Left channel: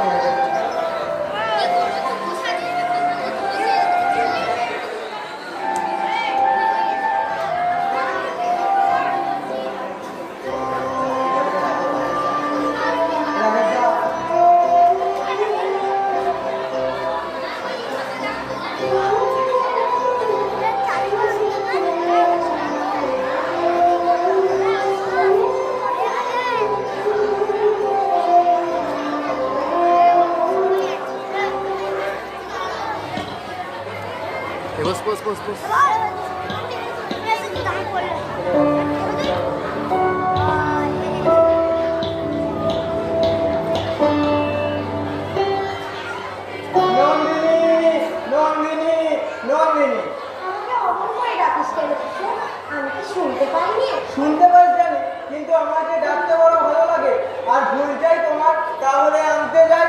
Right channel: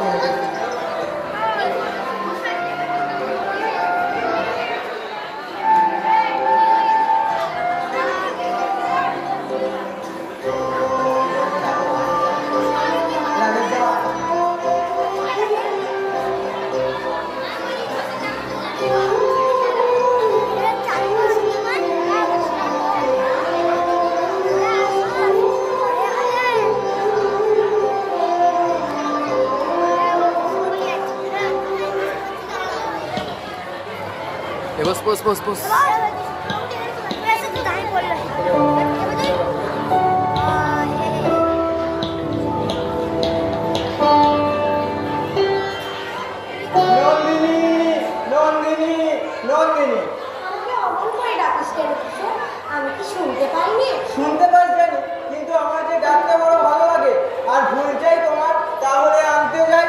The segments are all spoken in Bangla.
Bos. শুনতে পাস জানি, কিন্তু আমার যে ডাকতে বড় ভালো লাগে আর ভুল যাই তোমার, তাহলে আনতে যাই।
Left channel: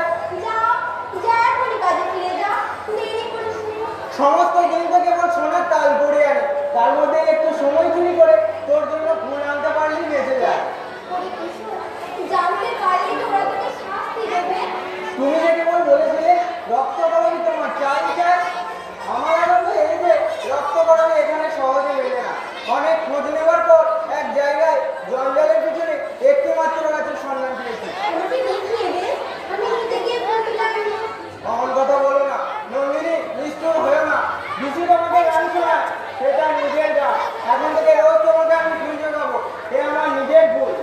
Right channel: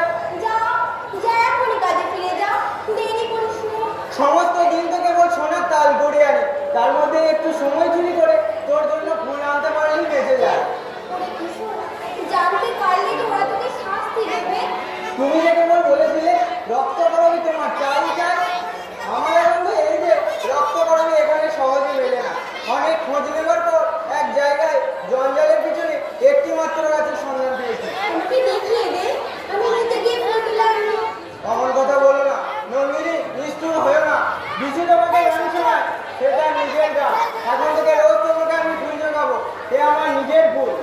সমস্ত দিন থেকে বল সোনার তাল গড়িয়ে আনে, তার মধ্যে একটু সময় চুরি করে তোর জন্য ফুল আনতে পারলেই বেঁচে যায়। তুমি যে কেবল বলেছিলে রক্ত গরমই তোমার চাই চাই, আমার এখন তো এই যে রক্ত গরমই এখানে সহজে মেলে না। অনেক খোঁজ নেবার পর এক জায়গায় জঞ্জালের পিছনে একটি মাত্র গাছের সন্ধান পেয়েছি। অমন কথা বলো না নন্দিনী, নিষ্ঠুর হয়েও না। বিশু তোমাকে গান শোনায়, সেটা নিজের গান। এখন থেকে রোজ তোমাকে আমি ফুল জোগাবো, এ আমার নিজের ফুল।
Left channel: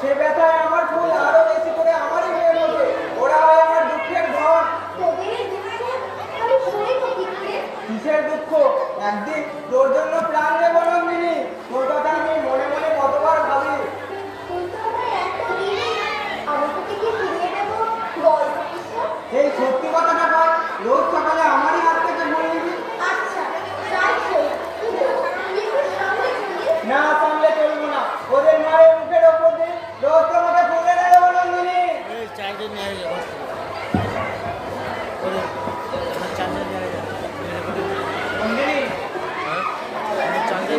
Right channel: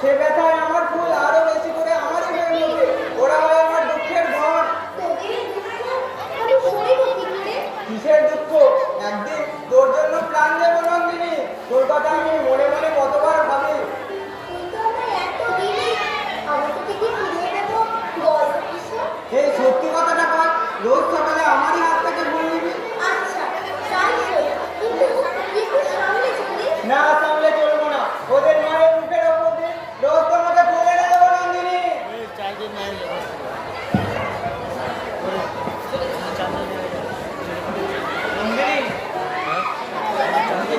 সে ব্যথায় আমার ফুল আরো বেশি করে আমারই হয়ে ওঠে, ওরা হয় আমার দুঃখের ধন। কিসের দুঃখ? একদিন তোর জন্য প্রাণ নেব নন্দিনী, তোর কথা আমি মনে মনে কতবার ভাবি। এই সত্যি কথাটা কর, রোজ সকালে আমারই হাত থেকে ফুল নিবি। না সামলে চলবো না, ওদের মায়ের মুখের ওপর দিয়ে রোজ তোমাকে ফুলে নেবো নন্দিনী। নন্দিনী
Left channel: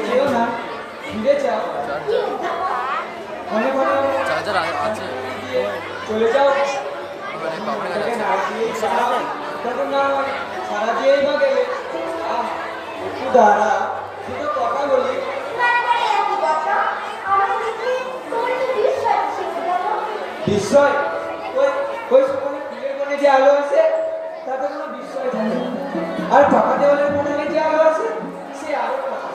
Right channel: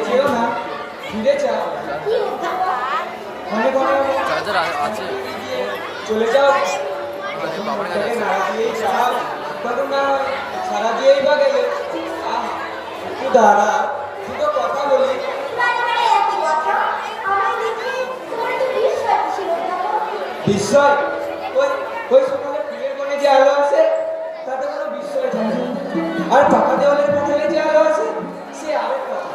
যেও না, ফিরে যাও। মনে করো চার্জার আছে, চলে যাও। বাবার কাছে আছে। তখন সারা দিয়েই বা গেলে। তুই দাঁড়া, দুটো কথা বলি। বিস্ময়? ওই সকালে ফুলের কোণে যে আলো আছে তাতে কোনো বিস্ময় থাকে না। আর ফাঁকা দেওয়ালের কোণে যে আলো আছে সে আরেক কথা।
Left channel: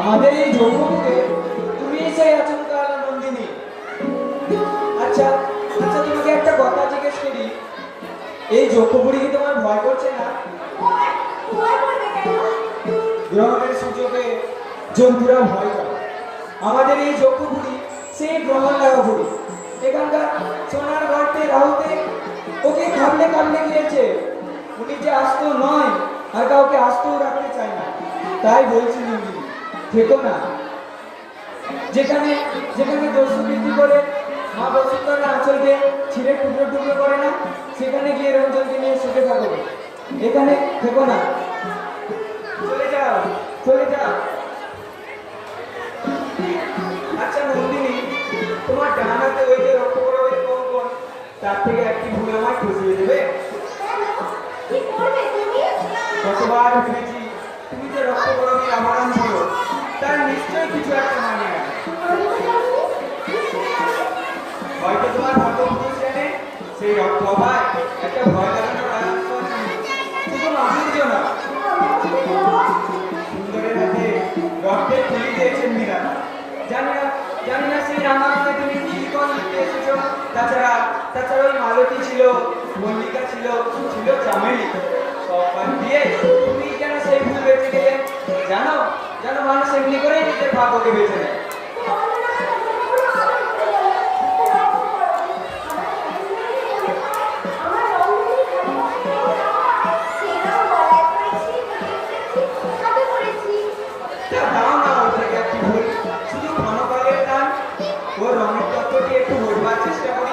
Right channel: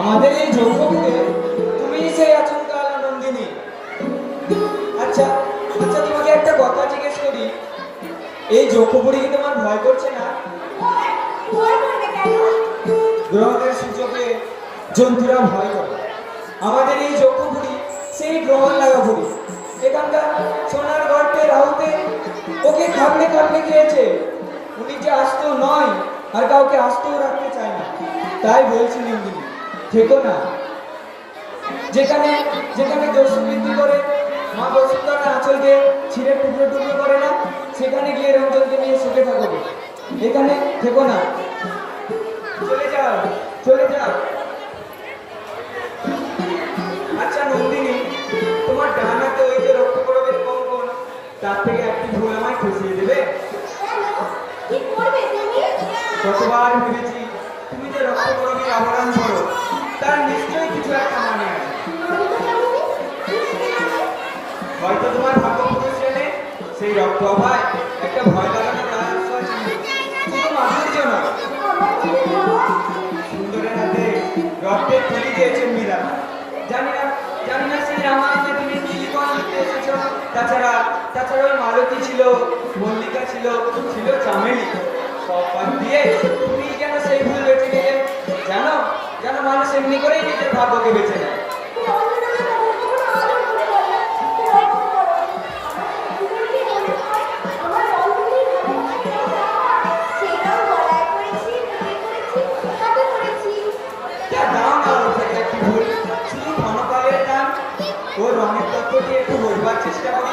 আমাদের এই যৌবপুরে তুমি সেই আচমকা আলো নন্দিনী। আচ্ছা তোমাকে একটা কথা জিজ্ঞেস করি, এই যৌবপুরে কি তোমার ভয় করছে না? গ্রহণের সুযোগে জন্তুরা ভয় করে। আমাদের এই যৌবপুরি সেই গ্রহণ লাগা পুরী। এখানকার সোনার গর্তে রাহুতে ওকে কামড়ে খেয়েছে। উনি যে আস্ত নয় আর কাউকে আস্তও রাখতে চায় না। তাই বলছি নন্দিনী, থেকো না। যেখানে দোষ বৃদ্ধি করে মা বসুন্ধরা আঁচলকে ছিঁড়ে টুকরো করে না, সেখানে গিয়ে রঞ্জনকে নিয়ে সুখে থাকবে। এখানে থেকো না, চলে যাও। আচ্ছা নন্দিনী, তোমার ডান হাতে ওই যে রক্তকরবের কঙ্কন, তার থেকে একটি ভুল আমায় খুশিয়ে দেবে? কতবার ভেবেছি তুমি যে রক্তকরবের আবরণ করো, তার নিশ্চয়ই কিছু একটা মানে আছে। হয়তো তোমার ভাগ্যপুরুষ এনে সেই রক্ত অভায় একটা ভয় লাগানো শুধু মাধুর্য না, সুন্দরের হাতে রক্তের তুলি দিয়েছেন মীরা। জানি না সেই রামায়ণে তুমি কি লিখন লিখতে এসেছো। তাছাড়া ওই মালতী ছিল, মল্লিকা ছিল চামেলি, সব দিয়ে তুমি কেন সেই ভুল বেঁচে গেলে? জানো মানুষ এমনি করেই নিজের ভাগ্যকে বেছে নেয়। চেষ্টা করি।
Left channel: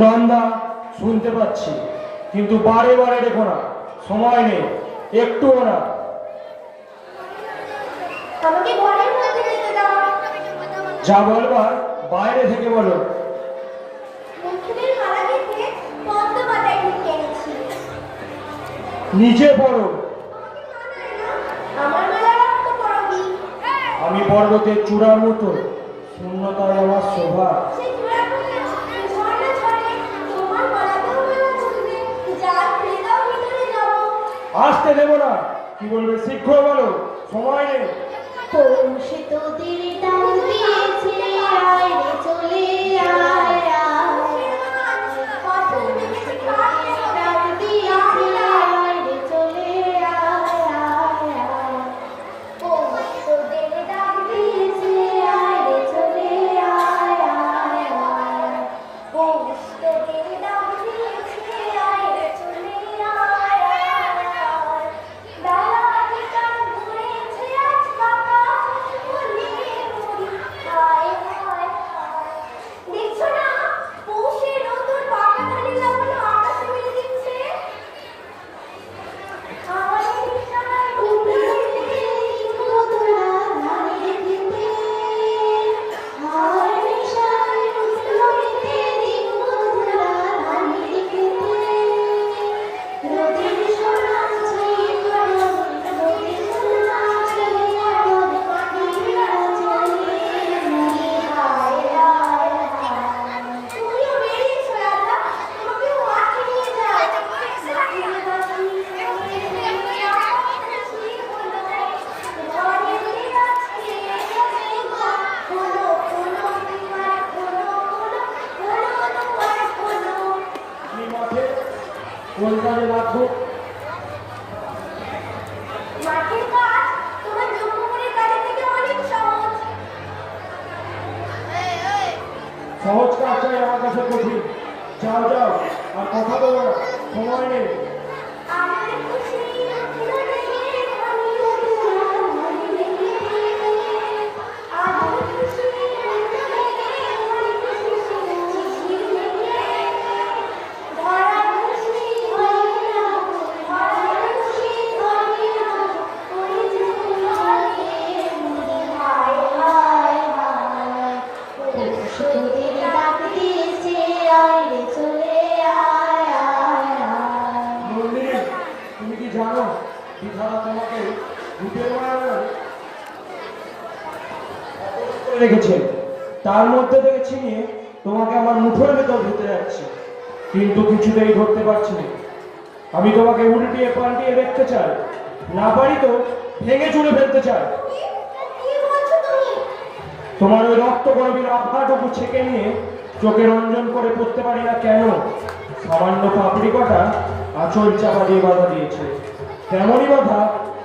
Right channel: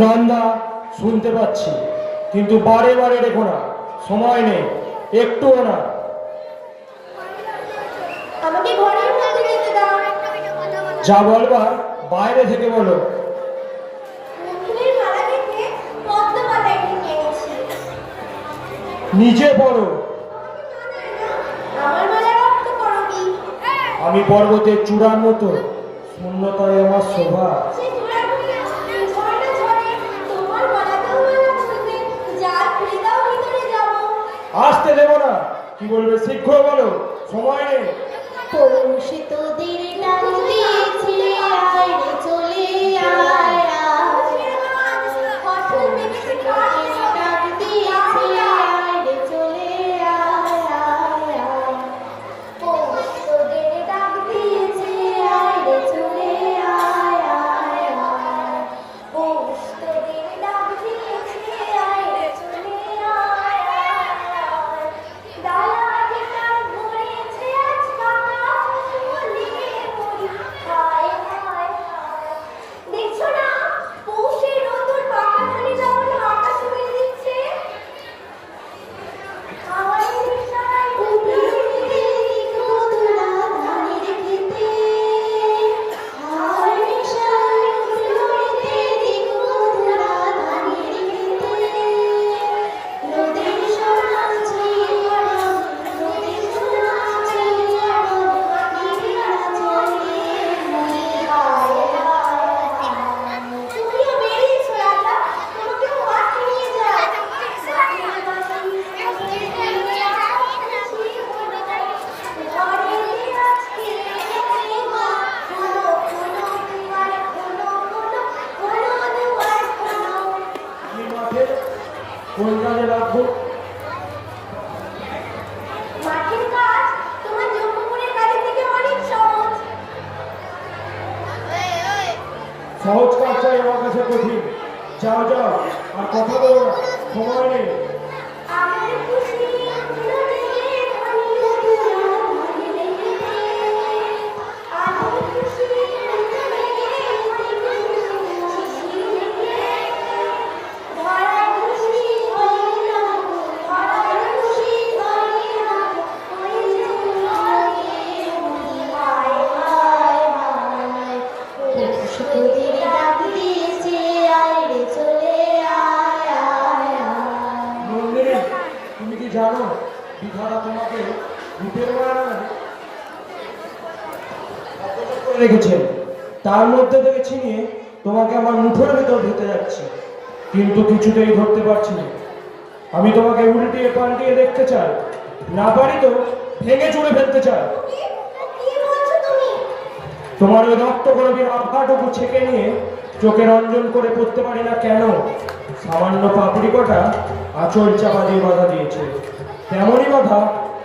নন্দা, শুনতে পাচ্ছি, কিন্তু বারে বারে রেখো না, সময় নেই, একটুও না। আমাকে ঘরের মধ্যে যেতে দাও। যা বলবার বাইরে থেকে বলো। নতুনের মালা দেখে পদ্ম পাতায় ঢুকিয়ে গেছি। নিচে পড়ো। আমার মালা রক্ত করবি। আমি পর্বতের চূড়ার মতো, শূন্যতায় আমার শোভা। সে চূড়াগুলো ঝড়ে ঝড়ে তোমার মালাতেও মালা ছুঁবে। যা খুলে দাও ভিতরে যাবো। আসতে দেবো না, কি বলবে শীঘ্র বলো, সময় নেই। পৌষ তোদের নাম দিয়েছে আয় রে চলে আয় আয়। ফসল পেকেছে কাঠ ডাক দিয়েছে আয় রে চলে আয় আয় আয়। পৌষ তোদের ডাক দিয়েছে আয় রে চলে আয় আয় আয়। পৌষ তোদের ডাক দিয়েছে আয় রে চলে আয় আয় আয়। ডালা গান ধরেছে আজ বাতাস বলিয়ে মরি হায় হায় হায়। দেখছো না পৌষের নতুন পাকা ধানে যেমন আকাশে মেলে দিচ্ছে। আমার নিশায় উঠেছে মধুরা ধানের খেতে। আমার নিশায় উঠেছে মধুরা ধানের খেতে। নদীর সোনা ছুঁয়ে পড়ো, নদীর সোনা ছুঁয়ে পড়ো, পাখিরা চলে মরে হায় হায় হায়। তুমিও বেরিয়েছো রাজা, তোমাকেও মাঠে নিয়ে যাও। মাটির বাড়ি ঘরে আছি হলো, ঘরে আছি হলো হলো আর হলো হলো হলো দুয়ার হলো। আমি মাঠে কোন কাজে রাখবো? মাটির কাজ তোমার জন্মপুরের কাজের থেকে অনেক সহজ। সহজ কাজটাই আমার কাছে কঠিন। যাও যাও, আর কথা বলো না, সময় নেই। আমার খুশি নদীতে ধানি মধুরা ধানি রেখেছে। আমার খুশি নদীতে ধানি খুশি রেখেছে। ধরার খুশি হয়ে না, ধরার খুশি হয়ে না, করেছে তোমাকে মরি হায় হায় হায়। পৌষ তোদের ডাক দিয়েছে আয় রে চলে আয় আয় আয়। নন্দিনী, তুমি কি জানো বিধাতা তোমাকে রূপের মায়া রেখেছেন, তার মধ্যে থেকে ছিনিয়ে তোমাকে আমার মুঠোর ভেতর ধরতে যাচ্ছে, কিন্তু কিছুতেই ধরতে পারছি না। আমি তোমাকে উল্টিয়ে পাল্টিয়ে দেখতে চাই, না পারি তো ভেঙে চুড়ে ফেলতে চাই। কি বলছো তুমি? তোমার ওই রক্ত গর্ভীর আভাটুকু ছেঁকে নিয়ে চোখে রঞ্জন করে পড়তে পারি না কেন? সামান্য পাপড়ি কটা আঁচল চাপা দিয়ে বাধা দিয়েছে, তেমনই বাধা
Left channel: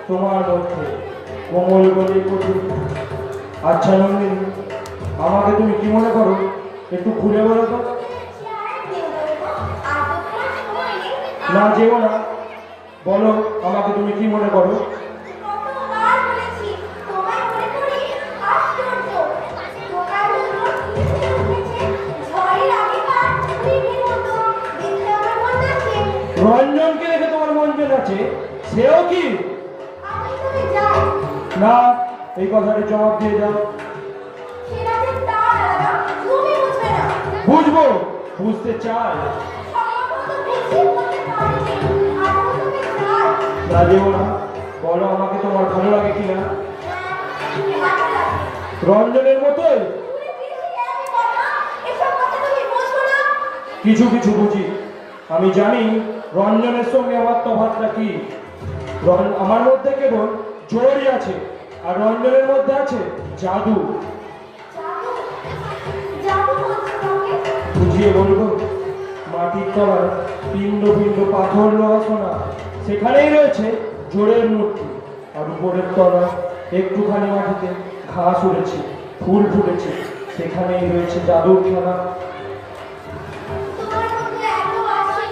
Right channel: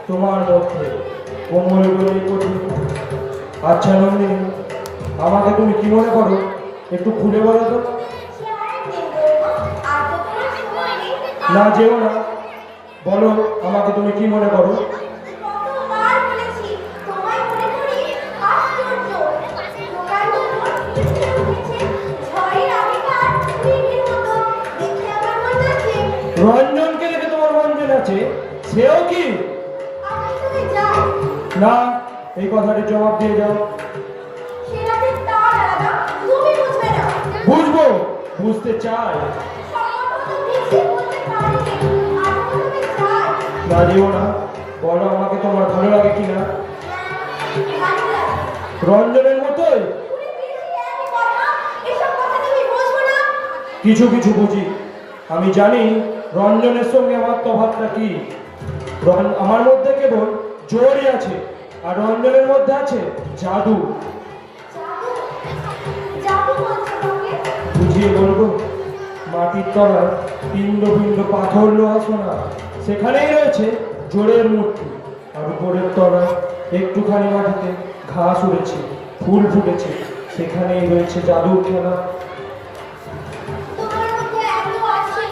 তোমার মধ্যে, কোমল গলি কঠিন। আচ্ছা নন্দিনী, আমাকে তুমি কি মনে করো, একটু খুলে বলো তো। না যেও না, বলো আমাকে তুমি কি মনে করো। কতবার বলেছি তোমায় মনে করি আশ্চর্য। তোমার মতো মিশে উঠেছে ঝড়ের আগেকার মেঘের মতো। দেখে আমার মনে আছে রঞ্জনকে দেখে তোমার মন আছে, সেও কি? আমি তুমি যাই। না, এই কথাটি জবাব দিয়ে যাও। সেটা যে তার আলাদা, তুমি বুঝবে না। বুঝবো, বুঝতে চাই। সম্ভবত বেশি বলতে পারিনি, আর তুমি চাই। রাজেও না, বলো আমাকে তোমার ভালো লাগে কিনা। ভালো লাগে। রঞ্জনের মতোই তুমি বেশি একই কথা, এসব কথা তুমি বুঝবো না। কিছু কিছু বুঝি। আমি জানি রঞ্জনের সঙ্গে আমার তফাৎটা কি। আমার মধ্যে কেবল জোরই আছে, আর রঞ্জনের মধ্যে আছে জাদু। জাদু, জাদু বলছো তোকে? বুঝিয়ে বলবো। মাটির তলায় পিণ্ড পিণ্ড পাথর লোহা সোনা, সেখানেই রয়েছে জোরের মূর্তি। আর উপরের তলায় একটুখানি মাটিতে ঘাস উড়েছে, ফুল ফুটেছে, সেখানেই রয়েছে জাদুর খেলা। তোমার মধ্যে এত আছে,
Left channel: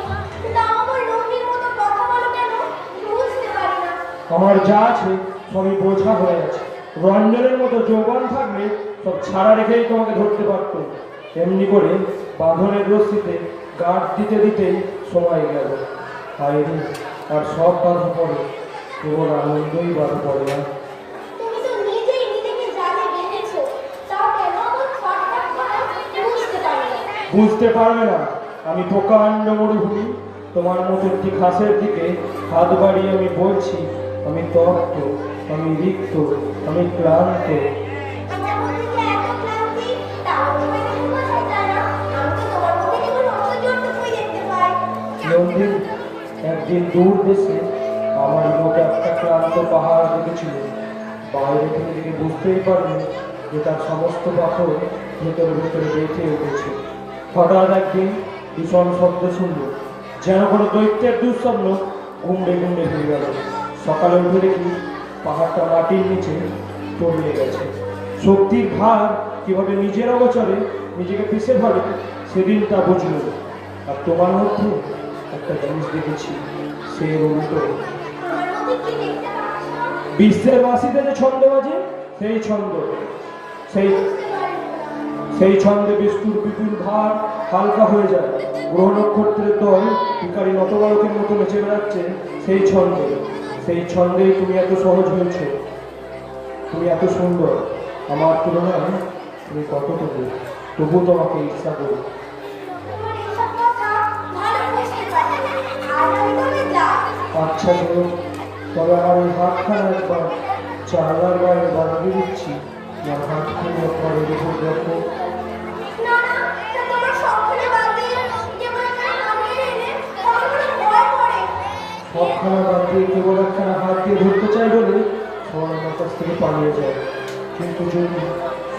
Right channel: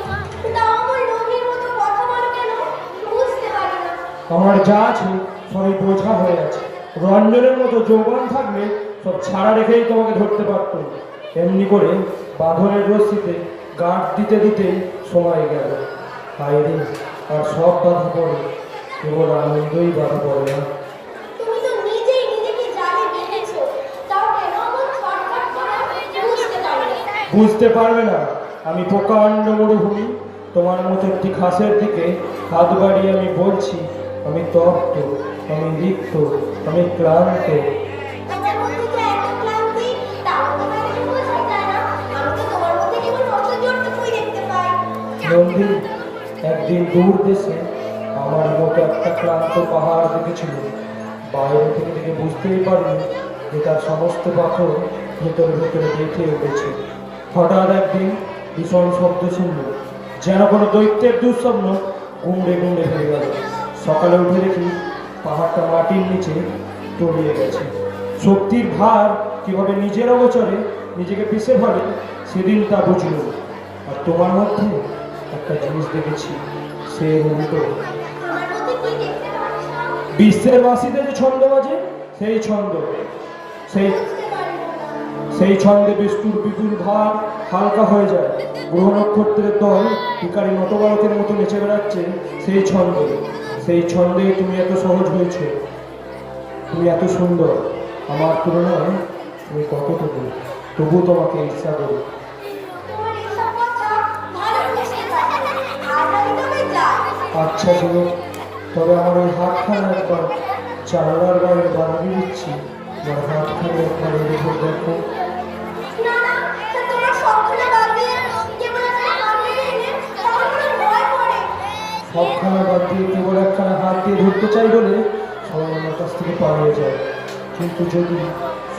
তাও আমার লোকের মতো কথা বলো কেন? বুঝতে পারি না। আমার যা আছে সবই বোঝা হয়ে আছে। রঞ্জনের মতো যৌবন থাকলে সব ছাড়া রেখেই তোমাকে ধরতে পারত। এমনি করে বাঁধনের রশ্মিতে গাঁট দিতে দিতে সময় গেল। হায় রে, আর সব বাধা পড়ে, কেবল আনন্দই বাধা পড়ে না। তুমি তো নিজেই নিজেকে জালে বেঁধেছো, তাও কেন এমন ছটফট করো বুঝতে পারি না। বুঝতে পারবে না, আমি প্রকাণ্ড মরুভূমি, তোমার মতো একটি ঘাসের দিকে হাত বাড়িয়ে আমি বলছি, আমি তপ্ত, আমি রিক্ত, আমি ক্লান্ত। তোমার মধ্যে যে এত ক্লান্তি, তাও তোমাকে বোঝা যায় না। আমি তো তোমার মধ্যে কেবল অসহ্যটুকুই দেখতে পাই। নন্দী, একদিন দূর দেশে আমার মোটা একটা ক্লান্ত পাহাড় দেখেছিল। বাইরে থেকে দেখে বুঝতেই পারবে যে তার সমস্ত পাথর ভেতরে ভেতরে বেঁকে উঠেছে। হঠাৎ একদিন ভীষণ শব্দ শুনল, যেন কোনো দৈত্যের দুঃস্বপ্ন গুমড়ে গুমড়ে হয়ে গেল। সকালে উঠে দেখি পাহাড়টা মাটির নিচে তলিয়ে গেছে। শক্তির ভার কিভাবে নিজের অগোচরে নিজেকে পিষে ধরে সেদিন তা বুঝল। আর তোমার মধ্যে একটা জিনিস দেখেছি, সে উল্টো। আমার মধ্যে কি দেখতে পাচ্ছ? বিশ্বের বাসিতে যে ছন্দ বাজে, সেই ছন্দ, সেই বুঝতে পারি না। সেই ছন্দে বিষ্ণুর বিপুল ভার হালকা হয়ে যায়। গ্রহ নক্ষত্রের দল ভিখারি নটবালকের মতো নেচে বেড়াচ্ছে সেই ছন্দে। সেই ছন্দেই তুমি এত সহজ হয়েছে, তুমি এত সুন্দর। আমার তুলনায় তুমি কতটুকু, তবু তোমাকে ঈর্ষা করি। তোমার এইসব কথা ভালো বুঝতে পারি। আজ আমি তবে যাই। আচ্ছা চলো, তবে আমার এই হাতখানা একবার জানলার বাইরে দাঁড়িয়ে দিচ্ছি। আমার হাতখানি আপনার দেখো দেখো। না না, তা তোমার সবখানে বাদ দিয়ে কেবল একটা হাত দিয়ে এলে আমার কোনো ভয় করে। সবখানা বাদ দিয়ে কেবল একখানা হাত দিয়ে ধরতে চাই বলে সবাই আমার কাছ থেকে পালিয়ে যায়। কিন্তু যদি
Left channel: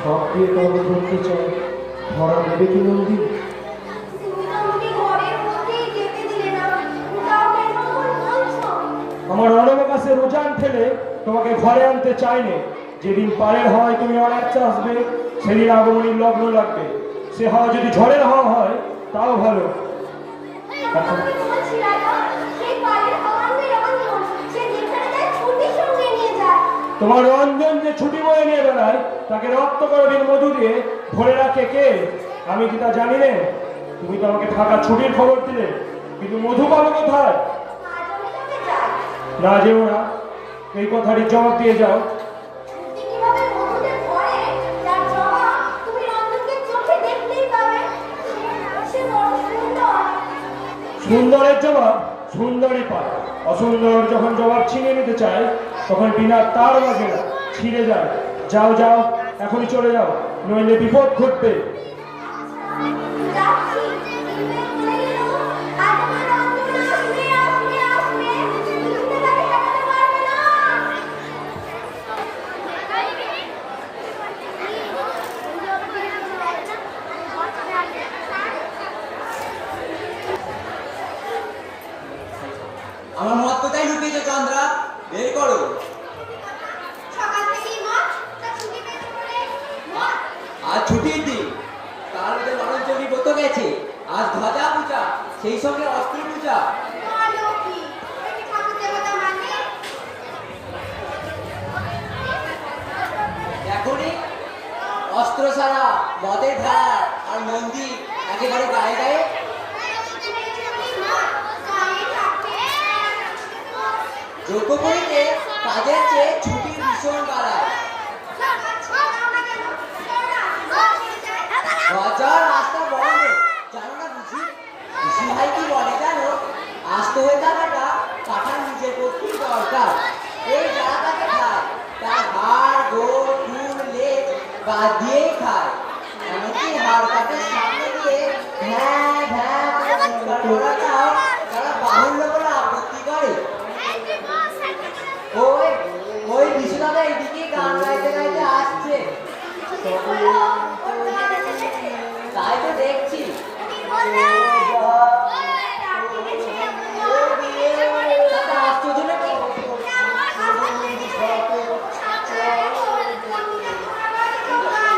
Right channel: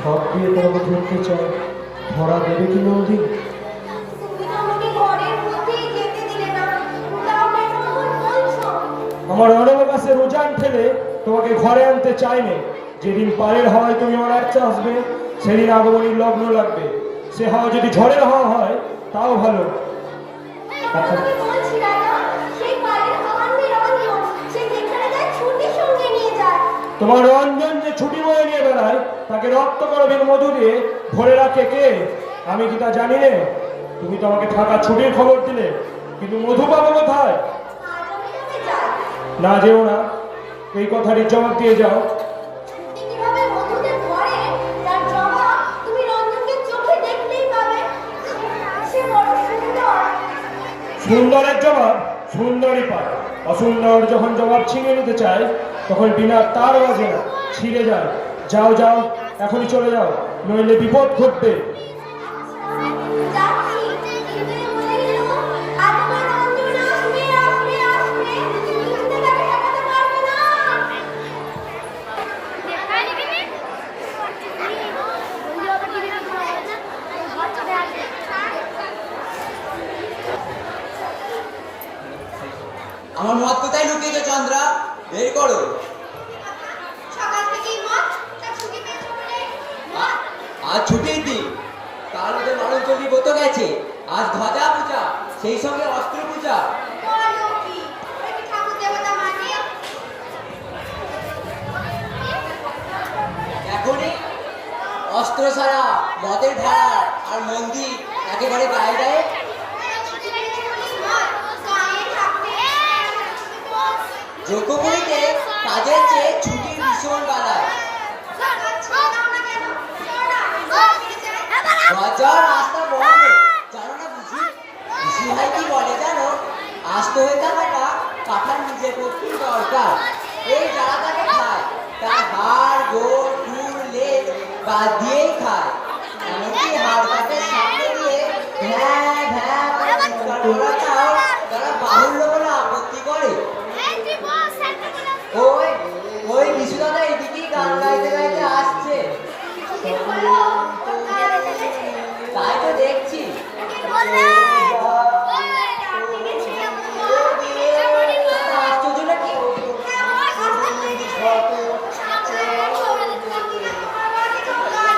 সব দিয়ে তোমাকে ধরতে চাই, ধরা দেবে কি নন্দী? তুমি তো আমাকে ঘরের মধ্যেই যেতে দিলে না। তাও কেন আমার বলছো? আমার অনাবকাশে রোজান ঠেলে তোমাকে ঘরে আনতে চাইনি। যেদিন পারের হয় তুমি আমার একটা আসবে, সেদিন আগমনীর লগ্ন লাগবে। সে হাওয়া যদি ঝড়ের হাওয়া হয় তাও ভালো। এখন আমি বলছি রাজা, সেই বাড়ির হওয়ার রঞ্জন, সে যেখানে যায় ছুটি সঙ্গে নিয়ে যায়। তোমার রঞ্জন যে ছুটি বয়ে নিয়ে বেড়ায়, তাকে রক্ত করবেন মধু দিয়ে ভরে রাখে কে? আমি কি তা জানি না? তুমি তো আমাকে থাকা ছুটির খবর দিলে, কিন্তু মধু পাবো কোথায়? আজ আমি তবে যাই। না যেও না, এই কথাটি জবাব দিয়ে যাও। ছুটি কিভাবে মধুদের ধরে, তার জবাব তুমি রঞ্জনকে চোখে দেখলেই পাবে। সে বড় সুন্দর। সুন্দরের জবাব সুন্দরই পায়। অসুন্দর যখন জবাব ছিনিয়ে নিতে চায়, তখন বিনা তার বাজে না, ছিঁড়ে যায়। যাও যাও, এখনই চলে যাও, নইলে বিপদ ঘটবে। যাচ্ছি, কিন্তু বলে গেল, আজ আমার রঞ্জন আসবে, আসবে, আসবে। তুমি তাকে ঠেকাতে পারবে না। আমার মত কোথায় লুকিয়েছো চন্দ্রা? বের করো। সকাল থেকেই মদ, তা ছুটি পেয়েছো বলে মদ। আজ ছুটির দিন, তার মধ্যে লালন চৌকি ব্রত গেছে। আজ ধ্বজা পূজা, সেই সঙ্গে অস্ত্র পূজা। বলো কি, তুমি ঠাকুর দেবতা মানে? এখনই অস্ত্র ছাড়া মদের ভাড়া আর মন্দির একেবারে গায়ে গায়ে। ছুটি পেয়েছো বলে মদ, গায়ে থাকবে। যোগ্যপুরীতে কাজের চেয়ে ছুটির ভীষণ বাড়ায়। রাজার রাস্তা বন্ধ, জানো না বুঝি? বুঝি ভাই কি বলে জানো? আস্ত হয়ে থাকাটা কাঠার নিজের পক্ষে দরকার। এই যারা তাকে খায়, তার হাড়, গোড়, চুল, লেজ বাদ দিয়েই খায়। এমনকি হাড় কাটের সামনে দিয়ে ভ্যাঁ ভ্যাঁ ওরাটাও তারা বাহুল্য বলে আপত্তি করে। ওই ওই বিশ্বনাথ এইদিকে গান গাইতে গাইতে আসছে। তাই তো দেখছি। আশ্চর্য নাকি? তোমার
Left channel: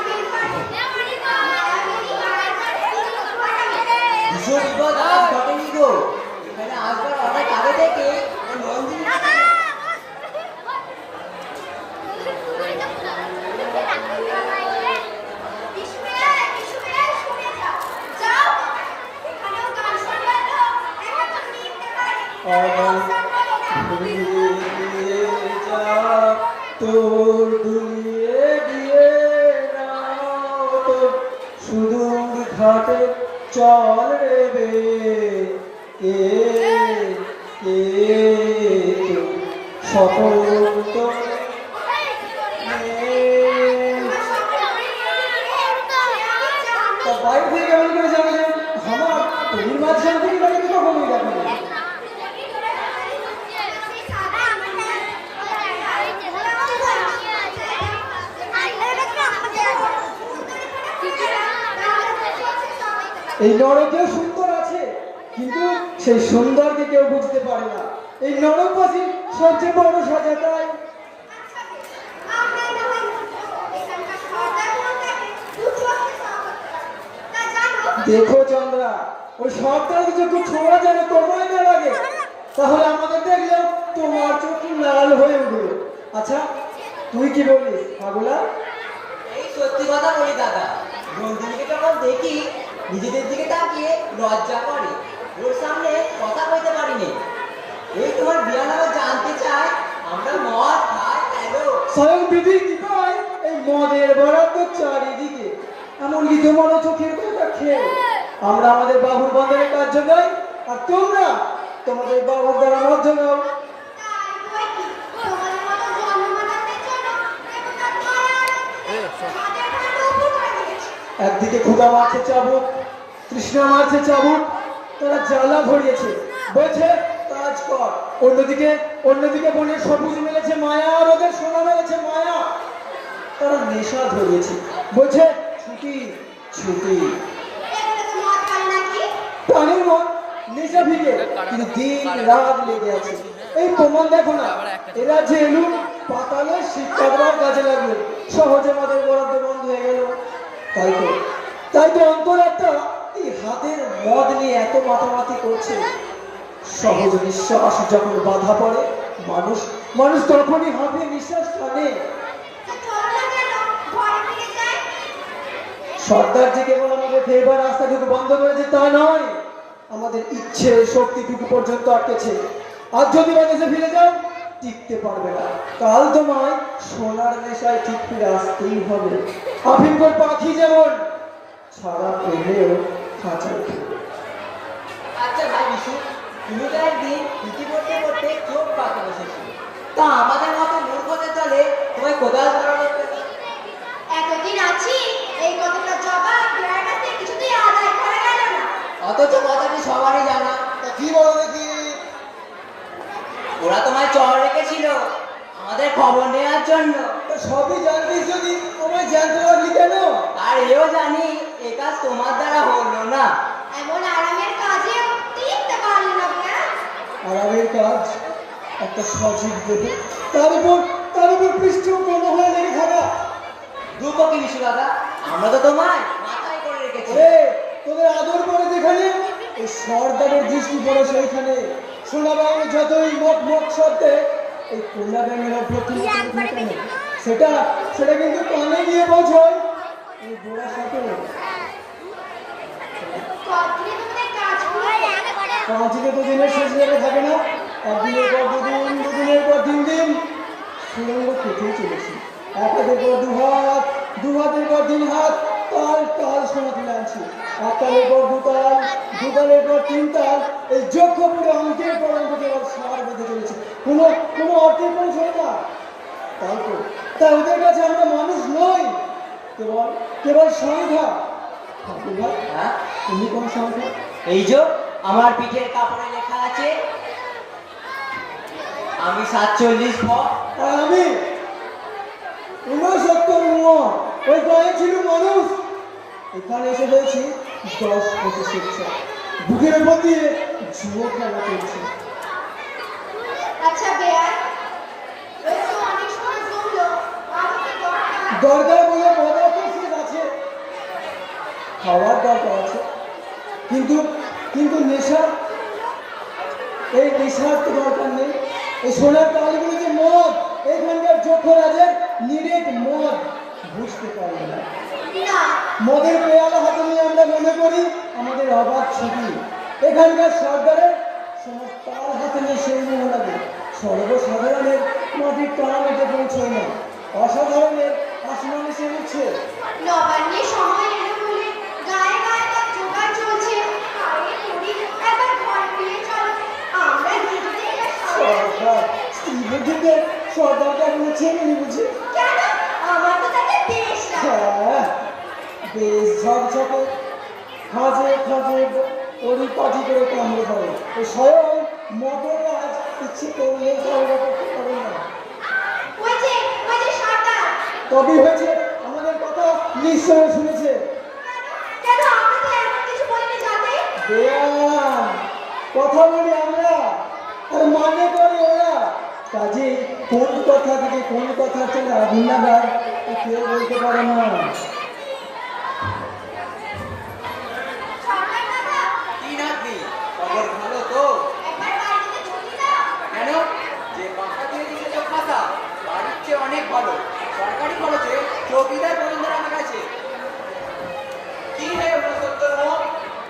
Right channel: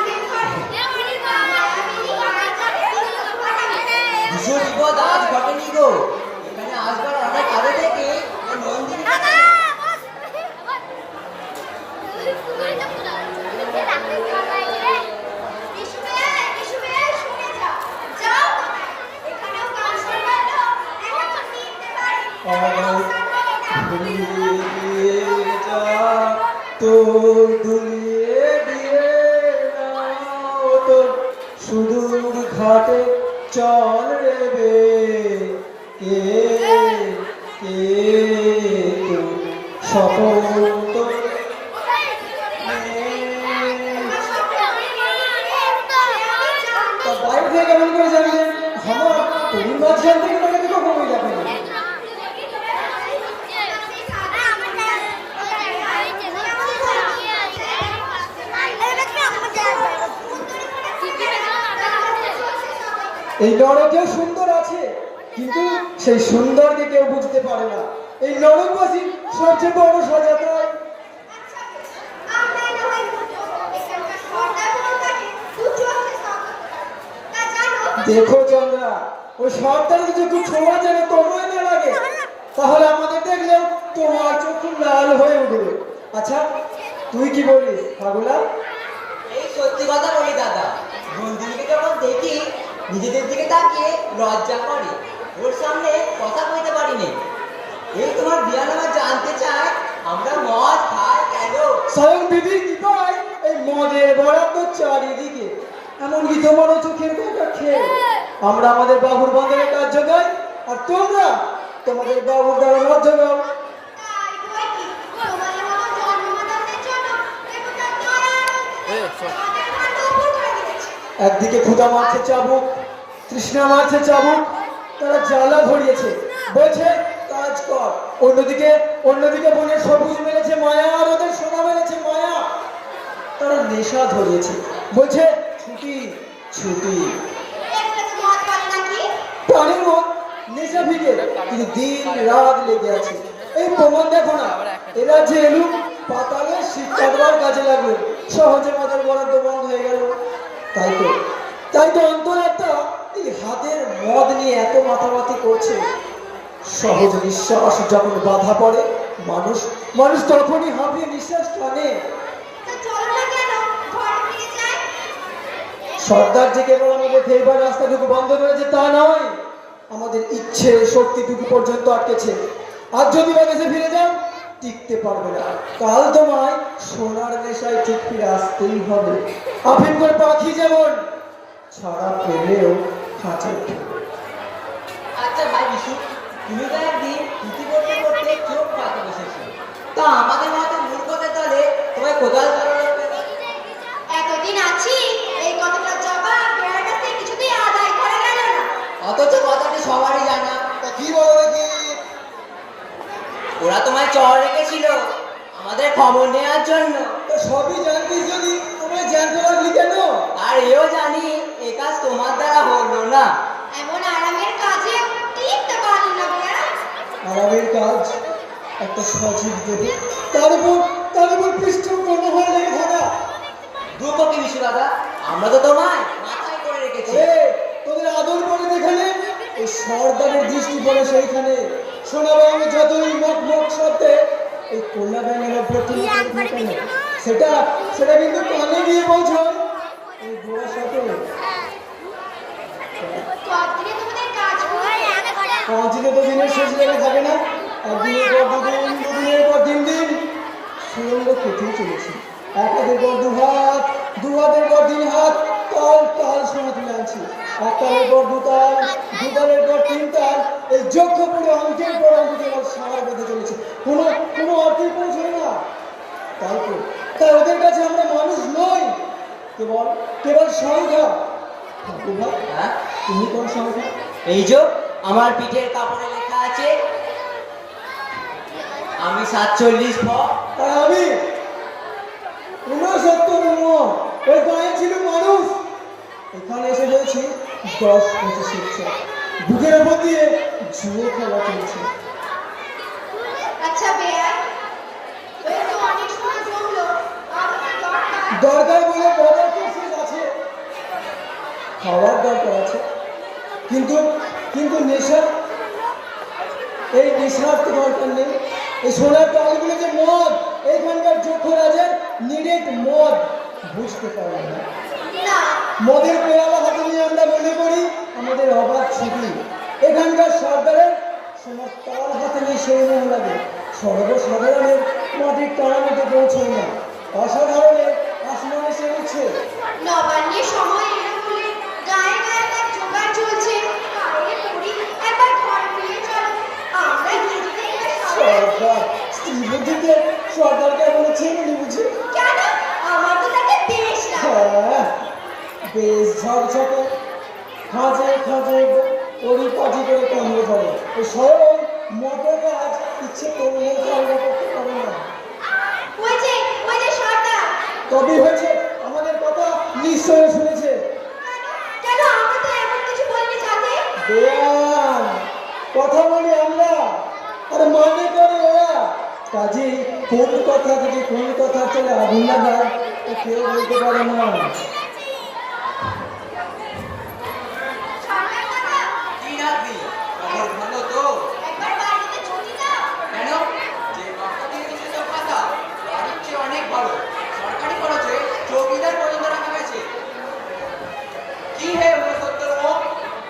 হাতে চল রে বে কে কে সকল তো বাইরে থেকে কেমন করে জানি যে আমার তোর মাঝখান থেকে বাইরে থেকে কমই যাবে না। এই নরকেও সুন্দর আছে, কিন্তু সেই সুন্দরকে কেউ বুঝতে পারে না। এই নরকবাসী সবচেয়ে বড় সজাতা। দেখো চন্দ্রা, ওই সর্দারকে যদি ছোঁয়া যেন তোমায় না লাগে, তাহলে আমাদের দেখলে তোমার চোখ লাল হয়ে উঠবে। আচ্ছা তুই কি বলিস পাগলা? এই সত্যি কথা বলি দাদা, নন্দিনীকে যখন দেখি নিজেদের দিকে তাকিয়ে লজ্জা করে, ওর সামনে কথা বলতে পারিনি। এই তোমার বিয়া নামে জানতে চাই আমরা মদ খাই কেন? স্বয়ং বিধির কৃপায় এই মদের বরাদ্দ চারিদিকে, এমনকি তোমারও চোখের দেখা খেয়ে আমরা আমাদের বাবুর বন্ধের কার্য গাই, আর তোমরা তোমাদের বাবুর দ্বারা মধ্য গাও। একদিকে ক্ষুধা মারছে চাবুক, তৃষ্ণা মারছে চাবুক, তারা জ্বালা ধরিয়েছে, বলছে কাজ কর। অন্যদিকে বনের সবুজ মেলেছে মায়া, আর ওদের সোনা মেলেছে মায়া। তারা নেশা ধরিয়েছে, বলছে ছুটি ছুটি। প্রাণের মন নেশা ভিড়ে, কিন্তু দিন রাত লেগে আছে। এই প্রমাণ দেখো না, এরা যে এলু পাতালে শিক্ষা দেওয়ার কাজে লাগলো, সহজে মদের বরাদ্দ বন্ধ হয়ে গেল। তাই তো অন্তরাত্মা এই হাতের মদ নিয়ে এত মাতামাতি করছে। সহজ নিঃশ্বাস যখন বাধা পড়ে, মানুষ তখনই হাঁপিয়ে নিঃশ্বাস টানে। সর্দার যে কেবল আমাদের ফেরবার রাস্তাটুকু বন্ধ করেছে তা নয়, আমাদের ইচ্ছে শক্তিটুকু পর্যন্ত আটকেছে। আর যদি বাগেছে ফিরে যাও, টিকতে পারবে না। কাল তোমায় সোনার নেশায় ঠিক ফিরে আসতেই হবে। আফিম করে পাখি যেমন ছাড়া পেলেও খাঁচা। আচ্ছা ভাই বিশু, তুমি তো একদিন ইতি করতে করতে চোখ পাতে বসেছো, তা আমাদের মতো মূর্খদের দলে তোমায় কোদাল ধরানো কেন? এতদিন আছি, এই কতটা জবাব বেড়ার কাছ থেকে কিছুতেই আদায় করা গেল না। অথচ কথাটি সবারই জানা। তো কি বলো দেখি? ওরা তোমায় চর রেখেছিল আমাদের খবর নেওয়ার জন্য। তো সবই জানতিস, যদি তোমায় জানতে লাগলি কেন? আর এও জানি এ কাজ তোমার দ্বারা হলো না। এমন আরামের কাজে টিকতে পারলি না বেড়া। আরামের কাজ একটা সজীব দেবে, তার উপর পৃষ্ঠপোষক হয়ে লেগে থাকা। দুঃখ কি বিশু দাদা, আমরা তো তোমায় মাথায় করে রেখেছি। তোদের আদর করে যেখানে, ওই সর্দারের দৃষ্টি পড়ে সেইখানে। সোনা বাবু যতই মক শব্দে এই কন্যা ব্যাঙের প্রতি সেটা কিন্তু কানে গিয়ে পৌঁছয় এই গোড়ার সাথে। কতদিনে তোমাদের কাজ করে? 5 দিনে তো দিনের শেষ জায়গা থাকে না, একদিনের পর দুদিন, দুদিনের পর 3 দিন, সুরঙ্গ কেটেই চলেছে। এক হাতের পর 2 হাত, 2 হাতের পর 3 হাত, তাল সোনা তুলে আনছি। 1 তালের পর 2 তাল, 2 তালের পর 3 তাল, এই যজ্ঞ পুরো অঙ্কের পর অঙ্ক কেবল সার বেঁধে চলেছে, কোনো অর্থের পৌঁছয় না। তাই ওদের কাছে আমরা মানুষ নই, কেবল সংখ্যা। হ্যাঁ, তুমি কোন সংখ্যা? এই যে আমার পিঠের কাপড়ে লেখা আছে আমি 47 ভ। আর আমি 69 ওই গায়ে ছিল মানুষ, এখানে এসে বলছি 10-25 বুকের উপর দিয়ে জুয়ো খেলা চলছে। আচ্ছা বেয়াই, ওই তো অনেক সময় জমলো, আমাকে দরকার। দরকার বলে বাজার শেষ আছে, খাওয়ার দরকার আছে, কিন্তু নেশা, এই নেশার তো দরকার নেই। এই সোনার তালগুলো যে মদ, এইখানকার যক্ষরাজের নিরেট মদ, বুঝতে পারবে না। না, মদের পেয়ালা হাতে নিয়ে আমরা মনে করি আমাদের অবাধ ছবি। এখানকার সরকারের সোনার তাল হাতে নিয়ে সেই মনে লাগে। সর্বসাধারণের মাটির টানামিতে পৌঁছয় না, অসাধারণের আসমানে সে উঠছে। নবান্নের সময় এরকম গায়ে গায়ে তার জোর স্বয়ং মদনে আজ ইচ্ছে করলে চালনা করতে পারে না। ওই যে সর্দার। তবে হয়েছে আমাদের কথা নিশ্চয় শুনেছে। কেন আমরা তো এমন কিছু বলিনি যাতে। বেয়ান কথা বলি আমরা আর মানে করে ওরা। কাজে কোন কথা থেকে কোন কথা চলে আগুন লাগার তা কেউ বলতে পারে না। সর্দার দাদা, কি নাকি খবর ভালো তো? একবার বাড়িতে ছুটি দাও। কেন? যে বাসা দিয়ে দিচ্ছে তো খাতা বাড়ির চেয়ে অনেক ভালো। সরকারি খরচে চৌকিদার পর্যন্ত রাখা গেছে। কি হে মনুষ্যত্বর,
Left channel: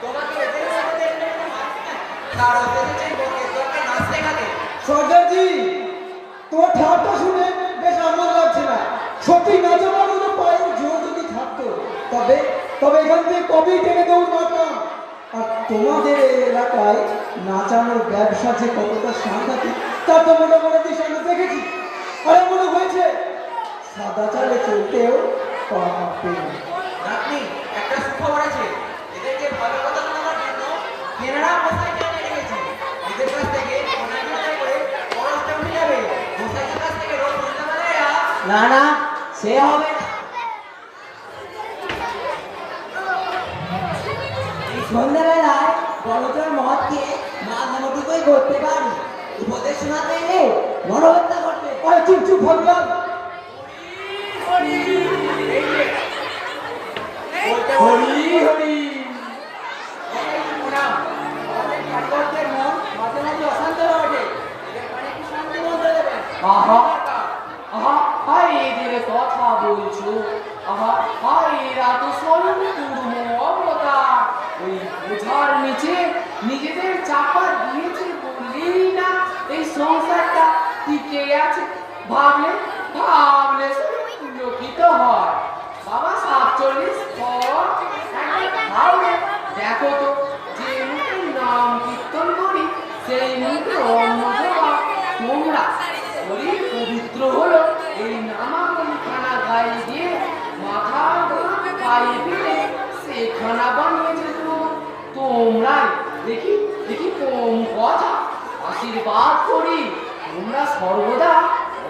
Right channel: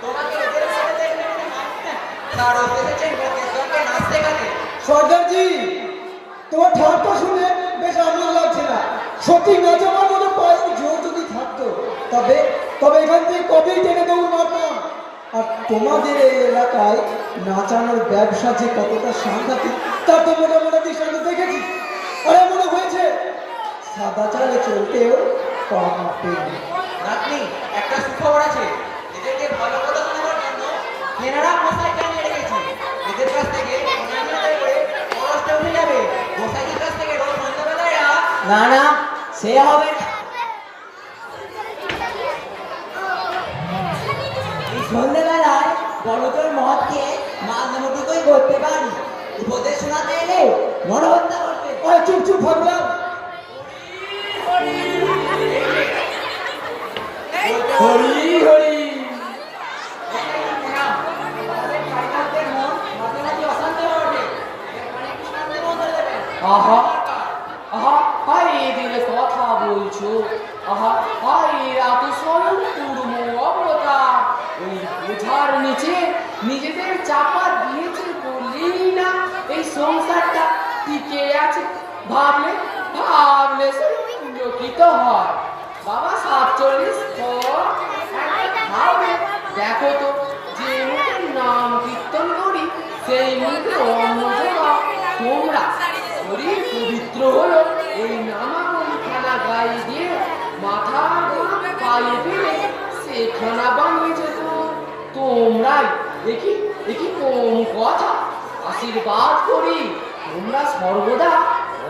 তোমাকে এদের সাথে দেখতে কারো এসেছেন বকেশ্বরকে নাচ শেখাতে। সর্দারজি, তোমার ঠাট্টা শুনে বেশ আনন্দ লাগছে না। সত্যি নাচাবার মতো পায়ের জোর যদি থাকতো তবে তবে এখান থেকে কবেই টেনে দৌড় মারতাম। আর তোমাদের এই এলাকায় নাচানোর ব্যবসা যে কতটা সাংঘাতিক তা তো মোটামুটি দৃষ্টান্ত দেখেছি। আরে মনে হয়েছে সাদা চালে চলতেও পা কাঁপে। আপনি একটা সুখবর আছে। এদেরকে ভালো কথা শোনাবার জন্য কেনারা মশাইকে আনিয়ে রেখেছি। এদের কাছ থেকে কেনাকাটা করে খরচটা উঠে যাবে। মশাইদের কাছ থেকে রোজ সন্ধ্যাবেলায় না না সে হবে না। এই সন্ধ্যাবেলায় বড়দের মদ খেয়ে মাঝমুটুকুই করতে পারি। উপদেশ শোনাতে এলে মনোহত্যা করতে। আরে চুপ চুপ ভাবলাম। হরি হরি আহা আহা হাই এদের কথা বলছো। আহা হাই এরা তো স্বয়ং কুর্ম অবতার। ওই বোঝার নিচে নিজেদের চাপা দিয়েছে বললেই না এই সংসারটা টিকে আছে। ভাবলে ভাবলে লোকিত হয়। বাবা 47 পর একটা ভাবে দেখো তো, যে মুখে নাম কীর্তন করি সেই মুখে অন্ন দেওয়া তোমরা। শরীর পবিত্র হলো এই নামাবলী খানা গায়ে দিয়ে মাথা পায়ে ফেলে সেখানা বানিয়েছে তোমরাই। দেখি দেখি কোন কথা। আশীর্বাদ করি তোমরা সর্বদা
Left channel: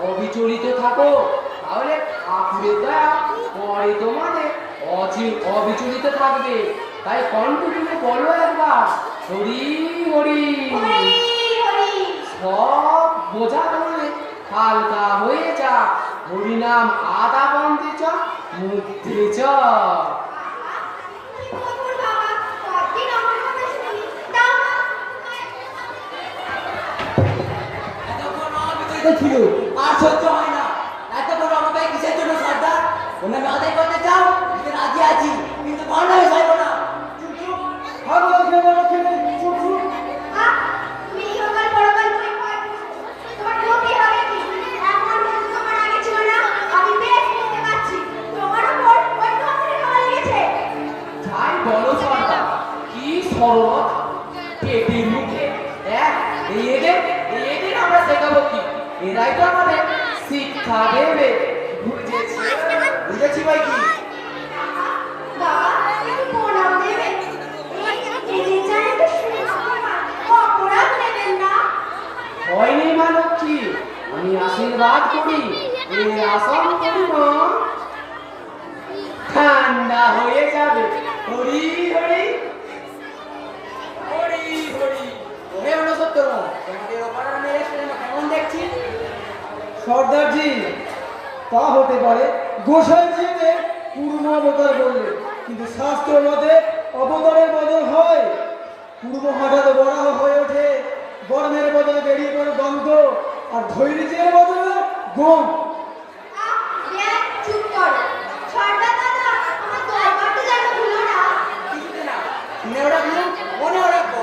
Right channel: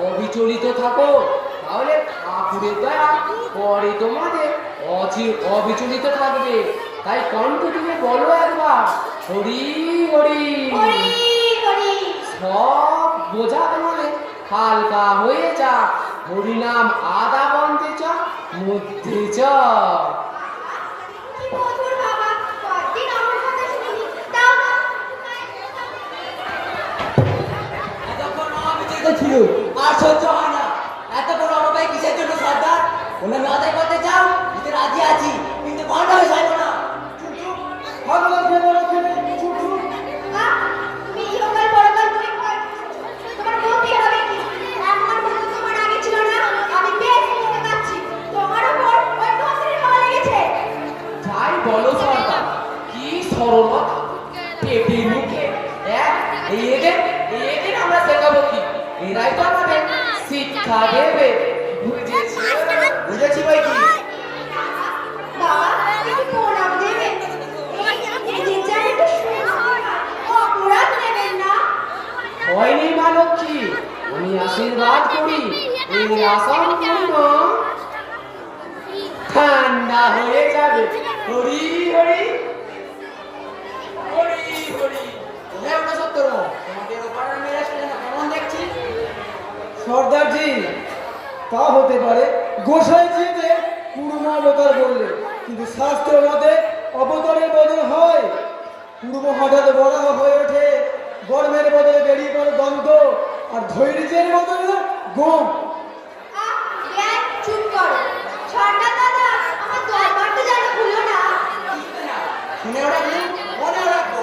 অবিচলিত থাকো, তাহলে ঠাকুরের দয়া পরে তোমাদের অবিচলিত থাকবে। তাই কণ্ঠ থেকে বলো একবার হরি হরি। হরি হরি। সব বোঝা মানে হালকা হয়ে যা। হরিনাম আদা বানতে চ মধ্যে চ। কি বলবো বাবা, কতদিন আমার কথা শুনিনি। দাও না। এতক্ষণ অবিচলিত ছিল, আর সহ্য হয় না। এতক্ষণ অনবাই কিসের জন্য সর্দার? ওনার আমি আদায় করতে চাও, দিতে রাজি আছি, কিন্তু ভান্ডা হয়ে যাবো না। ভাবলাম যে বলো খেলে চুপ চুপ। বিশ্বকাল পরকাল ভয় ভয়। তোমার বুদ্ধি হবে কি? এখন মতো তোমার আগে ছিল না। আমি বেশ বুঝতে পারছি। তোমার উপর ওই মন্ত্রীর হাওয়া লেগেছে। যাই বলো সর্দার, কি সরলতা পেটের মুখে এক। এদের আমরা শেখাবো কি? এরাই তো আমাদের শিক্ষা দেবে। বুঝেছি ভাই কি? বাবা, একটু প্রণাম দেবেন। এই যেন একটু সুন্দর অপরাধ নেবেন না। ভয় নেই মা লক্ষ্মী, আমি আশীর্বাদ করি। এই আশা করি না ঠান্ডা হয়ে যাবে। হরি হরি হরি হরি। হে মনুষ্যত্বর, তোমাদের ওপারের মেয়ে কেমন দেখছি? সর্দারজি, তা হতে পারে গোসাই জিতে পূর্ণ অবতার বললে, কিন্তু শাস্ত্র মতে অবতারের বদল হয়। পূর্ব হঠাৎ বড় হয়ে ওঠে, গর্ভের বদলে বেরিয়ে পড়ে দন্ত, আর ধৈর্যের বদলে গম। বেয়াই, চুপ করো। সর্দার দাদা, আমার দরবারটা যেন ভুলো না। কিছুতে না, শুনে রাখবো, মনে রাখবো।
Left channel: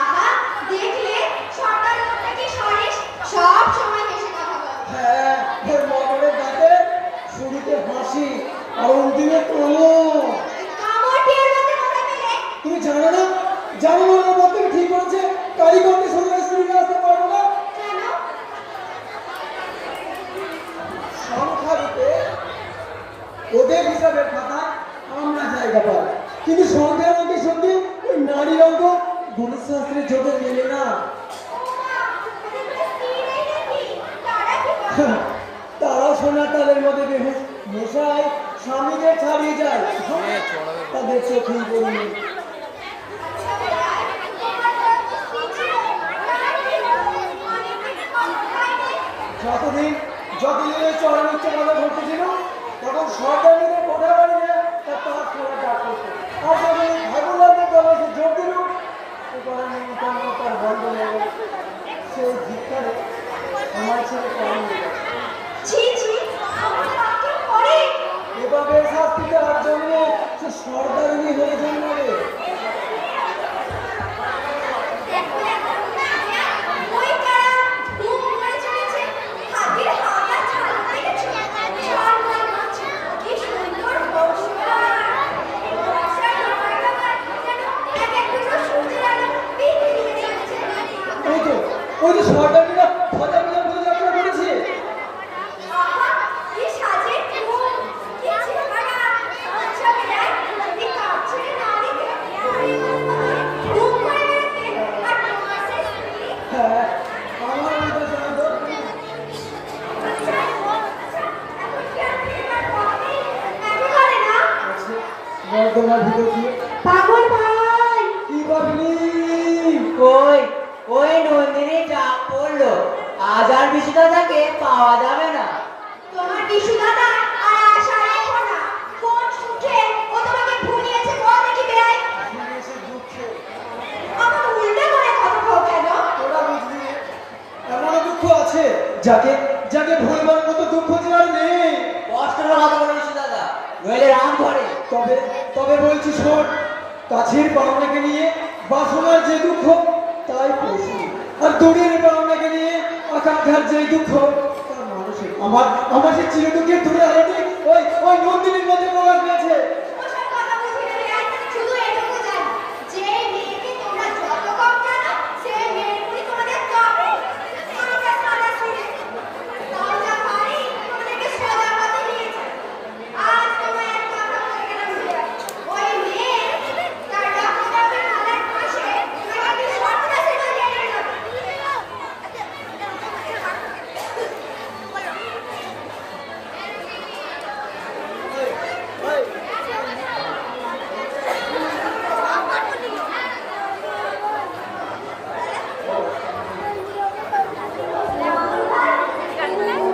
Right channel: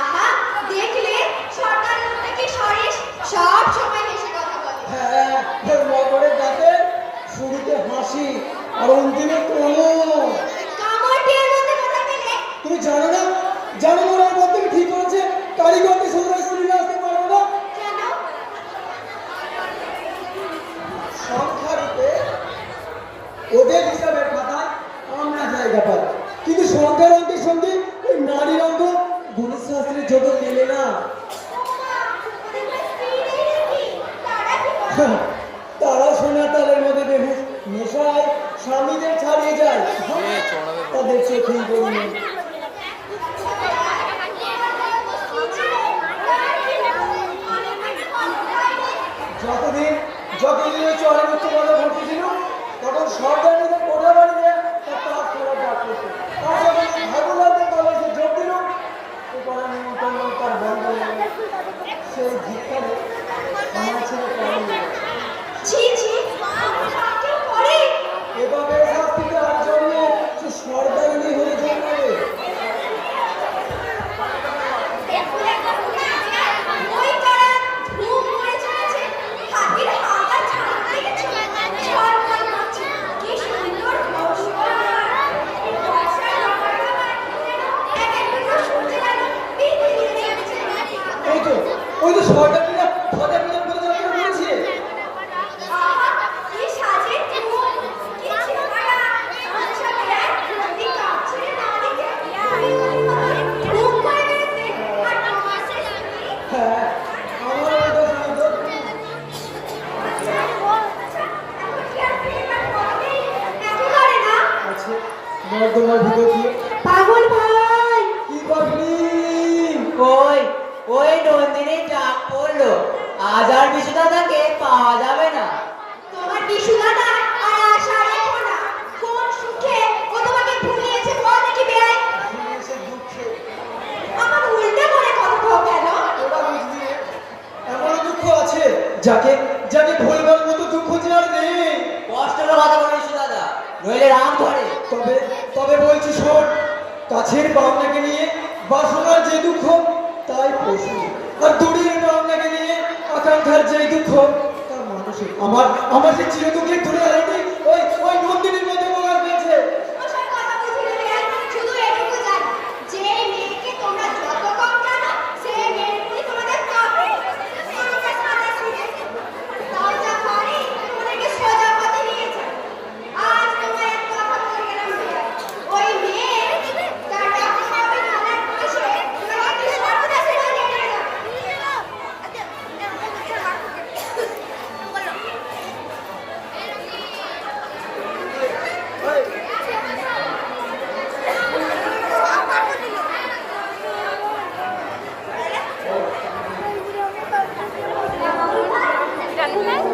আহা, দেখলে সর্দার লোকটা কি সরিস, সব সময় হেসে কথা বলে। হ্যাঁ, ওর মটরের দাঁতে শুরুতে হাসি আর অন্তিমে কোনো। কামড়টির মধ্যে কথা পেলে তুমি জানো না, জানো না ওর মধ্যে ঠিক করেছে কারিগরকে সঙ্গে শুনে আসতে পারবো না। কেন? সংখ্যারূপে ওদের হিসাবের খাতায় আমরা জায়গা পাই, কিন্তু সংখ্যার অঙ্কের সঙ্গে ওই নারীর অঙ্ক গণিত শাস্ত্রের জগৎ মেলে না। যাকে যাকে ভুলবার মতো দুঃখ যে আর নেই। কষ্টের কথা বলিস দাদা, নইলে রাম ধরে। তবে তবে বলছি শোন, কাছের পাওনাকে নিয়ে বাসনার যে দুঃখ তাই পশু, আর দূরের পাওনাকে নিয়ে আকাঙ্ক্ষার যে দুঃখ তা মানসিক। আমার সে চিরদুঃখের দূরে আলোটি ওই ওই নন্দিনীর মধ্যে প্রকাশ পেয়েছে। ওসব কথা বুঝি না রে, শুধু এটুকু জানি, যে মেয়েকে তোমরা যত কম জানো, সেই মেয়ের প্রতি তোমাদের ততই তোমাদের সাদা ছিঁড়ে। তাই যা পারি তোমাদেরকে সোজা পথে নিয়ে যাই। আজ তোমায় এক কথা বলে গেলাম বিয়ে। ওই মেয়ের তার ডাক্তারের খানার পাশে তোমাকে একটু সর্বদা সেবা দিয়ে গেলাম।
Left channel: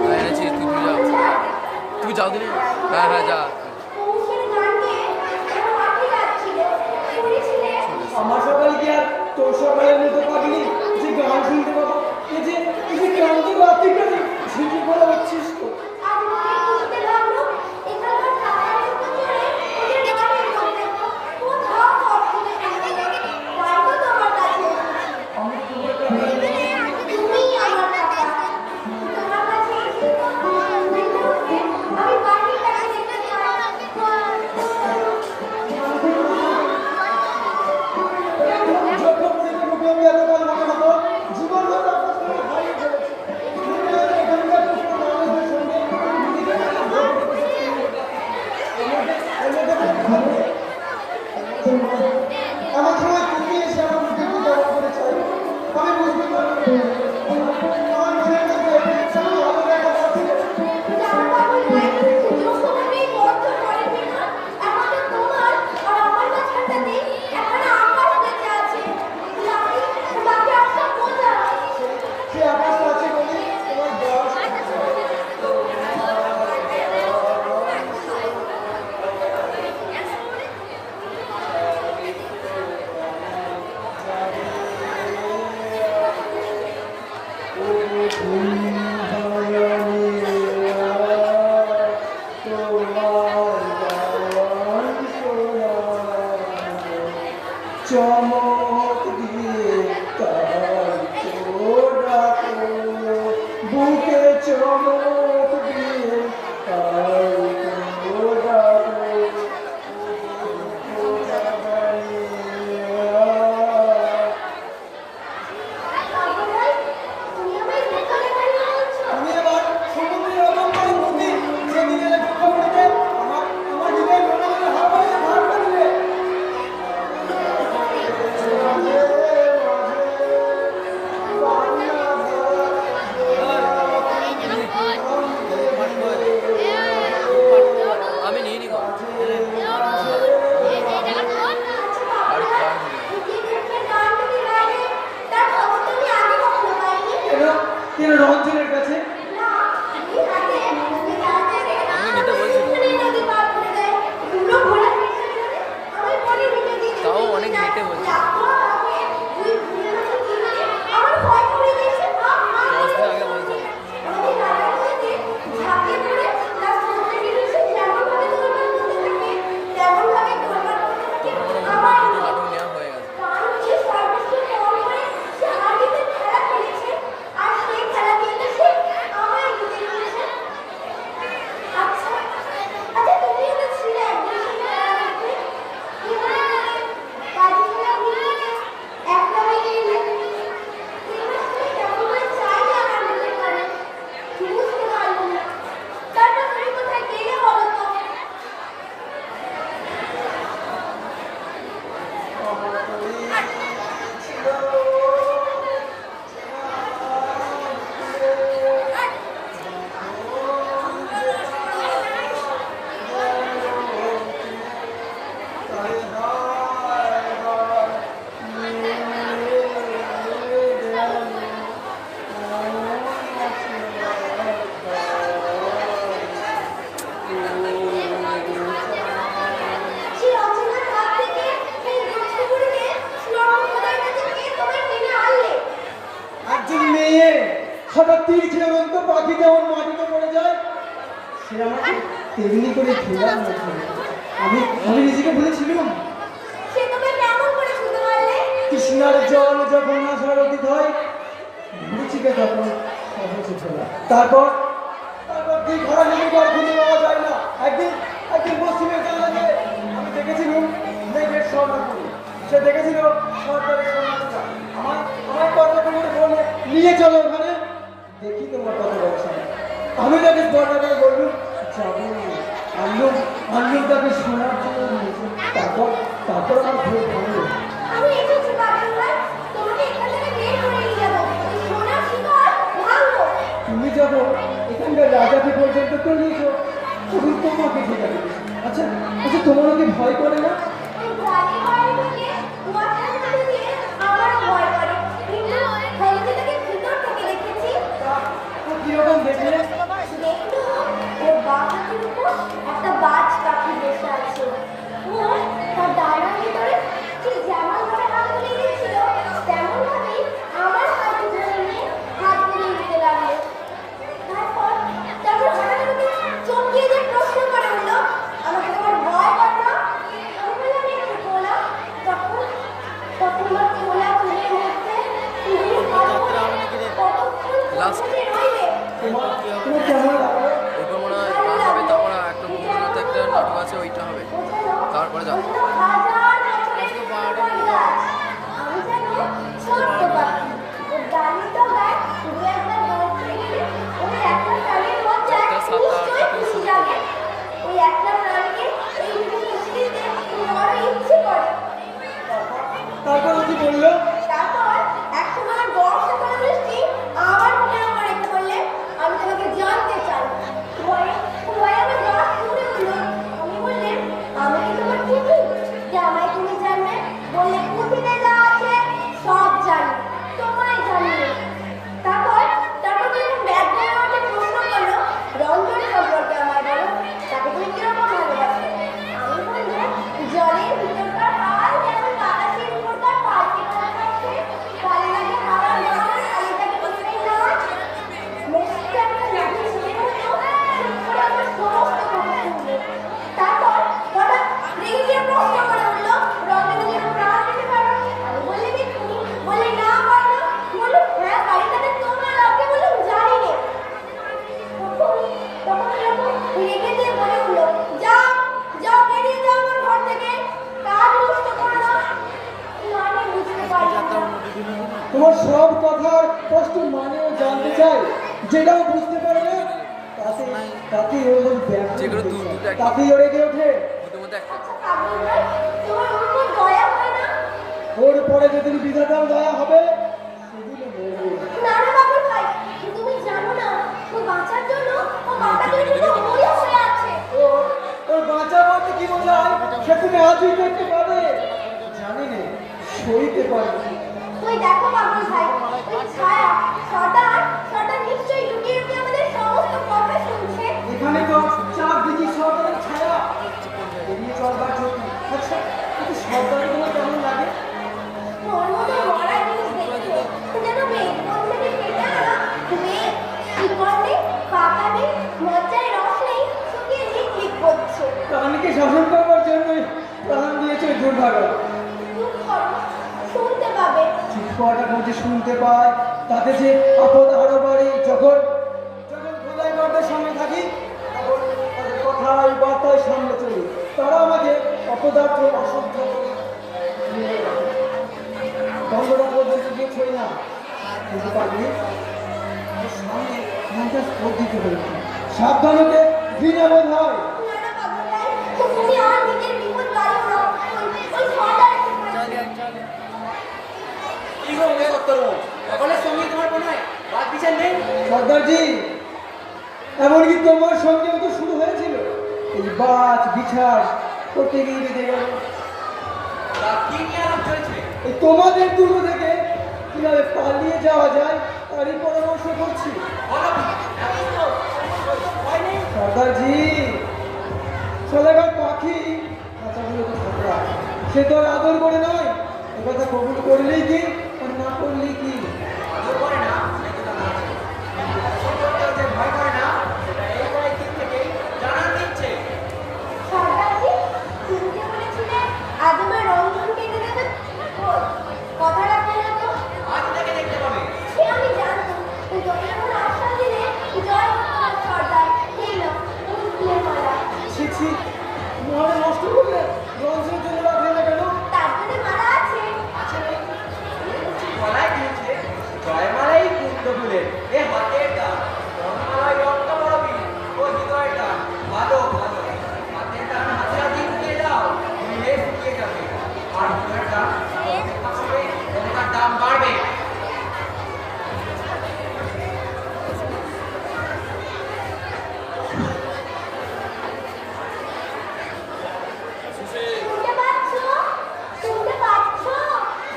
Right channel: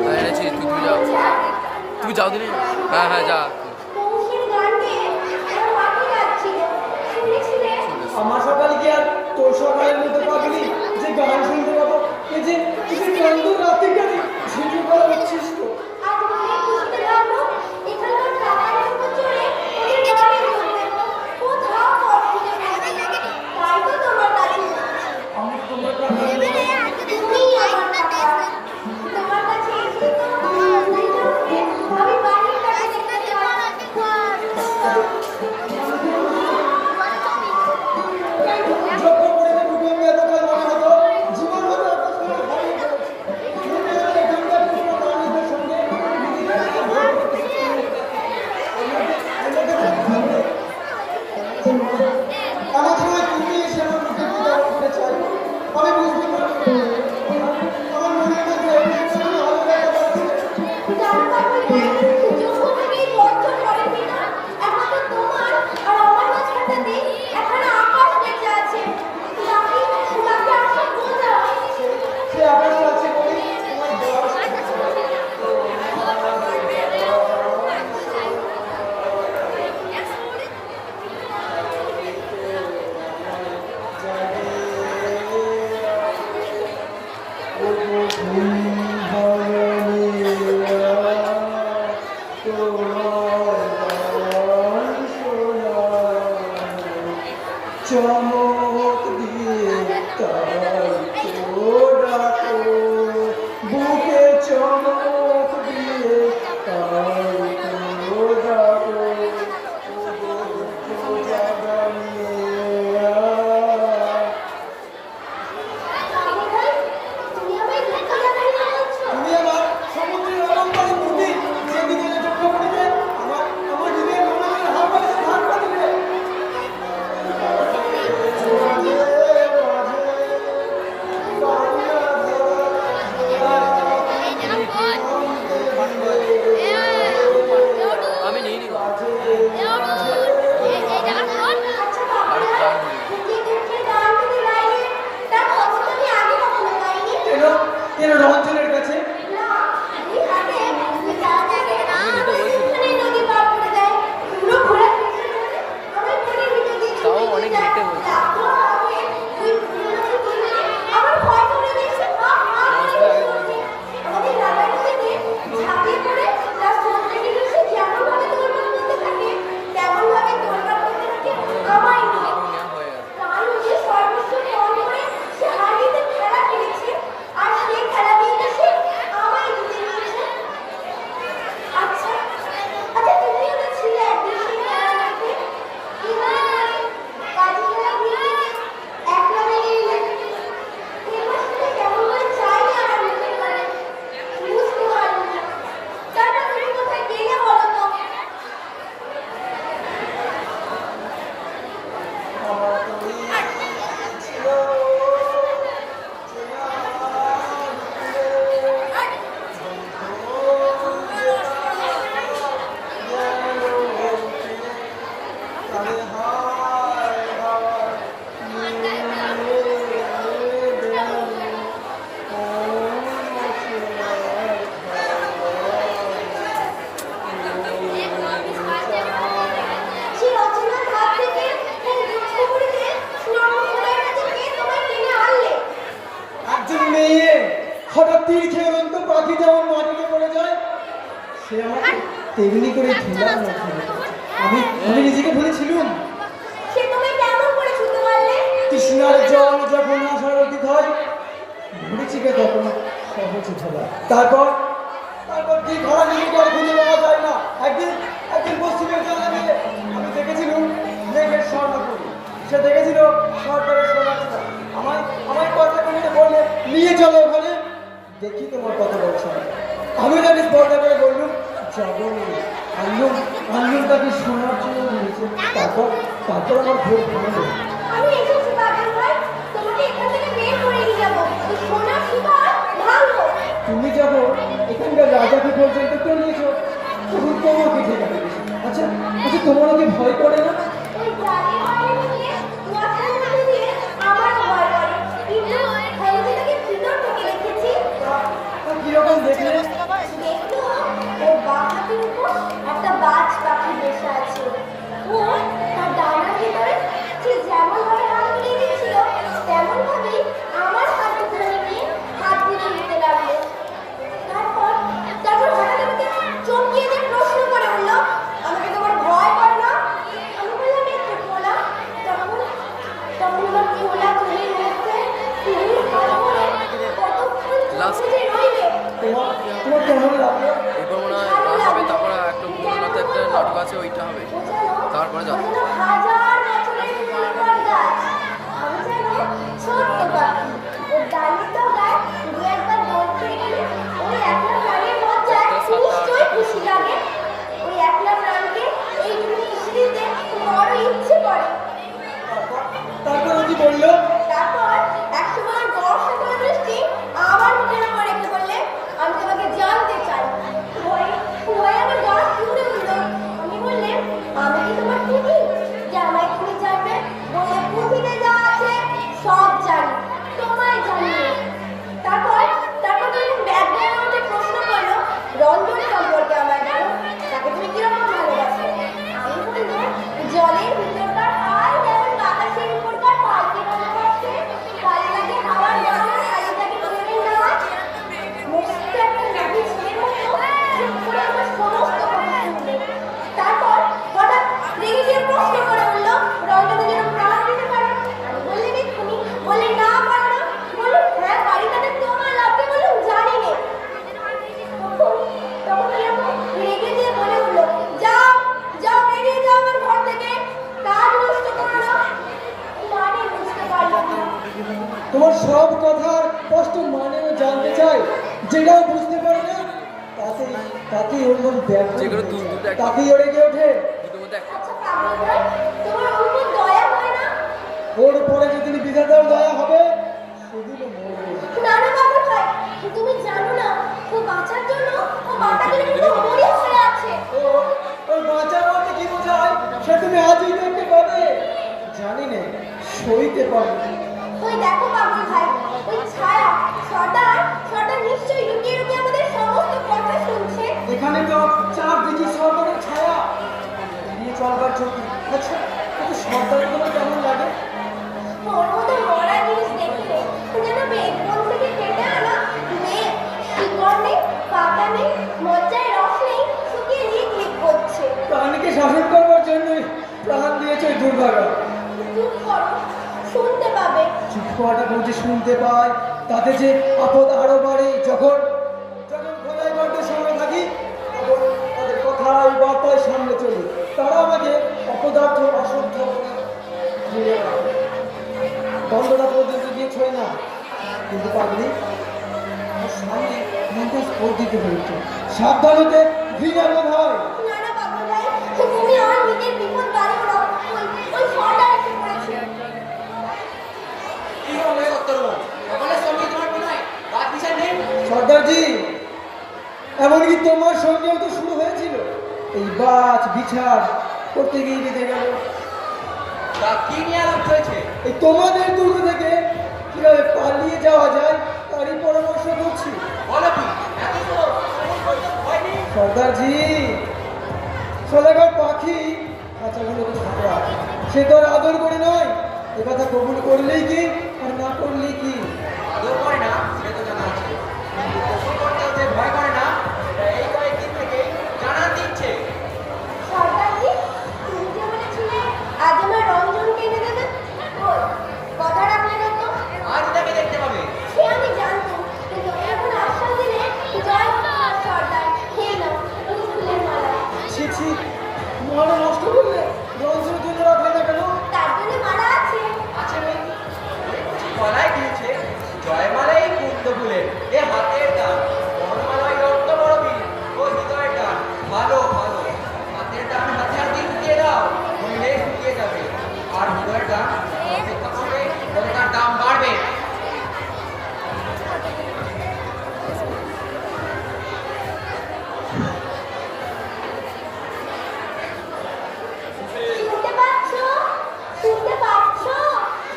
হ্যাঁ এনেছি, তুই যাও, তুই যাও দিলি। হ্যাঁ হ্যাঁ যা। পৌষের গানকে আরো আটকে যাচ্ছিল। শুনেছিলে? আমার সকাল কি আর তোর সকালের মতো পাগলি যে গান শুনতে পাবো? এই যে ক্লান্ত রাতে গেলে ঝিঁটি করা হচ্ছিস তো। আজ মনে বুঝতে লাগলো, এখানকার টাকার উপর চড়ে ওদের বাড়ি হচ্ছে। কোথাও ঘর খুঁজে পাবে না। তাই তো তোমার কাছে এসেছি। আমি তোমার কাছে তুমিই আমার টাকা। তোমার কাছে এসে তো আমি বাড়ির কাছে যেতে চাই। যখন থেকে মুখে আমি এতকাল মনে হতো জীবন হতো আপনার সঙ্গে হারিয়ে ফেলেছি। মনে হয় এখানকার কোনো মানুষের সঙ্গে নিজেকে আমার মনে হয় তুমি এসে আমার মুখে জবাব দিতে চাই। আমি বুঝতে পারছি আমার মনের মধ্যে শুধু আলাদা কথা ছিল। জানতাম না, যখন আমি এই বছর পড়েছি না, এখন তো তোমার আর আমার মাঝখানটাতে এখনো আকাশ বেঁচে আছে। যাকে আমরা বোঝা। সে আকাশ আছে বলে তোমার বয়স চমক দিয়ে তার ডাকো, বুকে চমক দিয়ে তার ডাকো, তুমি আমায় দেখে যাবে না বলছো? আমি এবার সমুদ্রের অলঙ্কারী মূর্তি সেদিনে চোখে পড়েছে আমার হৃদয়ে মনে মনে হাত করে ভাগ করে দিলে। আমি নিয়ে নি গো। আচ্ছা বাবা, কি দেখে গান তুমি গাইলে, তার খবর তো আমি আগে কখনো পাইনি। কেন রঞ্জনের কাছে না, এই হাতে এই রাতে এখানে নদী পার করে দেয়। পুরো ঘোড়া ফেসে চলে আমার মনে ভিতর দিয়ে তাও অনেক লেটে হয়েছে। ওই ফুলের মতো কিনে আমার ভয় করে দিয়েছে। দশ দিন আগে বলছি। আমাদের দাদার নদীতে ঝাঁপিয়ে পড়ে তার সমুদ্রে গেছে যেমনভাবে দৌড়ান করতে থাকে, তেমনভাবে দৌড়ান করতে থাকে আমার দুটো নাটক নেওয়া হয়ে গেছে। প্রাণ উঠে সর্বস্ব ত্যাগ করে সে হাড়িতে খেলা খেলেছে, আর সেই খেলা কিন্তু সে আমায় জিতে নিয়েছে। আচ্ছা তুমিও তো ছিলে একদিন সেই খেলা দেখে। কি মনে পড়ে? কাজীরা মিলে এক নামে এলে এবার শুনে কেমন করে চাইলে আমার মনে করে বুঝতে পারলাম না। তারপর তুমি কোথায় গেলে বলো তো? সেই অচেনার হাত থেকে এই দুঃখ করিতে নরম কাছে কে তোমায় টেনে আনলে? একজন মেয়ে হঠাৎ তীর খেয়ে অনন্ত পাখি যেমন মাটিতে পড়ে যায়, সে আমাকে তেমনি করে ঢেলার মধ্যে রেখেছে। আমি নিজেকে ভুলেছিলাম। সে তুমি কেমন করে শুনতে পারলে? তৃষ্ণার জল যখন আসার অতীত হয়, ভুলেছিকে তখন সহজ ভোলা। তারপর কি ঘরে লেগে গিয়ে খুঁজে পাওয়া যায় না। একদিন পশ্চিমের জানালে আমি দেখেছিলাম মেঘের স্বর্ণপুরী। সে দেখেছিল সরকারের সোনাটা। আমার কথা নিয়ে বলে নিয়ে চলো ওখানে, দেখি তোমার কত বলছে। আমি তাকে স্পর্ধা করে বললুম যাবো। আনলুম তাকে শোনার জন্য বলেছে। তারপর আমার ভোট ভালো। আমি এসেছি বাগান ভাই, তোমাকে এখান থেকে বের করে নিয়ে যাবো। সোনার শিকার ভালো। তুমি যখন এখানকার রাজাকে পর্যন্ত তলিয়েছো, শুধু তোমাকে ঠেকা রেখেছি। আচ্ছা তোমার ওকে ভয় করে না? ওই প্রাণী বাড়ি থেকে মাথার মধ্যে দিয়ে আমার ভয় করে, কিন্তু আমি তাকে ভিতর থেকে দেখেছি। কিরকম দেখলে? দেখতো ওর বাঁ হাতের উপর একটা বাজ পাখি বসে আছে। ও তার ডানার ভিতরে ঠিক যেমন ভাবে হাত বুলিয়ে দিয়েছিল, তেমন ভাবেই আমার হাত ধরে নিয়ে হাত বুলিয়ে দিতে লাগলো। তারপর হঠাৎ আমাকে চমকিয়ে দিয়ে প্রশ্ন করে বলল, আমাকে তোমার ভয় করে না? আমি বললাম একটু খোলা। তখন আমার খোলা চুলের মধ্যে তুমি হাত ধরে কতক্ষণ Last. চুপচাপ রইলে। তোমার কেমন লাগলো? এরপর মনে হয় গান হবে, তারপর একটা ভুবননাথে একটা নাটক আছে, ওইটা হবে, তারপরে যাত্রা। হাজার বছরের পুরনো গাছ। আমি যেন ছোট্ট পাখি। ওর ডালি তো গায়ে দু একবার দৌড় খেয়ে গেলে ওই একলা প্রাণীর লজ্জায় যাত্রা 7টা 8টা থেকে নিশ্চয়ই শুরু লাগে। করবো। ওই একলা প্রাণীকে এই মিষ্টিতে বড় ইচ্ছে করে। তারপর কি বললো? তারপর একসময় বর্ষা করে বৃষ্টি আমার মুখের উপর রেখে বললে, আমি তোমাকে জানতে চাই। ভয়ে আমার গা শুনে উঠলো। আমি বললাম, আমি কি তোমার পুঁথি যে আমায় তুমি জানবে? বললে, পুঁথিতে যা আছে সব জানি, তোমায় জানি। তারপর তুমি ব্যাগ দিয়ে আমাকে প্রশ্ন করলো, রঞ্জনী সম্পর্কে আমায় বলো, তাকে তুমি কিরকম ভালোবাসো? আমি বললাম, জলের ভিতরকার হাওয়ায় যেমন বাতাসের উপরকার পাল্টে ভালোবাসে, ভালো লাগে হাওয়ার গরম শাড়িটাকে ছেড়ে নাচ। মস্ত একটা নাকি ছেলের মতো চুপ করে আমার সমস্ত কথা শুনলো। তারপর হঠাৎ রেগে গিয়ে প্রশ্ন করে বললো, রঞ্জনী যেন প্রাণ দিতে পারো? আমি বললাম এক্ষুনি। বললে না পারো না? বললাম হ্যাঁ পারি, তাতে তোমার লাভে? বললাম জানি নে। তখন এরকম রেগে দিয়ে বলে উঠলো, যাও বেরিয়ে যাও আমার ঘর থেকে, কাজ নষ্ট করো না। মানে বুঝতে পারলাম না। তোমার সব কথার স্পষ্ট মানেও জানতে চাই, যেটাও বুঝতে পারে না তাতে ওরকম যেগুলো দুটো একটা। তাতেই ওরে গিয়ে ওঠে। দুটোর মধ্যে একটা। পাগল ভাই, তোমার উপর দয়া হয় না? ওর উপরে যেদিন বিধাতার দয়া হবে সেদিনও মরবে। না পাগল ভাই, তুমি জানো না ও বাঁচার জন্য মরিয়া হয়ে আছে। ওর বাঁচা বলতে কি বোঝায় সে তুমি আজই দেখতে পাবে। জানি না, সইতে পারবে। ওই দেখো পাগল ভাই, ওই ছায়া সর্দার নিশ্চয়ই লুকিয়ে লুকিয়ে আমাদের সমস্ত কথা শুনছে। এখানে তো চারদিকে সরকারের ছায়া, এড়িয়ে চলবার জন্য। আচ্ছা কিন্তু সরকারগুলো কেমন লাগে? ওর মতো মরা জিনিস দেখলে যেন বেদপন থেকে কেটে আনা মেঘ, শিকড় নেই, পাতা নেই, মজ্জায় রস নেই, শুকিয়ে লিক করছে। প্রাণীকে শাসন করবার জন্য প্রাণ দিয়েছে ওই দুর্ভাগা। চুপ করো, শুনতে পাবে। চুপ করাটা বুঝে শুনতে পায়, তাতে যে আপদ আরো বাড়ে। যখন খোদাই করতে সময় থাকি তখন তাদের কথায় বার্তায় সামনে চলি। তারা আমাকে অপদার্থ অশুদ্ধ করে ঘিরে রাখে। বন্ধটা পর্যন্ত গিয়ে ছয় না, কিন্তু পারলি সামনে মনটা স্পোর্ট দিতে হয়েছে। সাবধান হতে ঘৃণা বোধ হয়। না পাগল ভাই, তুমি আর নিজের বিপদ বাড়িও না। ওই সর্দার এসে পড়েছে। কি রকমের সত্তরণ সকলের সঙ্গে তোমার কোনো বাদ বিচার নেই? সর্দারজি, এমনকি তোমার সঙ্গেও তো শুরু হয়েছিল। এই বাজ বিচার করতে গিয়ে বেঁধে গেল। তা কি নিয়ে আলাপ হয়েছে? এই তোমাদের দুর্গ থেকে কিভাবে পালিয়ে যাওয়া যায় তারই পরামর্শ করছি। বলো কি একই তো ভয় নেই? সর্দারজি, সোলাগার পাখি খাঁচাগুলো তো থাকা, সে তো আর আদর করে নয়। এ কথা কবুল করলেই কি আর না করলেই কি? আদর করে না সে তো জানা আছে, কিন্তু কবুল করতেও যে ভয়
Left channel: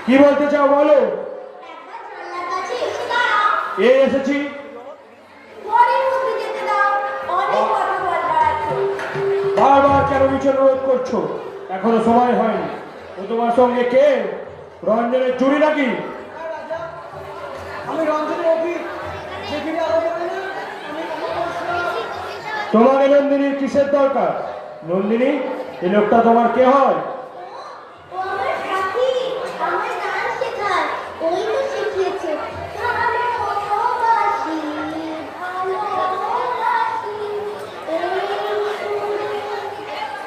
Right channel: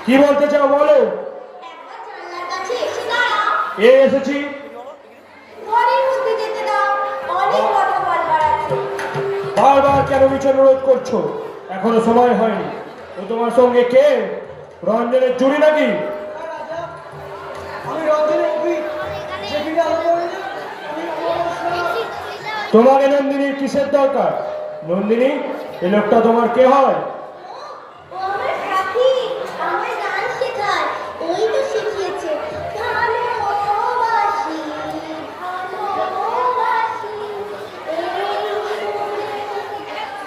কি বলতে চাও বলো? একবার জানলার কাছে এসে দাঁড়াও। এই এসেছি। ঘরের মধ্যে যেতে দাও, অনেক কথা বলবার আছে। বারবার কেন মিছন রোধ করছো? এখনো সময় হয়নি। ও তোমার সঙ্গে কে? রঞ্জনের চুরি নাকি? আমি রঞ্জনের অফিস যে কিনা হবো না আমি তোমাকে নন্দিনীর কিসের দরকার? নন্দিনী, এই লোকটা তোমার কে হয়? ও আমার সাথী, আমার গান শেখায়। ওই তো শিখিয়েছে, ভালোবাসি, ভালোবাসি, এই সুরে কাছে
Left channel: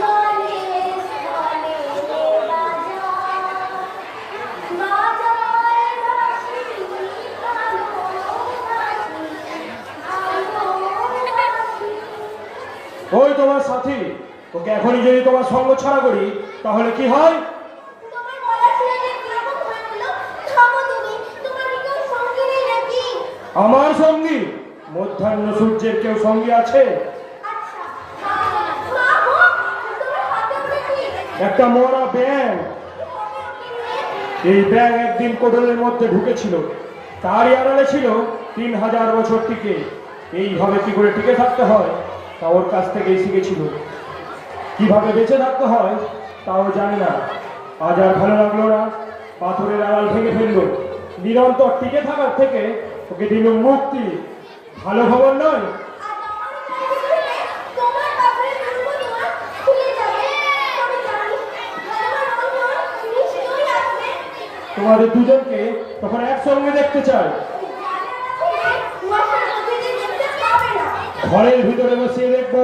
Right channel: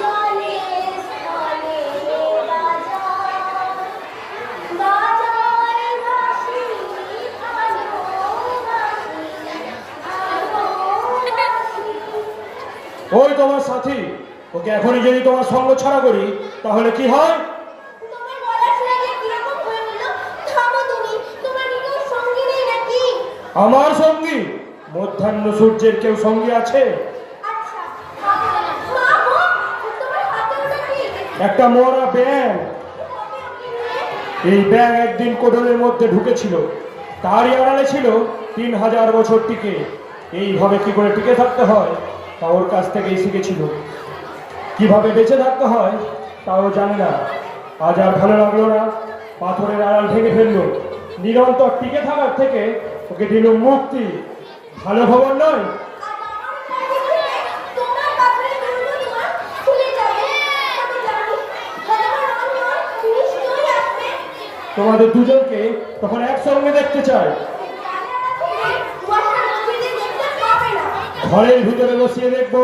জলে স্থলে বাজায়, বাজায় বাঁশি, ভালোবাসি, ভালোবাসি। ওই তোমার সাথী। ওকে এখনই যদি তোমার সঙ্গ ছাড়া করি তাহলে কি হয়? তোমার গলা শুনে যে কিরকম হয়ে গেল, থামো তুমি, তোমার কি কেউ সঙ্গী নেই নাকি? আমার সঙ্গী? মধ্যাহ্ন সূর্যের কেউ সঙ্গী আছে? আচ্ছা, মা গো, তোমার হাতে ওটা কি? একটা মরা ব্যাঙ। এই ব্যাঙ একদিন কোডলের মধ্যে ঢুকেছিল। তারই আড়ালে ছিল 3000 বছর টিকে। এইভাবে কি করে টিকে থাকতে হয় তা ওর কাছ থেকেই শিখেছিল। কিভাবে বেঁচে থাকতে হয় তাও জানে না। আজ আর ভালো লাগলো না, পাথরের আড়াল ভেঙে ফেললো। নিরন্তর টিকে থাকার থেকে ওকে দিল মুক্তি। ভালো খবর নয়? তোমার কাপড়ের দুর্গ তোমার খুলে যাবে, আমি জানি। ভগবান অন্য নিশ্চয়ই আসবে। তোমাদের দুজনকে তখন একসঙ্গে দেখতে চাই। মশার মধ্যে দেখতে পাবে না। ঘরের ভিতরে বসিয়ে দেখবো।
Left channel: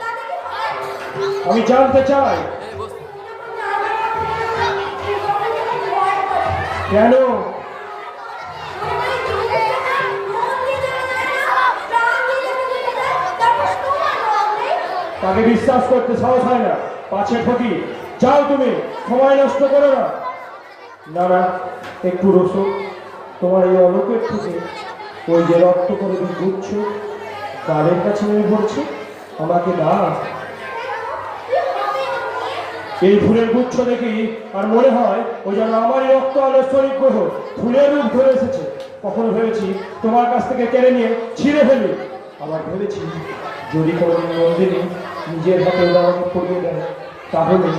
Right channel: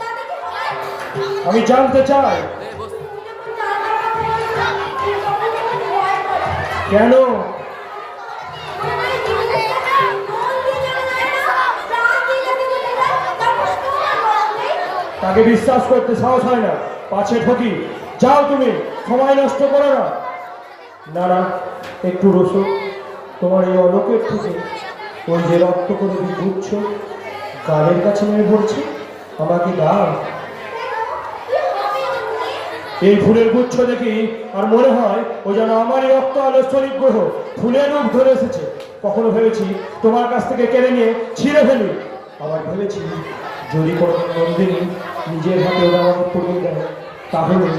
তাতে কি হয়? আমি জানতে চাই এই বস। কেন? তাকে বিশ্বাস করতে সাহস হয় না, পাছে ঠকি। যাও তুমি, সময় নষ্ট করো না। না না, একটু রসো। তোমার এই অলোকের থেকে ওই যে রক্ত করে বুঝছ গালের কাছে নেমে পড়ছে, আমাকে দাও। এই ফুলের গুচ্ছ দেখি আর মনে হয় ও যেন আমারই রক্ত আলো শরীর গ্রহ ফুলের রূপ ধরে এসেছে। কখনো ভেবেছি তোমার কাছ থেকে কেড়ে নিয়ে ছিঁড়ে ফেলি। আবার ভেবেছি যদি কোনো নন্দিনী নিজের হাতে ওরা আমাকে পড়িয়ে দেয় তাহলে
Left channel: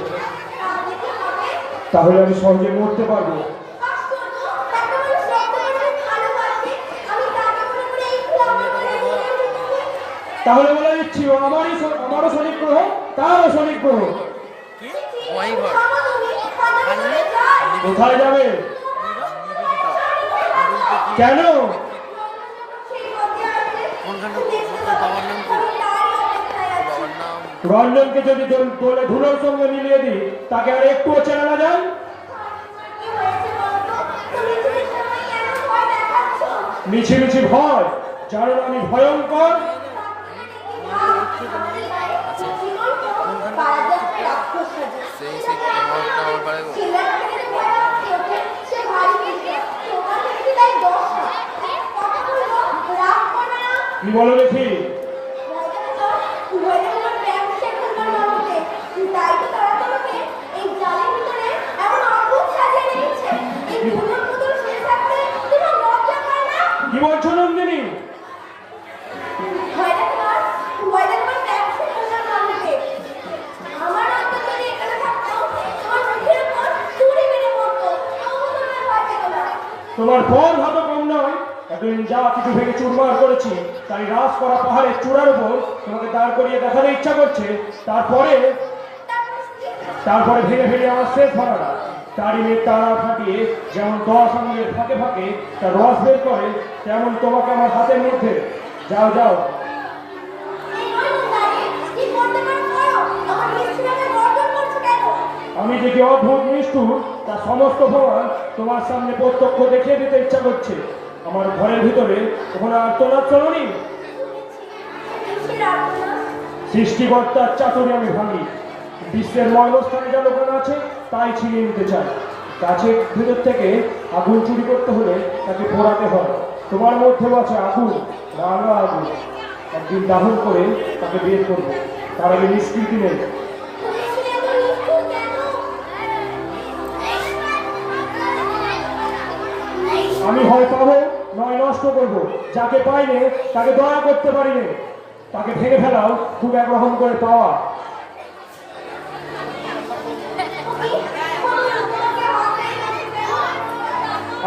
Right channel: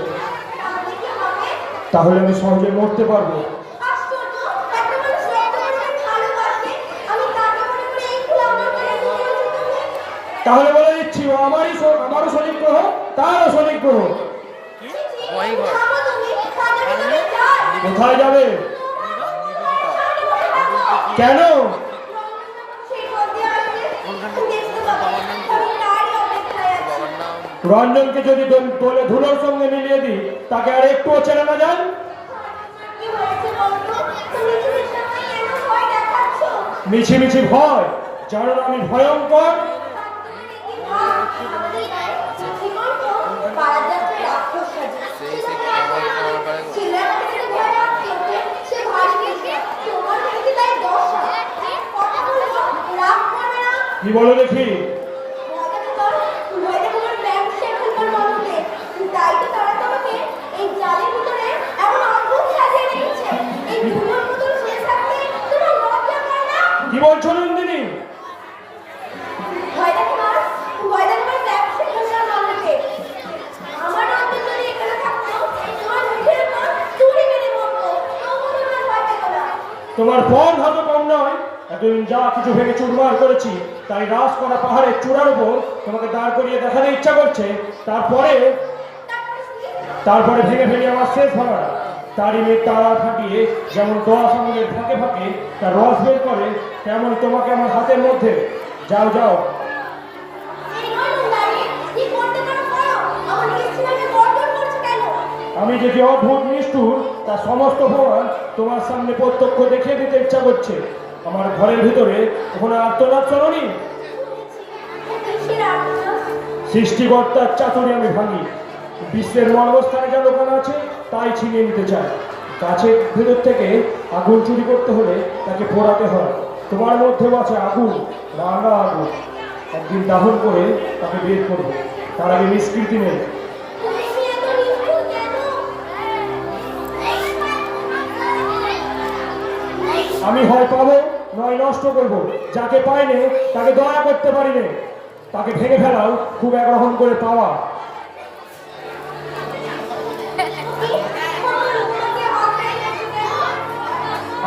তাহলে আমি সহজে মরতে পারবো। তাহলে বলে দিচ্ছি ও আমারও শরীর গ্রহ, তারও শরীর গ্রহ। ওয়াই ঘর। কোথায় যাবে? নিবেদিতা। কেন? বাবার নাম রঞ্জনকে যদি বলে ধুলোর সঙ্গে মিলিয়ে দিই তাকে আর একটুও চেনা না যায়। মিছি মিছি ভয়, জানো না আমি ভয়ঙ্কর। সেই আমার পারে গো। কি বলো দেখি? কি বলছো নন্দিনী? তোমার ফল হয়তো কম নয়। এতদিন যা কিছু ভেঙে চুরমার করেছি তাই রাস করা পাহাড়ের চূড়ার উপর তোমাকে দাঁড় করিয়ে দেখাতে ইচ্ছা করছে। তারপরে ভেঙে ফেলে আমার শেষ ভাড়া। তারই মেয়ে তারা ফাটিয়ে যেমন দোয়া সঙ্গের ফাঁকে ফাঁকে তার রস বের করে, তেমন তোমাকে আমার হাতের মধ্যে। যাও যাও। আমি যে কি অদ্ভুত নিষ্ঠুর তার সমস্ত প্রমাণ তোমার সামনে প্রত্যক্ষ দেখিয়ে দিতে ইচ্ছা করছে। আমার ঘরের ভিতরে কোনো আর্তনাদ শোনি। সৃষ্টিকর্তার চাতুরি আমি ভাঙি। বিশ্বের মর্মস্থানে যা লোকানো আছে তাই ছিনিয়ে নিতে চাই। গাছের ভেতর থেকে আগুন চুরি করতে হলে তাকে পোড়াতে হয়। তোমার মধ্যেও আছে আগুন, রাঙা আগুন। একদিন দাহন করে তাকে বের করবো। তার আগে নিষ্কৃতি নেই। আমি হয় পাবো নয় নষ্ট করব। যাকে পাইনে তাকে দয়া করতে পারিনে, তাকে ভেঙে ফেলাও খুব একরকম করে পাওয়া।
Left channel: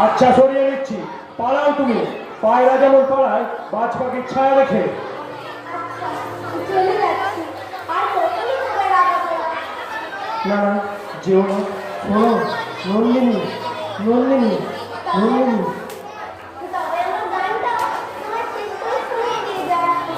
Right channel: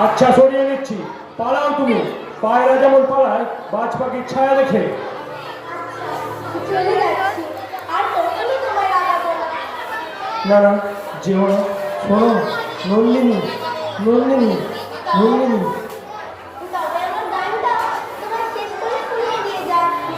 আচ্ছা সরিয়ে নিচ্ছি, পালাও তুমি। পায়রা যেমন পালায় বাজ পাখির ছায়া রেখে। চলে যাচ্ছি, আর কখনো তোমায় রাগাবো না। না না, যেও না। শোনো নন্দিনী, নন্দিনী, নন্দিনী। তবে আমার গানটা তোমায় শেষ করে শুনিয়ে দিয়ে যাচ্ছি।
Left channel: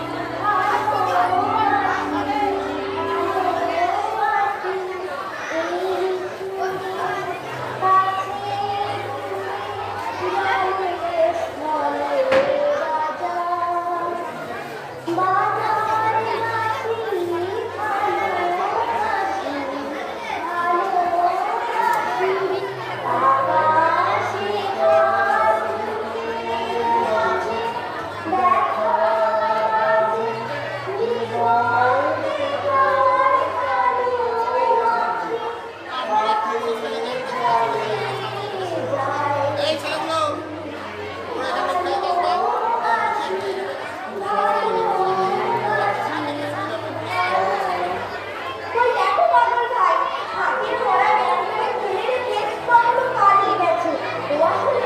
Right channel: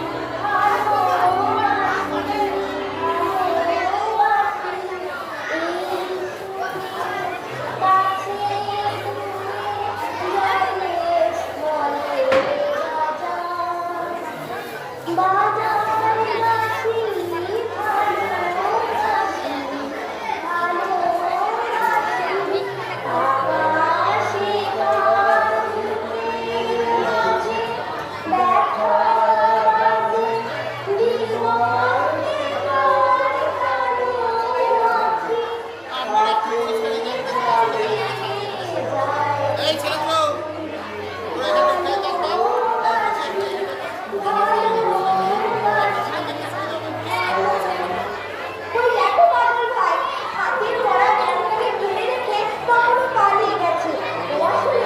ওই দেখো পাগল ভাই, হাতের ওরা ক্যামেরাকে তুলে রেখে কখনো পালিয়ে গেছে। ও আসলে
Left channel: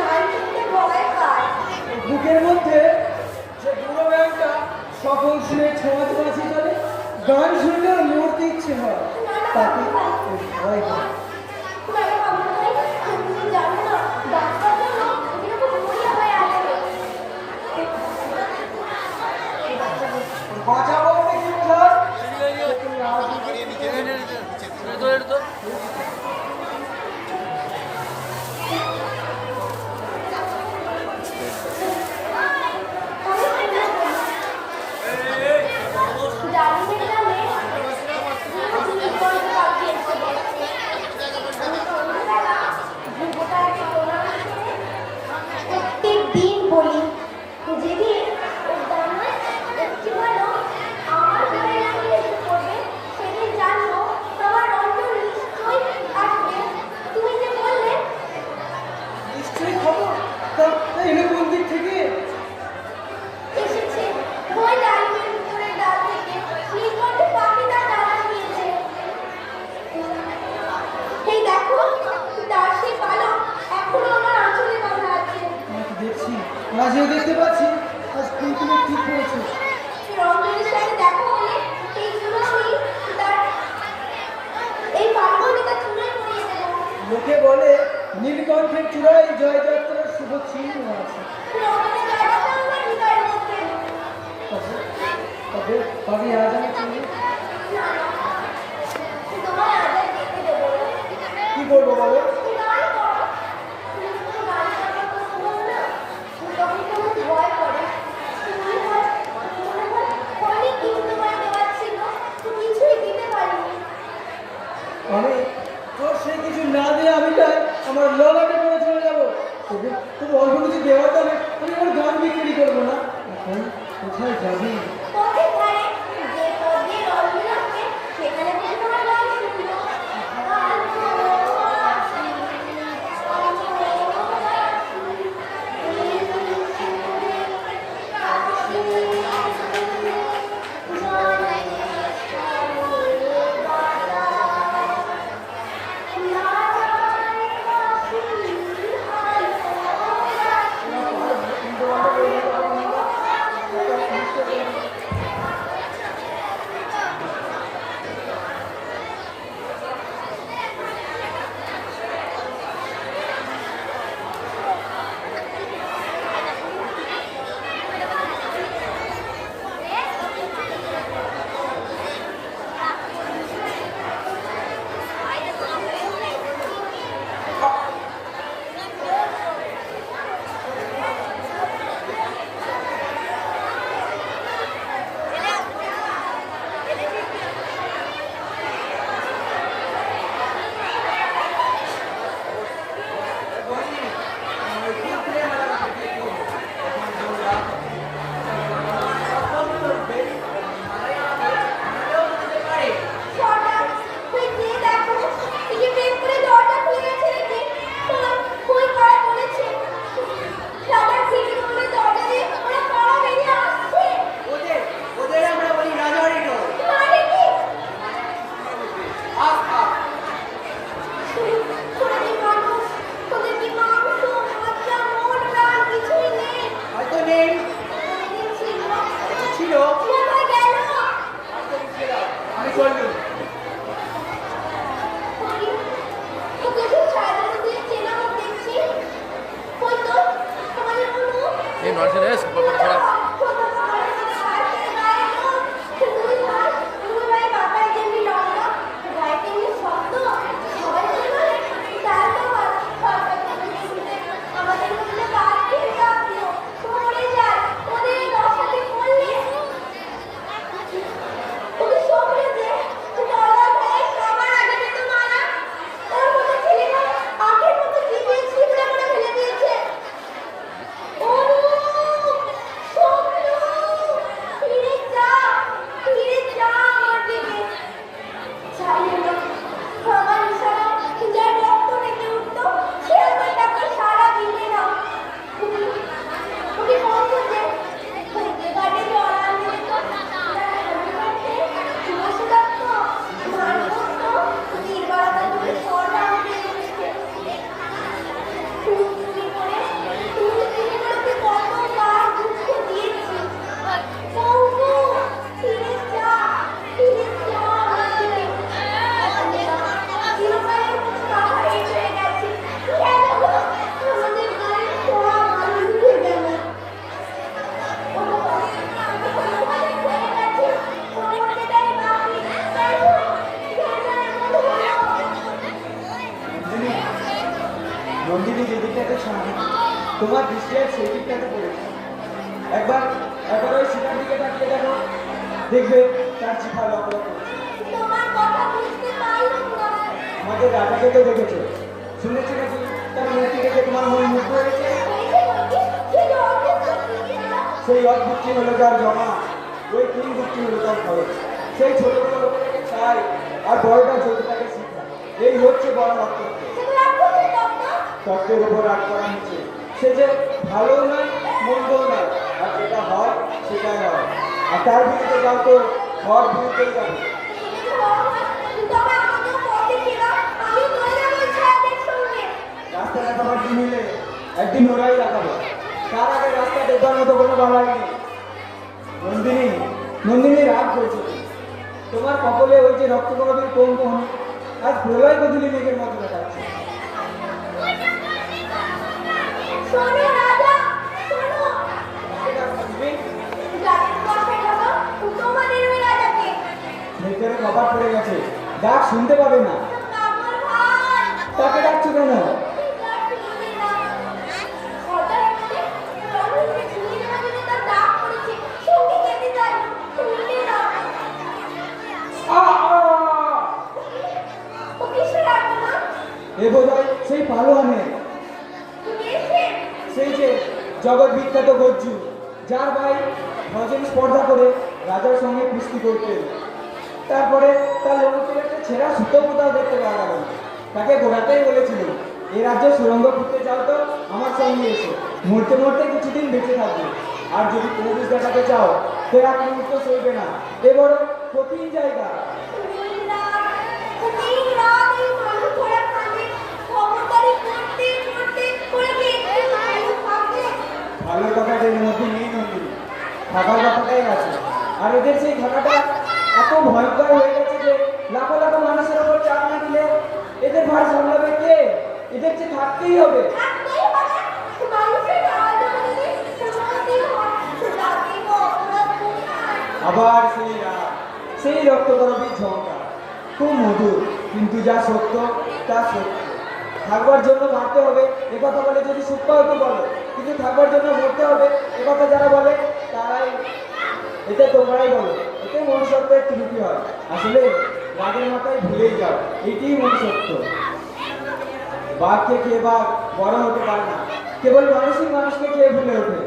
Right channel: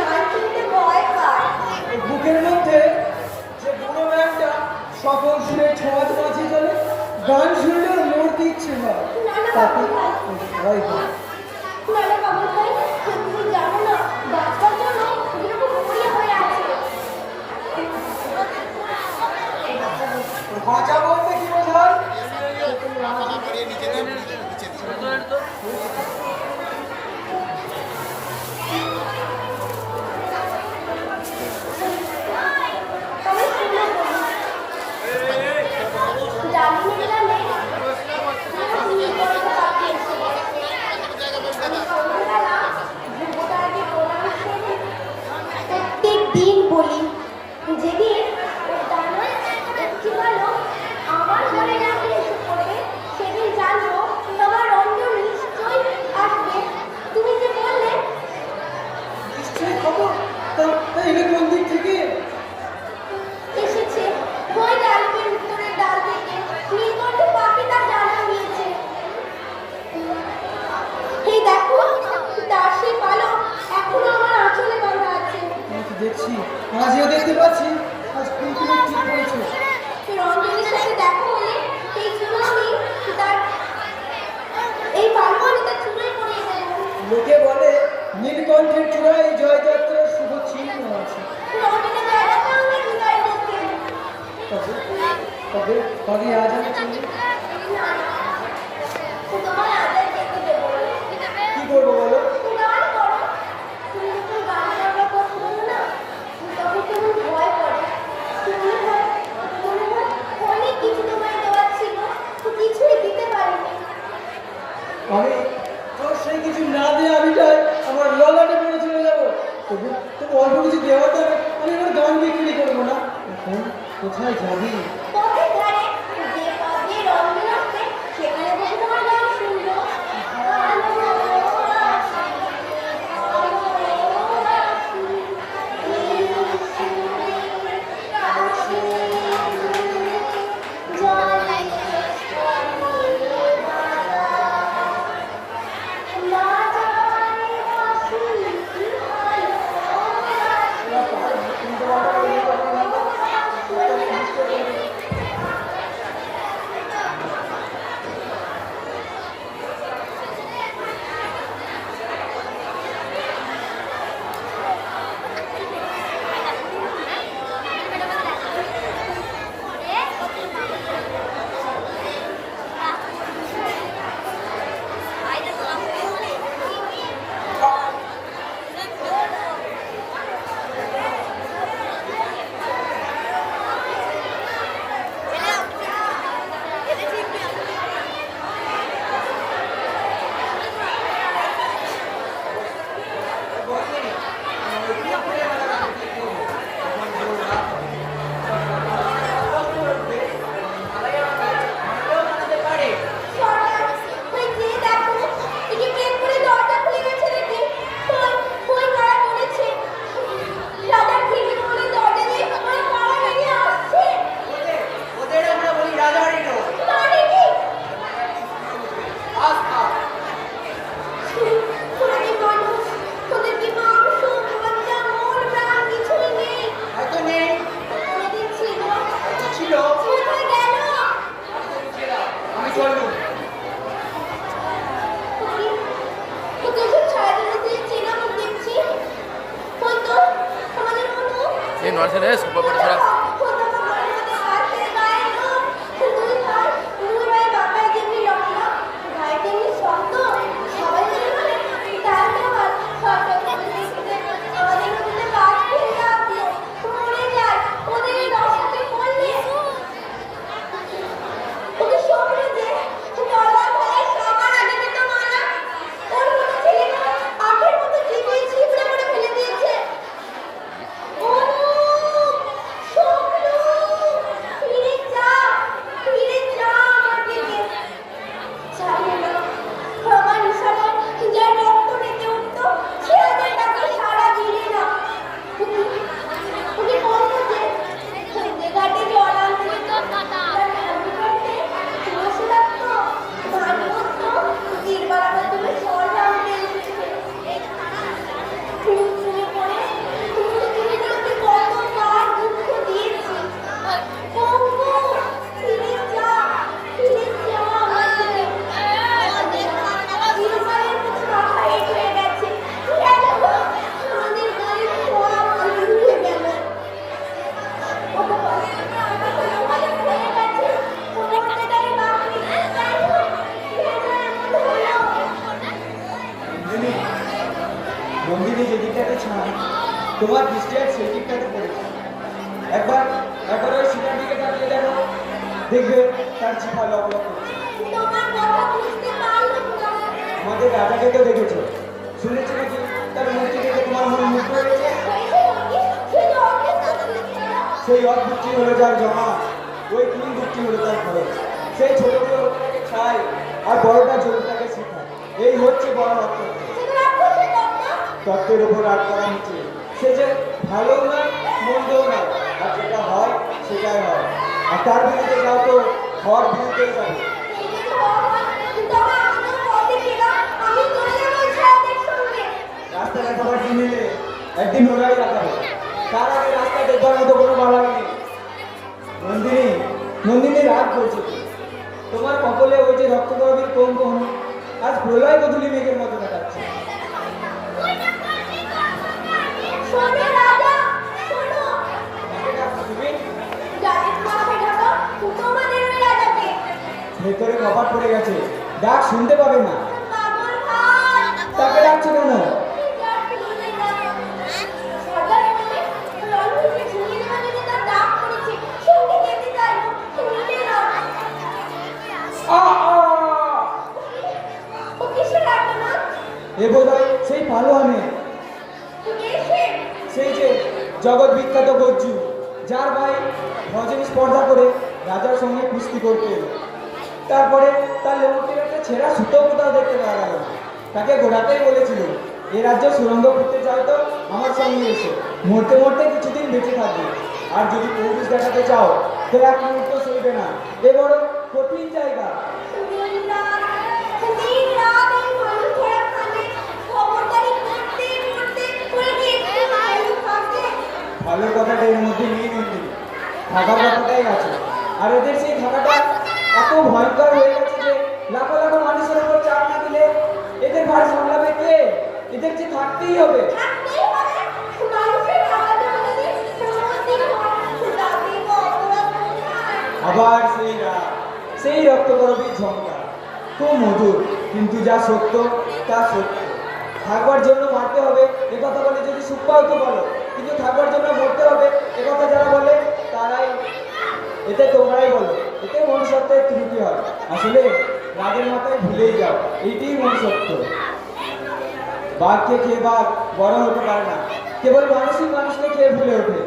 গান শুনতে ভয় পায়। বুকের মধ্যে যে বুড়ো ব্যাগটা সকল সুরে ছোঁয়াতে বাঁচি চলে, গান শুনলে ওর মরতে ইচ্ছে হয়, তাকে ভয় পায়। ম্যাডাম পাগল ভাই, তুমি জানো না ডাক্তার জন্য কিরকম ঘুরিয়ে হয়ে আছে। বাঁচা বলতে কি বোঝায়? ডাক্তারের নামে নিয়ে করে পাঠিয়েছে। প্রত্যেক দিন বলি, যেদিন ওর ডানায় একটি ভালো আমার ঘরে না গিয়ে এসে পড়বে, সেদিন জানবো তোমার রঞ্জন নিশ্চয়ই আসবে। তুমি যে বললে নিশ্চয়ই খবর তা এলে কোন দিক থেকে? এসেছে, ওই ডালবের উপরে ডাল থেকে নীলকণ্ঠ পাখি তার ডানা দিয়েছে। এই দেখো, তার সেই পালক এখনো আমার আঁচলে বাঁধা আছে। আমি তো দেখছি, আজও দেখতে পাচ্ছি, আজ তুমি ঠিক করেছো। রঞ্জনের সাথে দেখা হলে এই চুলো আমি তার এই পালক আমি তার চুলোয় পরিয়ে দেবো। লোকে বলে নীলকণ্ঠের চূড়ায় জয়যাত্রার শুভ চিহ্ন আছে। রঞ্জনের জায়গাটা আমার হৃদয়ের মধ্যে। তবে তবে তবে আজ আমি চলি। না, তোমার আদায় দেখতে দেবো না। কি করবো বলো? গান করো। তুমি তো গান করার কথা বলো না, তখন কেমন ভয় করে। মনে হয় অনেক কিছু তোমায় দেওয়ার ছিল, কিছুই দিতে পারিনি। আমি তোর সেই কিছু না দিয়ে আমি চাই আমার লগাটে পড়ে চলে যাবো। তবু তবু অল্প কিছু দেওয়া তো আমি আমার গান বিক্রি করবো না। এখন কোথায় যাবি? পথের ধারে যে পথ দিয়ে রঞ্জন আসবে, সেখানে বসে তোমার গান শুনবো। এই নড়ছে রে সুপার করে ছড়া নন্দিনী যে দিকটাতে ছাড় তোমার দৃষ্টি আর সেই দিকটাতে পড়েছে একবার একবার ওই শিকার দিকে তাকিয়ে দেখো দেখবে তার চিঠা লক লক করছে আমাদের রাজাকে তো দেখেছো শুনেছি নাকি তার মূর্তি দেখে তোমার মন মুগ্ধ হয়েছে সেই অদ্ভুতটি হলো যার জমা ওই তিন বুকটি হলো তার ভয় সেই ছোটগুলো ওটাকে ছাই আর বড়টা ছোটটাকে শিখা এই হচ্ছে বড় অর্থ তত্ত্বের উপর রাগ করা হচ্ছে সে যে ভালো নয় মন্দও নয় আর যেটা হয় সেটাই হয় আর তার বিরুদ্ধে যাও তো ঘর বিরুদ্ধেই যাবে রাস্তাটা তোমার কিনলে একদিন ওরাই লাগাবে তার আগে রাস্তা দেখবার মতো কোনো লড়াই নেই নন্দিনী নন্দিনী রাগ করছে তোমার কপালে ওই যে রক্তকরবের কোন কোন আজ প্রলয় বদলি মেঘের মতো দেখাচ্ছে ভেতরে কপাট পড়ে গেছে ডাক শুনতে পাবে না তাকে ডাকছো কেন এ বোধ হয় সেই পালোয়ানে সেই যে জগৎ বিখ্যাত গজ্জু যার ভাই ভজন স্পর্ধা করে রাজার সঙ্গে কুস্তি করতেন তারপরে তার লোকের একটা ছেঁড়া সুতো কোথাও দেখতে পাওয়া গেল তাকে গোড়াতেই বলেছিল এই রাজ্যে সুরঙ্গ করতে চাও তো আমার সঙ্গে এসে মরতে মরতে কিছুদিন বেঁচে থাকবে আর যদি পুরুষ দেখাতে চাও তো এক মুহূর্ত সইবে না এ বড় কঠিন জায়গা ভালোর কথাটা এর মধ্যে নেই নন্দিনী থাকার কথাটাই আছে আর এদের সেই থাকাটা এত ভয়ঙ্কর হয়ে গেছে যে লাখো লাখো মানুষের উপর চাপ না দিলে এদের ভার সামলাবে কে এদের যে থাকতেই হবে আবার সেই রাগ সেই রক্তকরবীর ঝঙ্কার খুব মধুর কিন্তু যা সত্য তা সত্য থাকবার জন্য মারতে হবে এ কথা বলে যদি সুখ পাও তো বলো কিন্তু থাকবার জন্য মরতে হবে এ কথা যারা বলে তারাই এতে তোমরাই বলো এতে মনুষ্যত্বের ত্রুটি হয় আসলে রাগের মাথায় ভুলেই যাও এটাই মনুষ্যত্ব বাঘকে খেয়ে বাঘ বড় হতে পারে না কেবল মানুষই মানুষকে খেয়ে ভুলে ওঠে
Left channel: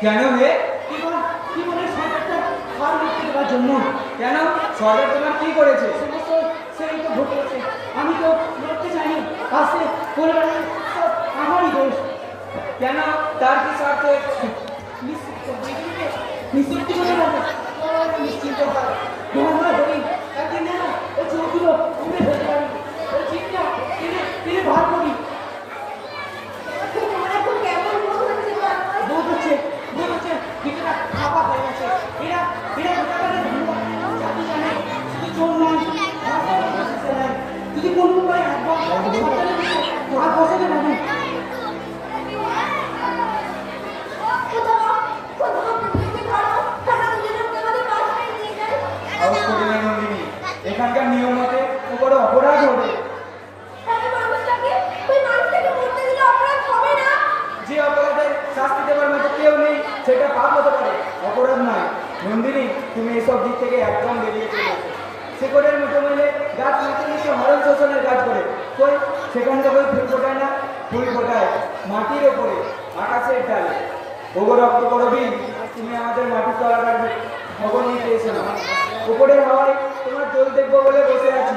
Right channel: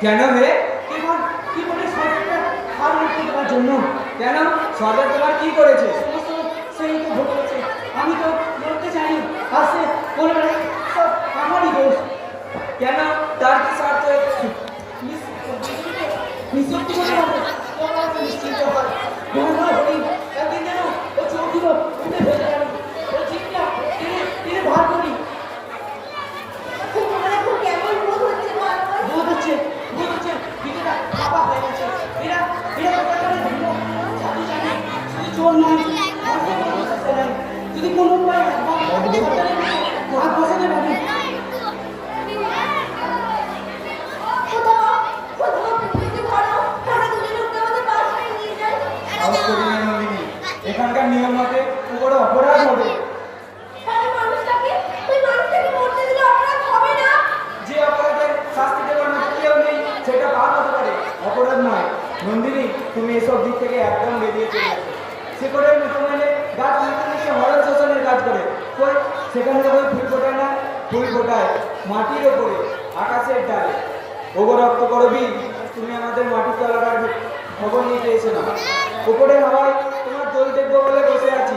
কেন রে জন্য কেন সরকার তোমার কি করেছে আমি তো লড়তে চাইনি কাছে আমারই দোষ কেন তার কি স্বার্থ নিশ্চিত অপরাধ নয়। নন্দিনী, তুমি এসব দিক থেকে একদম বেরিয়ে চলে গেছো। শিকড়ের মতো মেলে গাছ মাটির নিচে হরণ শোষণের কাজ করে, কই সেখান থেকে ফুল ফোটায় না, ফুল ফোটায় মাটির ওপরে, আকাশের ডালে। ওগো রক্ত করবি, তুমি আমাদের মাটির তলাবার খবর নিয়ে পেয়েছো না। উপরের হাওয়ায় তোমার দোল দেখবো বলে বসে আছি।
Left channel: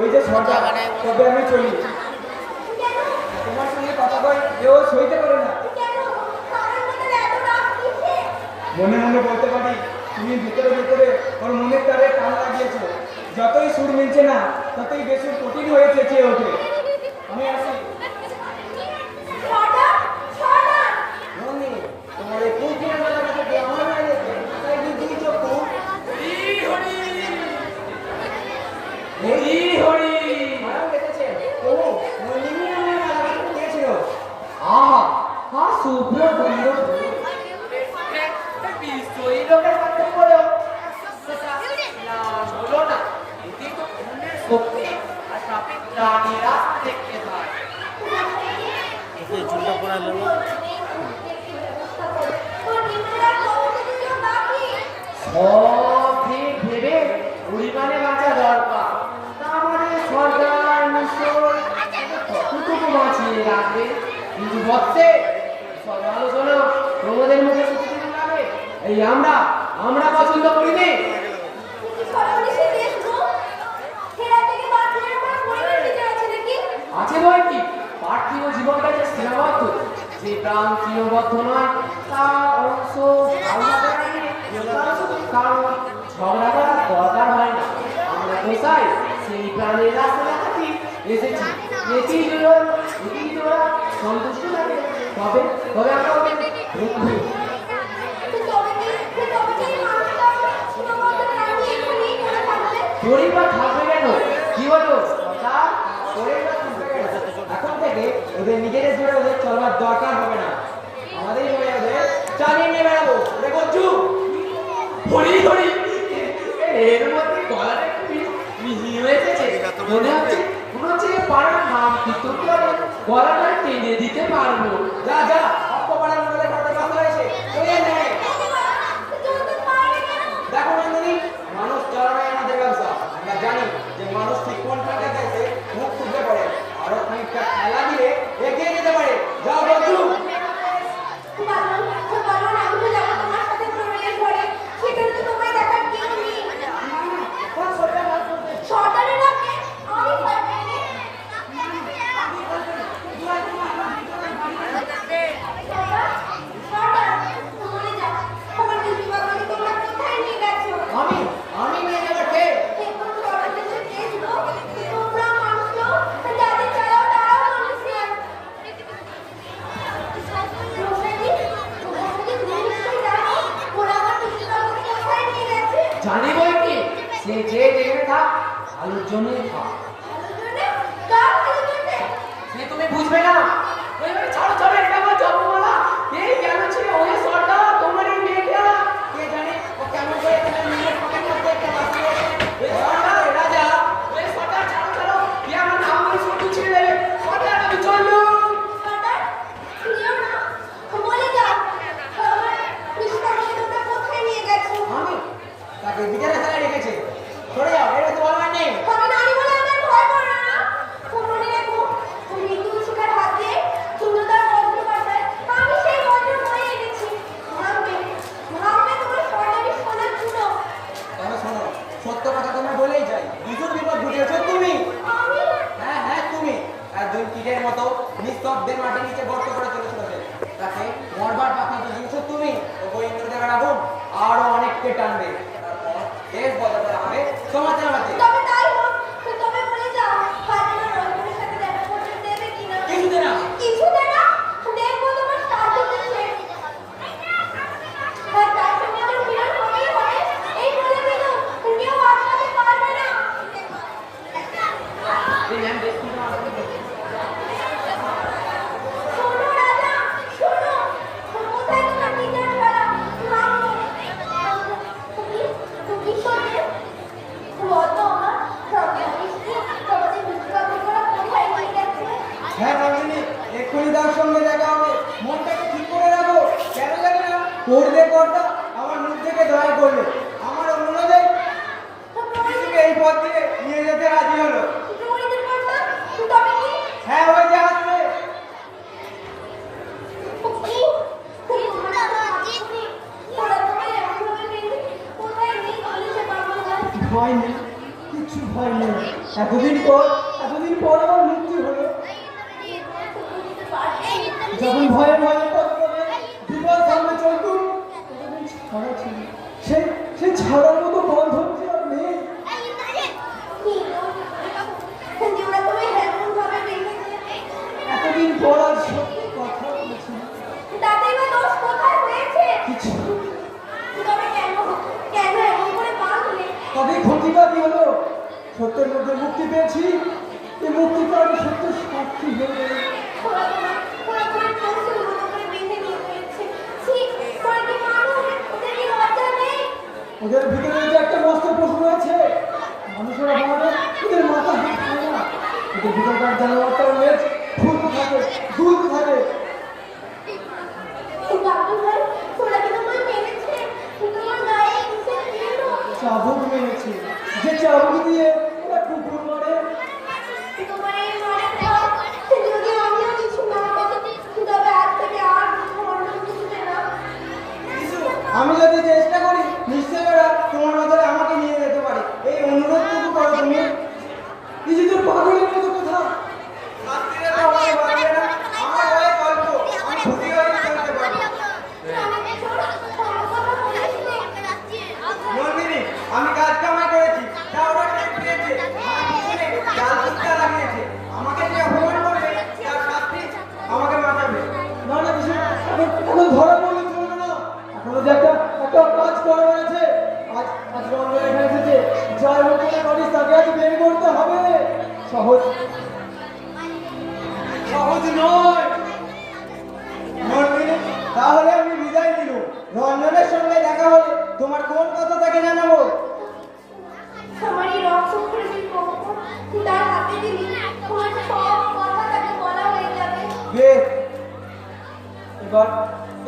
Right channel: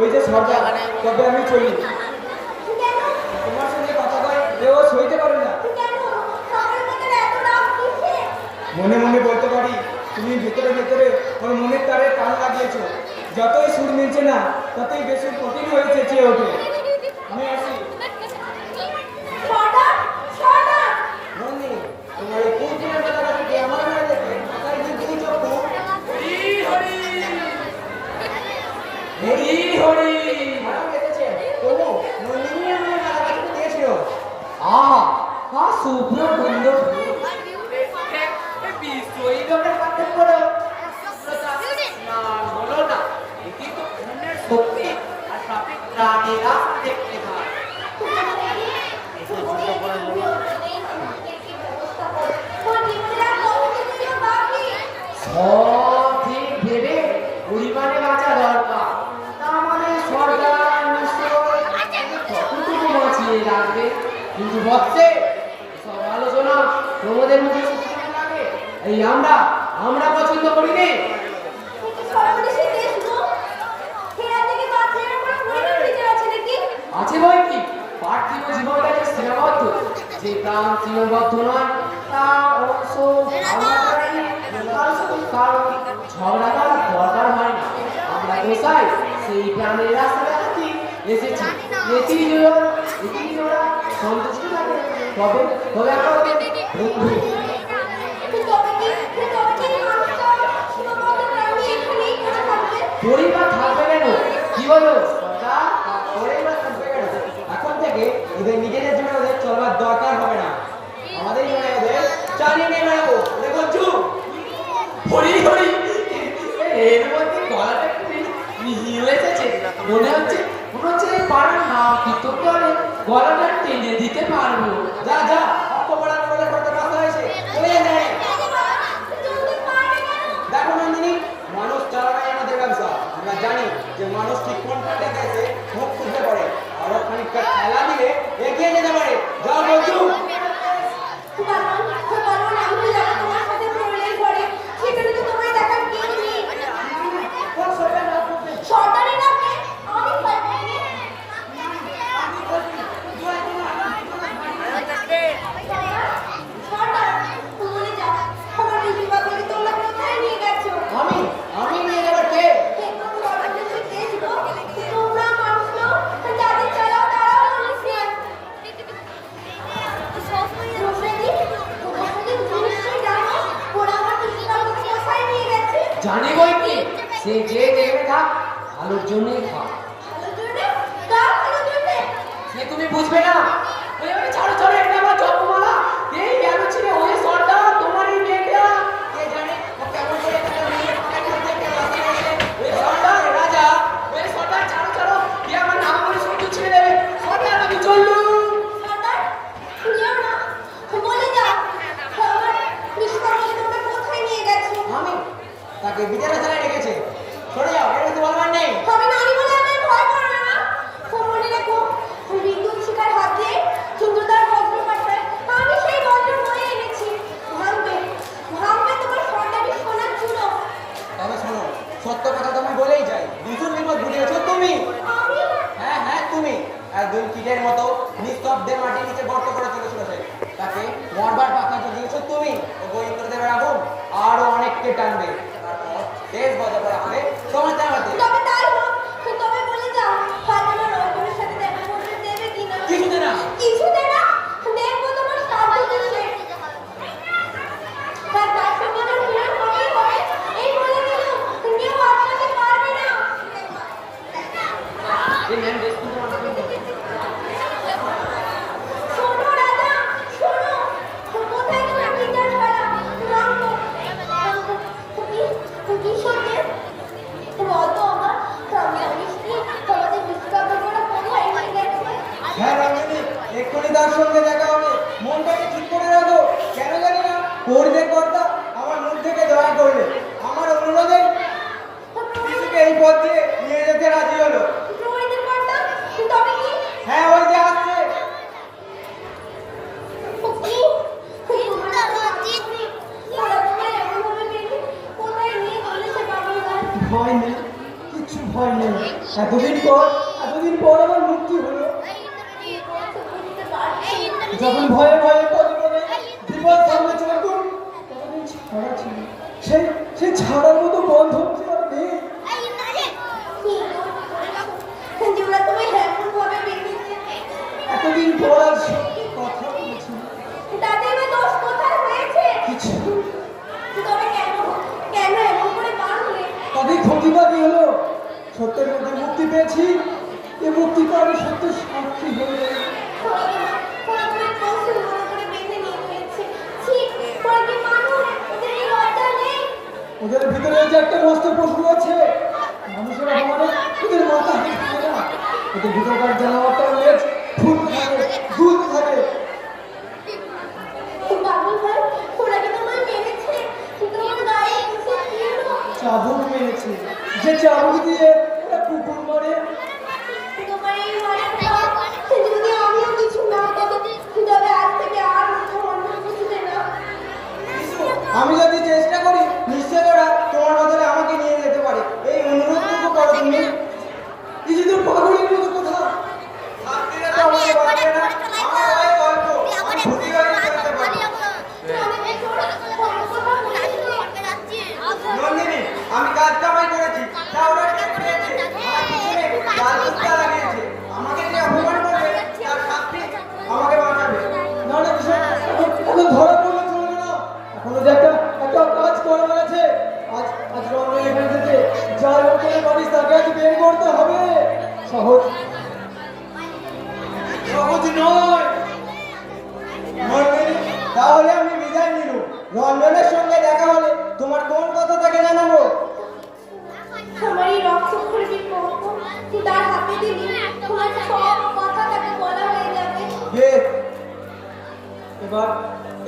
ওই যে সর্দার, তবে আমি চলি। তোমার সঙ্গে কথা কয় এও সইতে পারে না। মনে মনে বলতে পারি, তুমি ভেতরে ভেতরে ওর মনের তারে টান লাগিয়েছো। যতই সুর মিলছে না, ততই বেসুর কঠিন হয়ে চেঁচিয়ে ওঠে। আমি আসি। নন্দিনী, তোমার এই ফুল ফুলের বেলাটা থেকে আমার মনে দেখে তাই কিন্তু এই চক্ষু মারাও গেছে। তবু নন্দিনী আমার বেলাটা দিয়েছিল। আহা, শুভ্র সুন্দর বিশ্বই লোকের পাতে পড়ো না হলো না। এটি তো মনের শক্তি আর সাপে প্রাণীরা দেখতে পায়। সব ঠিক ভেবে পরিমাণে বাঁচা দরকার। তার মানে সরকার নিশ্চয় কতটুকু বাঁচিয়ে রাখবে। কিন্তু হচ্ছে সব আলোচনা প্রমোদের মুখে শুনতে লাগে। এই আমরা পছন্দ করিনি। আছে বই কি পার্থিব জীবনটা যে সীমাবদ্ধ, যে প্রাণ সীমাবদ্ধ নয় তার অংশ ঝগড়া করার দরকার হয় না। আমরা কোথায় সেই প্রাণের রাস্তা থাকি এসেছি, এতেই ওরা সন্তুষ্ট লাগে। তবে আমরা ওদের বন্ধু। পরিবার থাকবে কেন? কি বলো? এখন থেকে ওদের নিজেদের জন্য ওদের চলবার দরকার হবে না। আমাদের ওদের চালিয়ে নিয়ে বেড়াবো। দেখো চুপ হরি হরি, এর মধ্যে গলাটা একটু মিহি হয়েছে। মনে হচ্ছে পাড়া না কীর্তন করে গলাটা টেনে দিতে পারবো। যা যা অপপাড়া মডেলের কথা কথা হয়েছে হয়ে যায়। দেখো নন্দিনী, মানুষ চালানোই আমাদের ব্যবসা। আমরা জানি যে মানুষ ঠিক কোনটা দেখেছে মুখ খুলতে পারে, আরো খানিকটা খেলা দিলে এগিয়ে যেতে পারে। যাও বলছু। আমি নিয়ে যাবার কে? জানি বই কি, সে যে যেখানে থাক আলোর জন্যই থাক। সে তুমি বুঝবে না। ছাড়ো ছাড়ো, এটা আমার জপমালা। এই কেন ছিল ওই সরটা তোমারই মেয়েটা? কে জানে ও কেমন করে একটা মেয়ের পকেট করতে একটা বাসি এসে ওই সরটা রাজা। ওই সরটা ছাড়ো ছাড়ো, কে আমার নাম করে শুনতে ছেড়ে দেবে। সরটা আমি চললু। আমি তাকে বিদেশে চালিয়ে রেখেছে। সরে যাও, এটা তো আমার নেই। তবে শোনো, সত্য কথা তোমায় বলেই যাই, দুজন বিপদ ঘটিয়েছো তুমি। হ্যাঁ তুমি। আর দুই কিটের মতো নিস্তব্ধে মাটির নিচে গর্ত করে চলেছিল সে। তাকে মরবার পাখা জুগিয়েছো তুমি। ও ইন্দ্রদেবের আগুন আরো অনেককে টানবে। তারপর শেষ বদল করা হবে সমাচার হাতে। কিছুতে না। এই ম্যাম দেখুন তো আমাকে। হ্যাঁ রঞ্জনী, এক্ষুনি তার সঙ্গে দেখা হবে। মনটাকে ঠিক করে রাখো। কেন জানি না করবে কর্তা আমার থেকে দয়া করলে আমার অনুরোধে শিশুকে এই পথ দিয়ে নিয়ে যেতে রাজি হলো। হ্যাঁ, ওই যে আসছে। ভয় নেই, কিছু ভয় নেই। এতদিন পর আমার মুক্তি হলো। যখন ভয়ে ভয়ে পথ করে বিপদ সামনে চলতুম, ততদিন ছাড়া ছিল। সেই ছাড়ার মতো বন্ধন যে আর নেই। এতদিন পর আজ সত্যি কথা বলেছি। কিছু তবে ক্ষতিটা কি হলো? সত্যের মধ্যে মুক্তি পেয়েছি। এই মুক্তি তো আমি সত্য সাক্ষী হয়ে গেল। ওদের ভিতরে যে একটা মস্ত পশু রয়েছে, মানুষেরা বলে ওদের মাথা ঠিক থাকে না। ওদের ভিতরকার জানোয়ারটা লেজ ফুলতে থাকে, দুলতে থাকে। চাবুক মেরেছে, যে চাবুক দিয়ে ওরা কুকুর মারে। আমি যদি চেষ্টা করি নিশ্চয় ওরা তোমার বদলে আমাকে নিয়ে যেতে পারে। এই অনুরোধটুকু করো তুমি। কিছুদূর পাগলের মতো কোথাও শান্তিতে তো আমাকে পারবে না। আমার হয়ে গল্প আমি ভূতি হয়ে চলতে পারি। নন্দিনী, আমি কাজ কামাই করেছি, তা ওরা টের পেয়েছে। আমার পিছনে জাল কুত্তা লাগিয়েছে। আমাকে যে অপমান করবে তার শাস্তি আমাকে বাঁচাবে। না না, বিষয় এখন ধরা পড়লে চলবে না। এখনো যে একটা কাজ করা আছে। আজ রঙ এখানে এসেছে, যার উপরে করিস তাকে আজ বের করতে হবে। সহজ নয়। নন্দিনী, তাহলে আমি বিদায় নিল। রঞ্জনের সঙ্গে দেখা হলে তোমার কোন কথা তাকে জানাবো? আমার এই রক্ত তার হাতে দিবি, তোমার সব কথা তাকে বলা হয়ে যাবে। বেশ,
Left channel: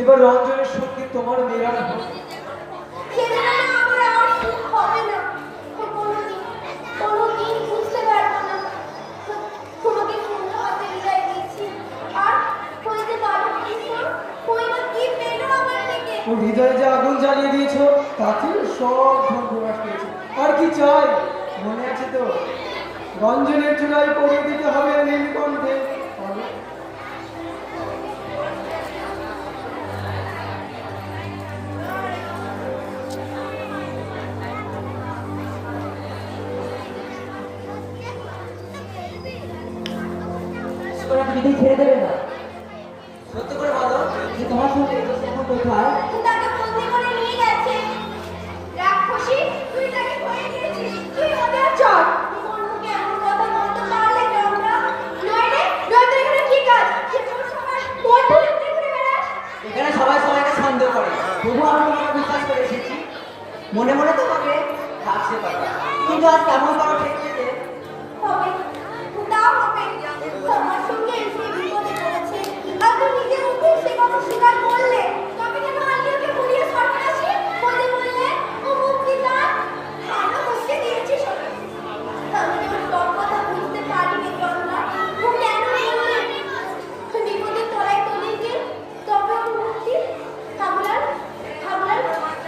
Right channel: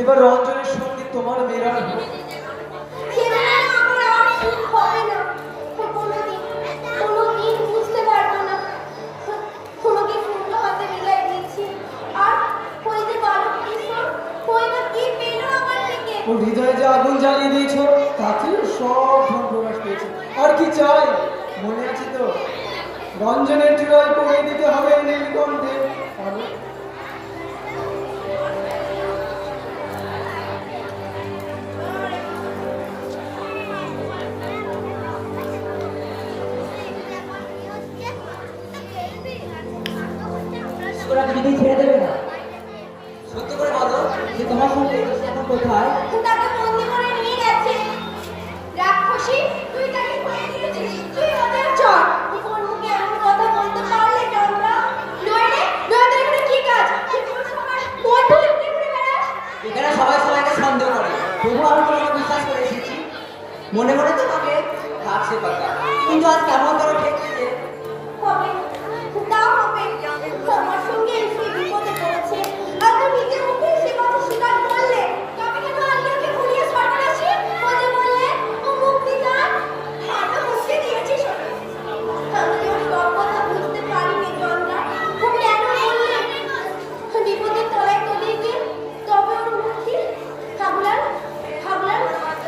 এবার রঞ্জনের সঙ্গে তোমার মেয়েরা আমার আর সুখ হবে না। কোনোদিন বুঝতে পারবো না। তোমাকে শূন্য হাতে বিদায় দিচ্ছি। আর ওই যে কালো কিশোর, ওই বা কি পেল আমার থেকে? ও হৃদয়ে যে আগুন জ্বালিয়ে দিয়েছ, তাতে সব ধ্বংস পেয়েছে। আর কি চাই? মনে আছে তো, রঞ্জনের চূড়ায় পড়ে দিতে হবে নীলকণ্ঠে। ওরা কিছুতেই ছেড়ে দেবে না। সত্যি করে বলো যে তোমার সঙ্গে এখন কোথায়? তাকে বন্দি করে নিয়ে গেছে। রাক্ষসী, তুই তাকে ধরে নিয়েছিস। তুই ওদের চল। তোর মুখে এমন কথা বলতে পারলে তোমরা? নইলে এখানে কি কাজ? কি তোর সবার বন্ধু এমনি করে বেড়াস? এখানে সবাই সবাইকে সন্দেহ করে, তবু আমি তোমাকে বিশ্বাস করে এসেছি। মনে মনে তোমাকে কাছে পাতা, কিন্তু আজ কেমন করো ঠেকছে যে হবে তা হবে। তোমার সঙ্গে এসে বিপদে পড়েছে। আর তুই নিজের মুখে সে কথা স্বীকার করলে। তবে কেন আল্লাহকে ভুলিয়ে সর্বনাশী বলে বললে ও মুক্তি দান? ভালো মুক্তি দিয়েছিস। আমি তোমার সব কথা বুঝতে পারিনি গঙ্গা। ও কেন বললে বিপদের তলায় তোদেরকে? তবে ওর মুক্তি ভাবলাম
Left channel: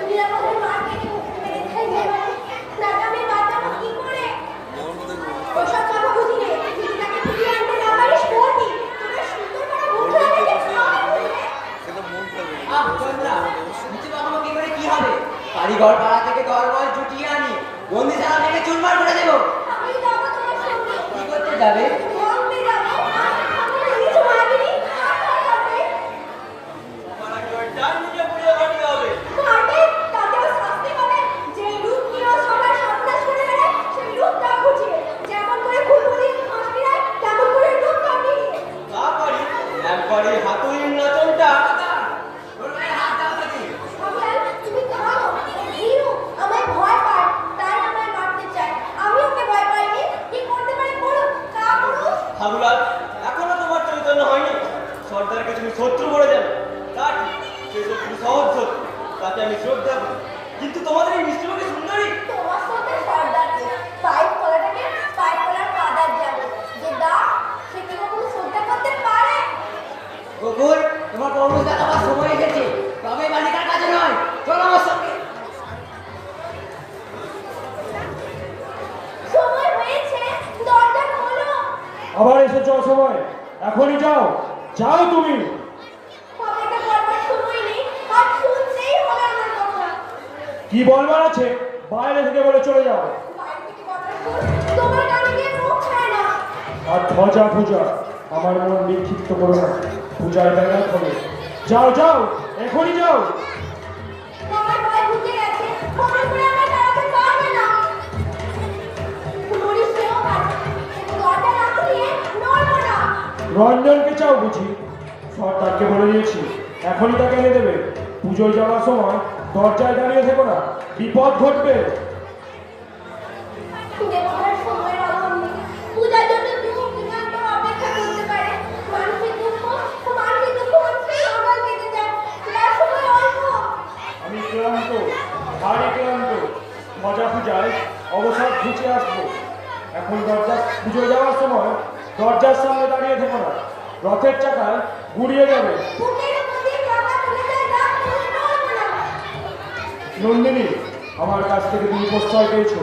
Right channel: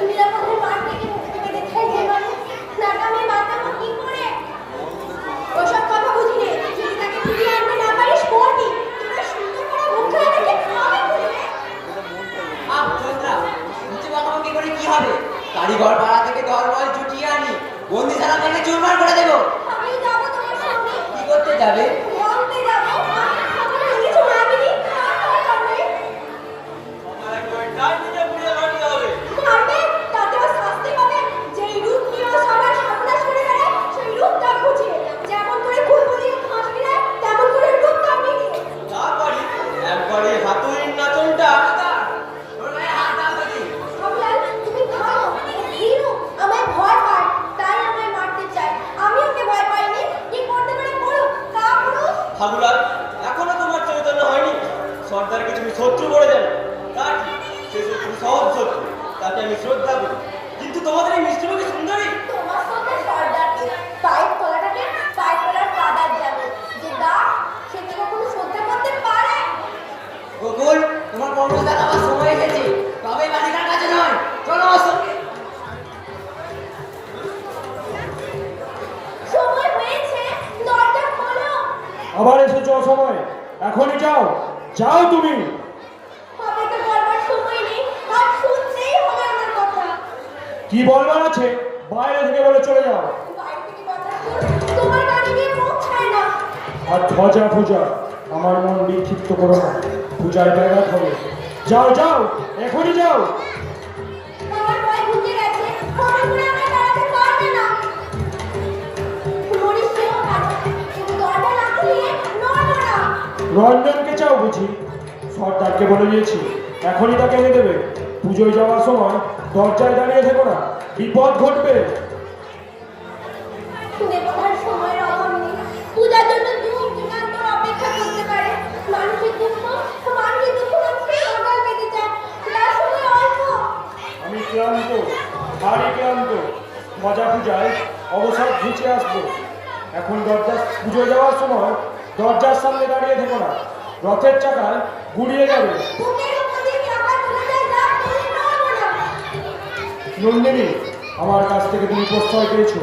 নিরাপদের মাঠ থেকে মুক্তি পেতে চাই যেভাবে। তাকে আমি বাঁচাবো কি করে? ওসব কথা বুঝি নে। যদি তাকে ফিরিয়ে আনতে না পারিস বলবি। তোরা সুন্দর করে মুখটা দেখে আমি বুঝবে। চন্দ্রা নিচে বানাবো কি করে? কি হবে? কারিগর পাড়া থেকে দরমাল জুটিয়ে আনি বন্দিশালা থেকে চুরমার করে দেবো। আমি যাবো তোমার সঙ্গে। কি করতে যাবে? বলতে যাবো। আমার কিছু মাগিনি। আর হবে মারবে, তাতে বা শাস্তি পাবে। যেই রূপ নিয়ে ও সবার সর্বনাশ করে বেড়ায়, সেই রূপটা খুঁজে। যেমন করে কুলবুদি হাসি দেয়, তেমন করে রূপ কামিয়ে নিই। তারপরে একবারে হাতুড়ির নাচনটা ভাবলাম তুমি থামো। দিনু আমায় ভয় পায়, তাই আমায় মারতে চায়। আমি ওকে কি বলবার আছে বাইরে থেকে বলে চলে যাও। বাইরে থেকে কথা শুন, তোমার কানে গিয়ে পৌঁছায় না। আর ধ্বজা পূজা আমার মন বিক্ষিপ্ত করো না, পূজায় ব্যাঘাত হবে। যাও যাও, এখনই যাও। আমার ভয় ঢুকে গেছে, মনে করে আমার দাঁড়াতে পারবে না। মরিস কেউ দরজা না খুলিয়ে নড়বো না। রঞ্জনকে চাও বুঝি? সর্দারকে বলে দিয়েছি এখনই তাকে এনে দেবে। পুজোয় যাওয়ার সময় দরজায় দাঁড়িয়ে থেকো না, বিপদ ঘটবে। দেবতার সময়ের অভাব নেই, পূজার জন্য যুগ যুগান্তর অপেক্ষা করতে পারে। মানুষের দুঃখ হচ্ছে সকাল পেতে চায়, তার সময় অল্প। আমি ক্লান্ত, ভারী ক্লান্ত। মজা পূজায় অবসর ঘুচে আসবো। এখন পুজোয় যাওয়ার সময় দরজার সামনে দাঁড়িয়ে থেকো না, রথের চাকায় গুড়িয়ে যাবে। বুকের উপর দিয়ে চাপা তুলে যায়, দাঁত তুলে নড়বো না। নন্দিনী, আমার কাছ থেকে তুমি প্রশ্রয় পেয়েছো,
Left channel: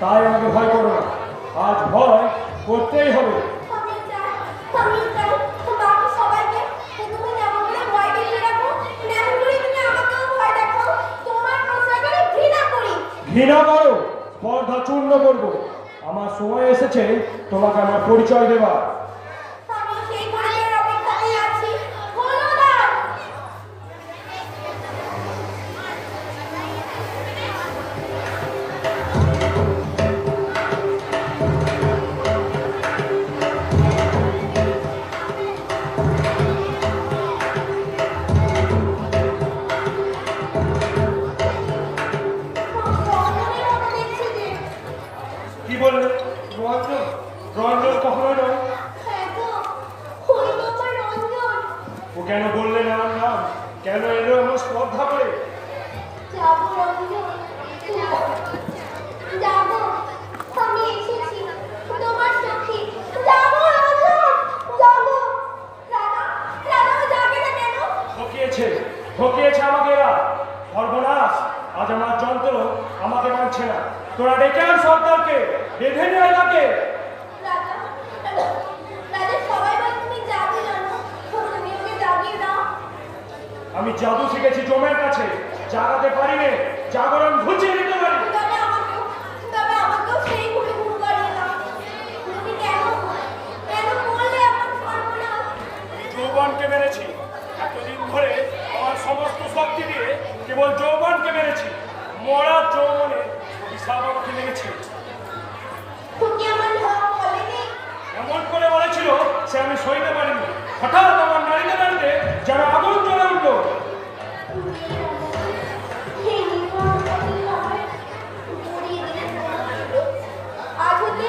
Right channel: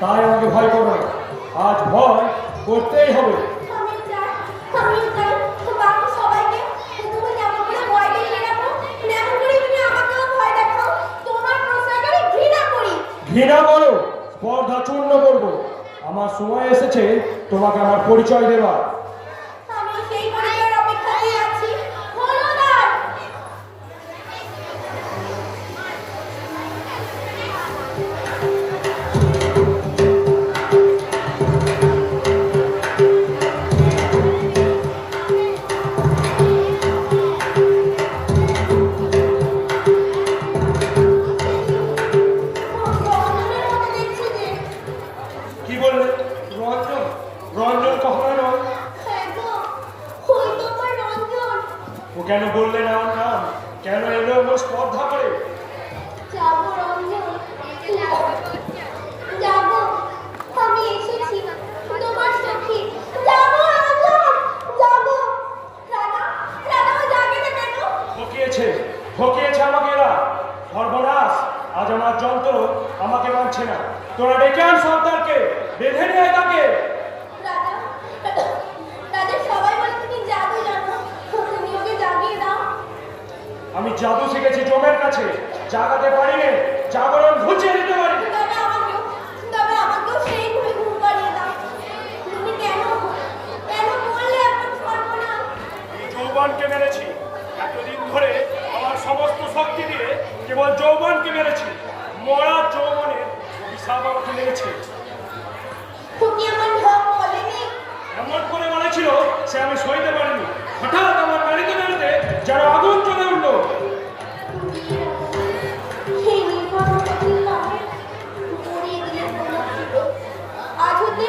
তাই আমাকে ভয় করো না। আজ ভয় করতেই হবে। আমিও চাই তো বাকি সবাইকে তুমি যেমন করে ভয় দেখিয়ে রাখো, তেমন করে তুমি আমাকেও ভয় দেখাও। তোমার প্রশ্রয়কারী ঘৃণা করি। ঘৃণা করো, স্পর্ধা চূর্ণ করবো। আমার সময় এসেছে তোমাকে আমার পরিচয় দেবার। আমিও সেই পরিচয়ের অপেক্ষাতেই আছি। হলো না। দেখছি যে কি বললে? রঞ্জন? রঞ্জন কখনোই নয়। হ্যাঁ গো, ওই তো আমার রঞ্জন। ও কেন বললে না ওর নাম? কেন এলো এমন স্পর্ধা করে? যাবো রঞ্জন, যাবো। আমি এসেছি তোমার সখী। যাবো রঞ্জন, যাবো। রাধা, রাধা যাবে না কেন? ঠকিয়েছে, ঠকিয়েছে আমাকে এরা। সর্বনাশ, আজ আমার যন্ত্র আমাকে মানছে না। তোরা ডেকে আন সর্দারকে, বেঁধে নিয়ে আয় তাকে। রাধা, রাধা সবাই বলে তুমি জাদু জানো, তুমি ওকে জাগিয়ে দাও। আমি জাদু শিখেছি জমের কাছে, জাগাতে পারি নে, জাগরণ ঘুচিয়ে দিতে পারি। তবে আমাকেও সেই ঘুরে ঘুম করিয়ে দাও। তুমি কেন বললে এমন সর্বনাশ? যৌবনকে মেরেছি এতদিন ধরে, আমার সমস্ত শক্তি দিয়ে কেবল যৌবনকে মেরেছি। মরা যৌবনে হিসাব আমাকে লেগেছে। তুমি আমার নাম বলেনি। এমন করে বলেছিল সে আমি সইতে পারিনি। হঠাৎ আমার নাড়িতে নাড়িতে যেন আগুন জ্বলে উঠলো। সেই নির্মম আমাকে গড়িয়ে দিয়েছে। আজ হতে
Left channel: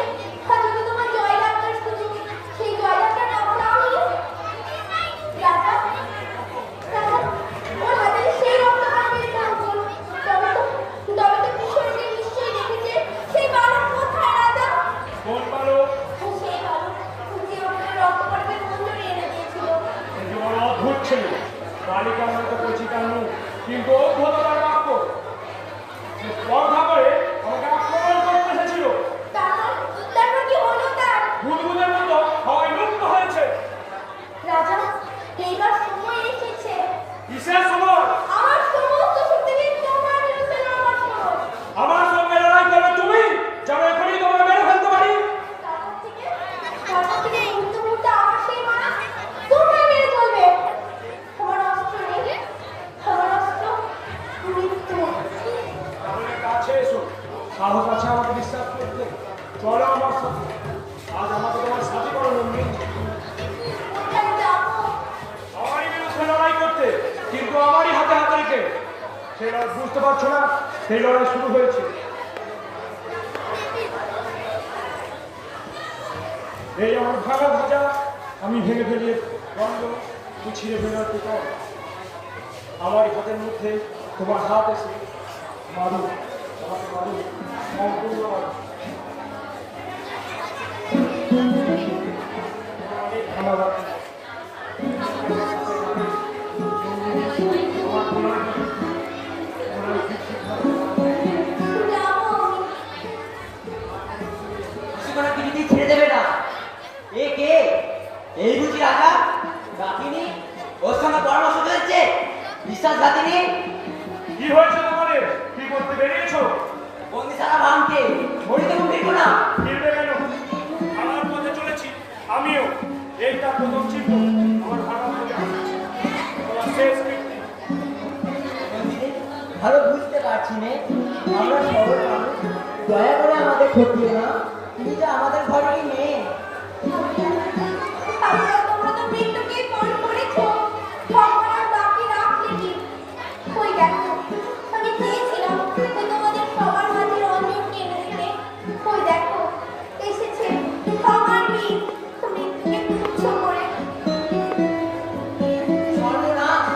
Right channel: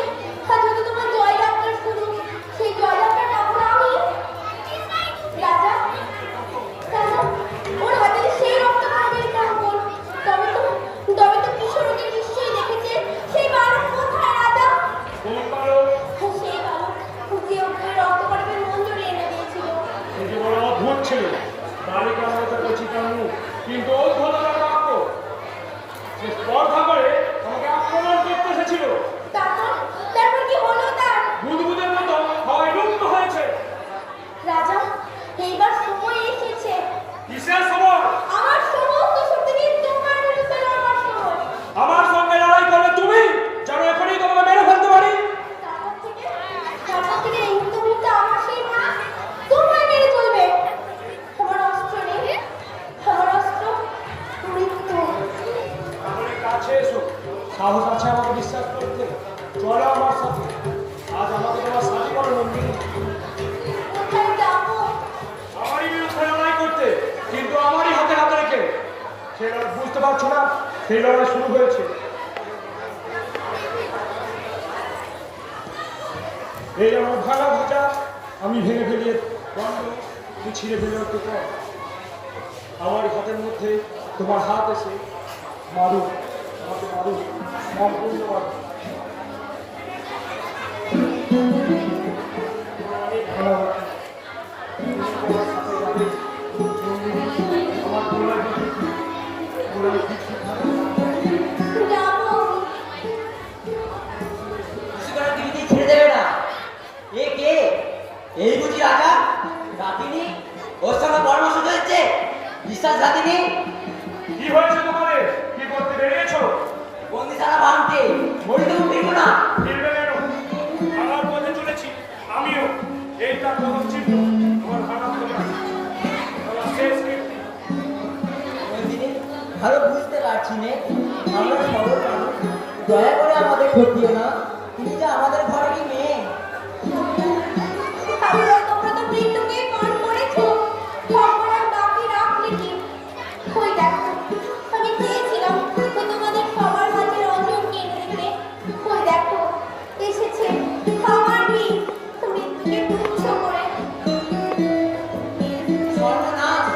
তোমার জয়যাত্রার সুযোগ। সেই জয়যাত্রাটা আমি রাজা, ওর হাতে সেই রক্তকরণের কাপড়। তবে তো কিশোরকে নিশ্চয়ই দেখেছে। সেই বালক কোথায় রাজা? কোন বালক? সেই বালক যে ওকে রক্তকরণের মঞ্জুরি এনে দিয়েছিল। সে যে বড় অদ্ভুত ছিল। বালিকা আমরা তো করছি কেমন, কিন্তু অদ্ভুততার বাক্য। সে স্পর্ধা করে আমাকে আক্রমণ করতে এসেছিল। তারপর কি হলো তার? বুদবুদের মতো হয় লুপ্ত হয়েছে। রাজা, এইবার সময় এসেছে। কিসের সময়? আমার সমস্ত শক্তি দিয়ে তোমার বিরুদ্ধে লড়বার সময়। আমার সঙ্গে লড়াই করবে তুমি, যেন এখনই তোমাকে মেরে ফেলতে পারি। তারপর থেকে এই মুহূর্তে আমার সেই মারা তোমরা মেরে চলবে। আমার অস্ত্র নেই, আমার অস্ত্র মৃত্যু। তাহলে কাছে এসো, সাহস আছে আমাকে বিশ্বাস করতে। চলো আমার সাথে, আজ আমাকে তোমার সাথী করো নন্দিনী। কোথায় যাবো? আমারই বিরুদ্ধে লড়াই করতে, কিন্তু আমারই হাতে হাতে রেখে। সে লড়াই বুঝতে পারছো না, সেই লড়াই শুরু হয়েছে। এই আমার ভাঙা ভাজা আমি ভেঙে ফেলিয়ে বন্ধ, তুই ছিঁড়ে ফেলে রাখতে কর। আমারই হাতের মধ্যে তোমার হাত এসে মারু, আমাকে মারু, সম্পূর্ণ মারু। অনেক ধন্যবাদ। আমার প্রলয় বিচ্ছিন্ন। যাবো আমি। সেখানে দিদি ছেড়ে দেবে না। এ কে? এই বুঝি রাজা? রাতিনি? ওর সঙ্গে পরামর্শ চলছে? বিশ্বাসঘাতিনি? কি হয়েছে তোমাদের? কি করতে এইটা প্রথম চিহ্ন আমার ভাড়া থেকে শেষ কীর্তি। নন্দিনী, ভালো বুঝতে পারছি নে, আমরা সরল মানুষ, দয়া করে আমাদের ঠকিও না, তুমি যে আমাদের ঘরেরই মেয়ে। তাহলে তোমরা তো মৃত্যুকে পান করেছো, সম্মান বাকি রাখলে কি? ওই দেখো, আমি চেয়েছিলাম যে তোমাদের সবার মাঝে রঞ্জনকে এনে দিতে। ওই দেখো, এসেছে আমার মেয়ে, মৃত্যুকে তুচ্ছ করে। সর্বনাশ,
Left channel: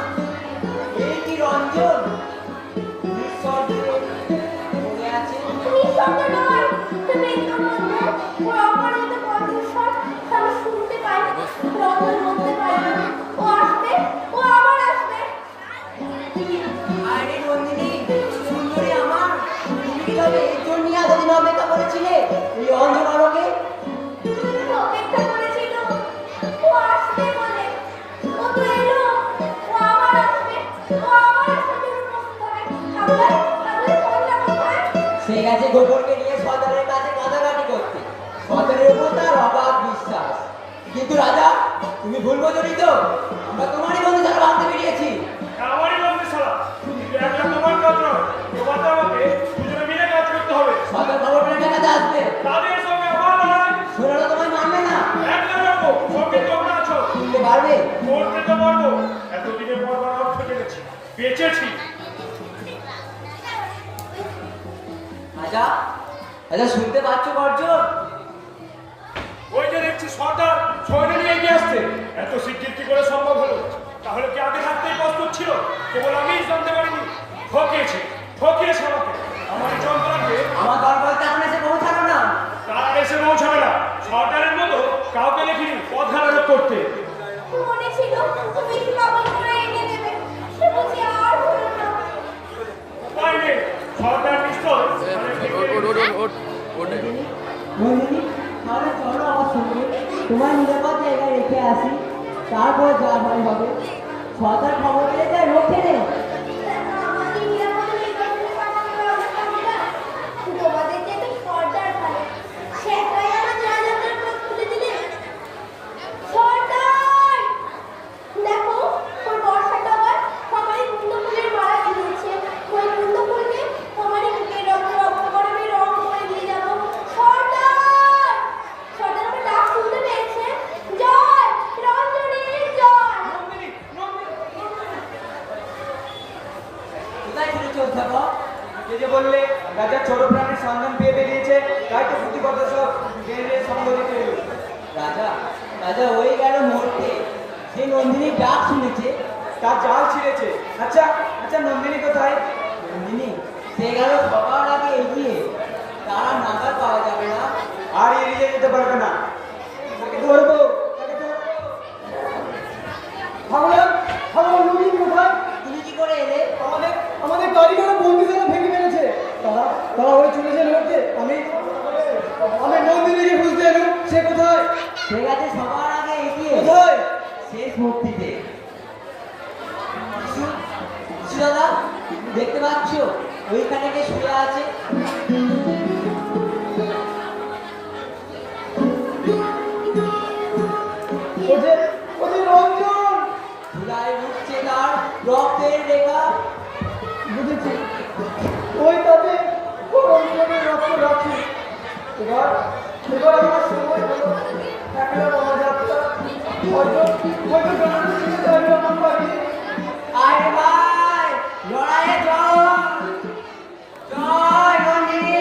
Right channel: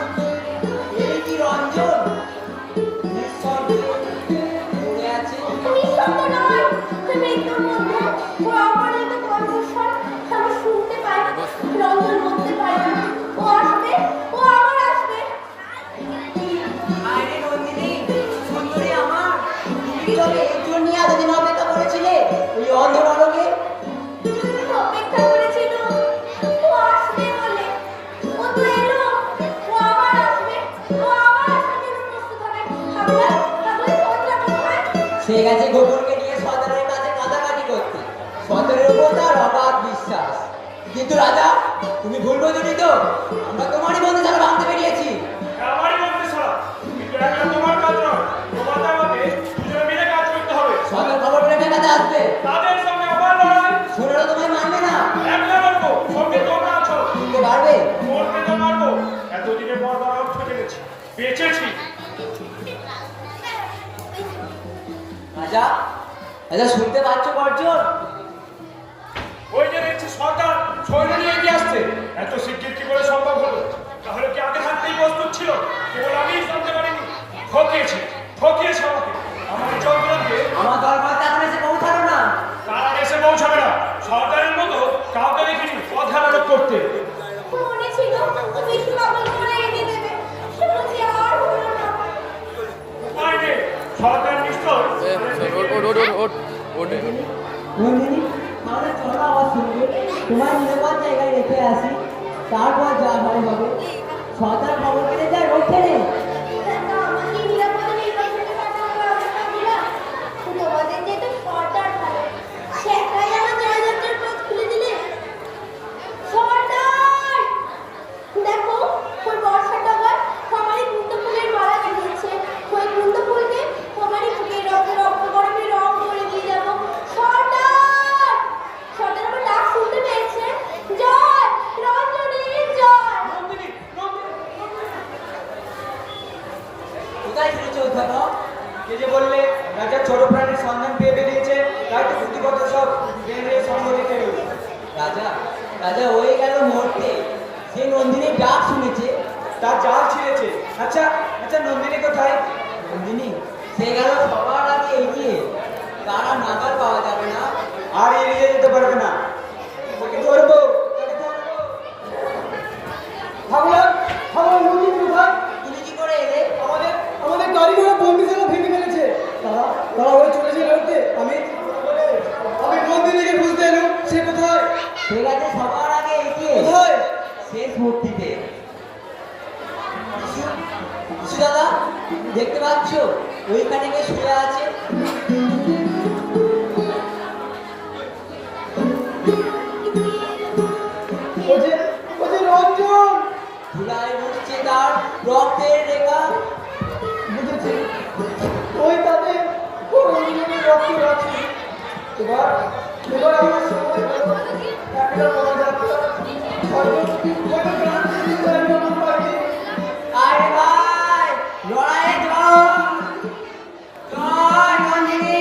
এই কি রঞ্জন? নিঃশব্দে পড়ে আছে। নিঃশব্দ নয়, মৃত্যুর মধ্যে ও অপরিচিত কণ্ঠস্বর আমি শুনতে পাই। রঞ্জন বলতে পারে না, ও আসবে, ও আবার আসবে। আরে নন্দিনী, সুন্দরী আমার, তুমি কি তবে এর জন্য এতদিন অপেক্ষা করেছিলে এই অন্ধকারকে? অপেক্ষা করেছিল ও আসবে বলে। ও তো এলো, ও আবার আসবে, ও আবার আসার জন্য প্রস্তুত হবে। তাহলে সন্ধ্যা কোথায়? সে গেছে গোবরকে নিয়ে সদরের কাছে কাটাকাটি করতে। সদরের উপর তার অবাধ বিশ্বাস। কিন্তু রাজা, তুমি ভুল বোঝনি তো, আমরা তোমারই বন্ধু ছাড়া ভাবতে বেরিয়েছি। আমারই বলতে ছাড়া কিন্তু একটা তোমার কাজ নয়, তোমাদের আমাকে দুজনে মিলে কাজ করতে হবে। সদর খবর পেলে মেলাতে আসবে, তাদের সঙ্গে আমার লড়াই শোনালো তোমায় মানবে না। একলা লড়বো, সঙ্গে তোমরা আছো। তুমি পারবে? মরতে তো লড়বো, এতদিনে মরবার অর্থ জেনেছি, বেঁচেছি। রাজা, রাজা শুনতে পাচ্ছ গর্জন? ওই যে দেখছি সরকার সৈন্য নিয়ে এগিয়ে আসছে, এত শিগগির কি করে সম্ভব হলো? তাহলে কি আগে থাকতেই প্রস্তুত ছিল? কেবল আমিই জানতে পারিনি। ঠকিয়েছে আমাকে, আমার জনগণকে। আমার দরবার তো এখন এসে পৌঁছালো না। তার এসে পৌঁছাবে না, সরকারের মতো কাউকে দেখিনি পথ হারানো করতে। মনে ছিল তুমি শ্রাবণ করে এনে দেবে, সে বুঝি আর হলো না। উপায় নেই, সরকার নিশ্চয় নন্দিনী, তাহলে চলো আমার সঙ্গে, তোমার নিরাপদ জায়গায় রেখে আসি, তারপর যা হয় হবে। সরকার খবর পেলে যা রক্ষে নেই। আমাকে নিরাপদে নির্বাচনে পাঠানোর ব্যবস্থা দিলে তোমাদের যেহেতু সর্দার থাকে, সে একাই আমার জয়যাত্রার পথ খুলে দিলে। সর্দার, দেখো ওই বর্ষাটা আবার আমারই কুন্দ ফুলের মালা দিয়েছে। ওই কুন্দ ফুলকে আমারই বুকের রক্ত রক্ত গরমে রং করে দিয়ে যাবো। সর্দার, সর্দার আমার ডাক শুনতে পেয়েছে। জয় রঞ্জনের জয়। কোথায় ফিরেছে অধ্যাপক? কে যে বললে রাজা ছোট প্রাণীর সন্ধান পেয়ে বেরিয়েছে, তাই তো বুদ্ধিগত সব বেরিয়ে সঙ্গ দিতে এলো। রাজা, রাজা ওই গেল মরতে, সে নন্দিনীর ডাক শুনেছে। তার জাল ছিঁড়েছে। আচ্ছা আচ্ছা, নন্দিনী কোথায়? নন্দিনী, সে গেল সবার আগে এগিয়ে, তারা নাগাল পাওয়া যাবে না। আর এড়িয়ে যেতে পারবে না। তাকে ধরবো, তাকে ধরবো। ভাবলাম ভাবলাম নন্দিনী কোথায়? তুমি কি করে এলে? আমাদের আমাদের গাড়ি ঘোড়া বন্দিশালা ভেঙে ফেলেছে। তারা ওরা চলেছে লোককে। আমি নন্দিনীকে বুঝতে এলাম, সে কোথায়? সে গেছে সবার আগে এগিয়ে, কোথায়? শেষ মুক্তিতে। দাদা, দেখতে পাচ্ছ ওইখানে কে শুয়ে আছে? ওদের রঞ্জন। ধুলায় মুছছে তার রক্তের রেখা। বুঝেছি, ওই তাদের রঞ্জনের রক্ত রাখছে। এবার আমার সময় হলো। একটা বড় যাত্রা হয়তো গ্রাম থেকে দাঁড়িয়ে আমার বাড়ি। আরে ভাই, লড়াইয়ে জয়, জয় নন্দিনী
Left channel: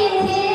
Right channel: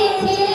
দিয়েছে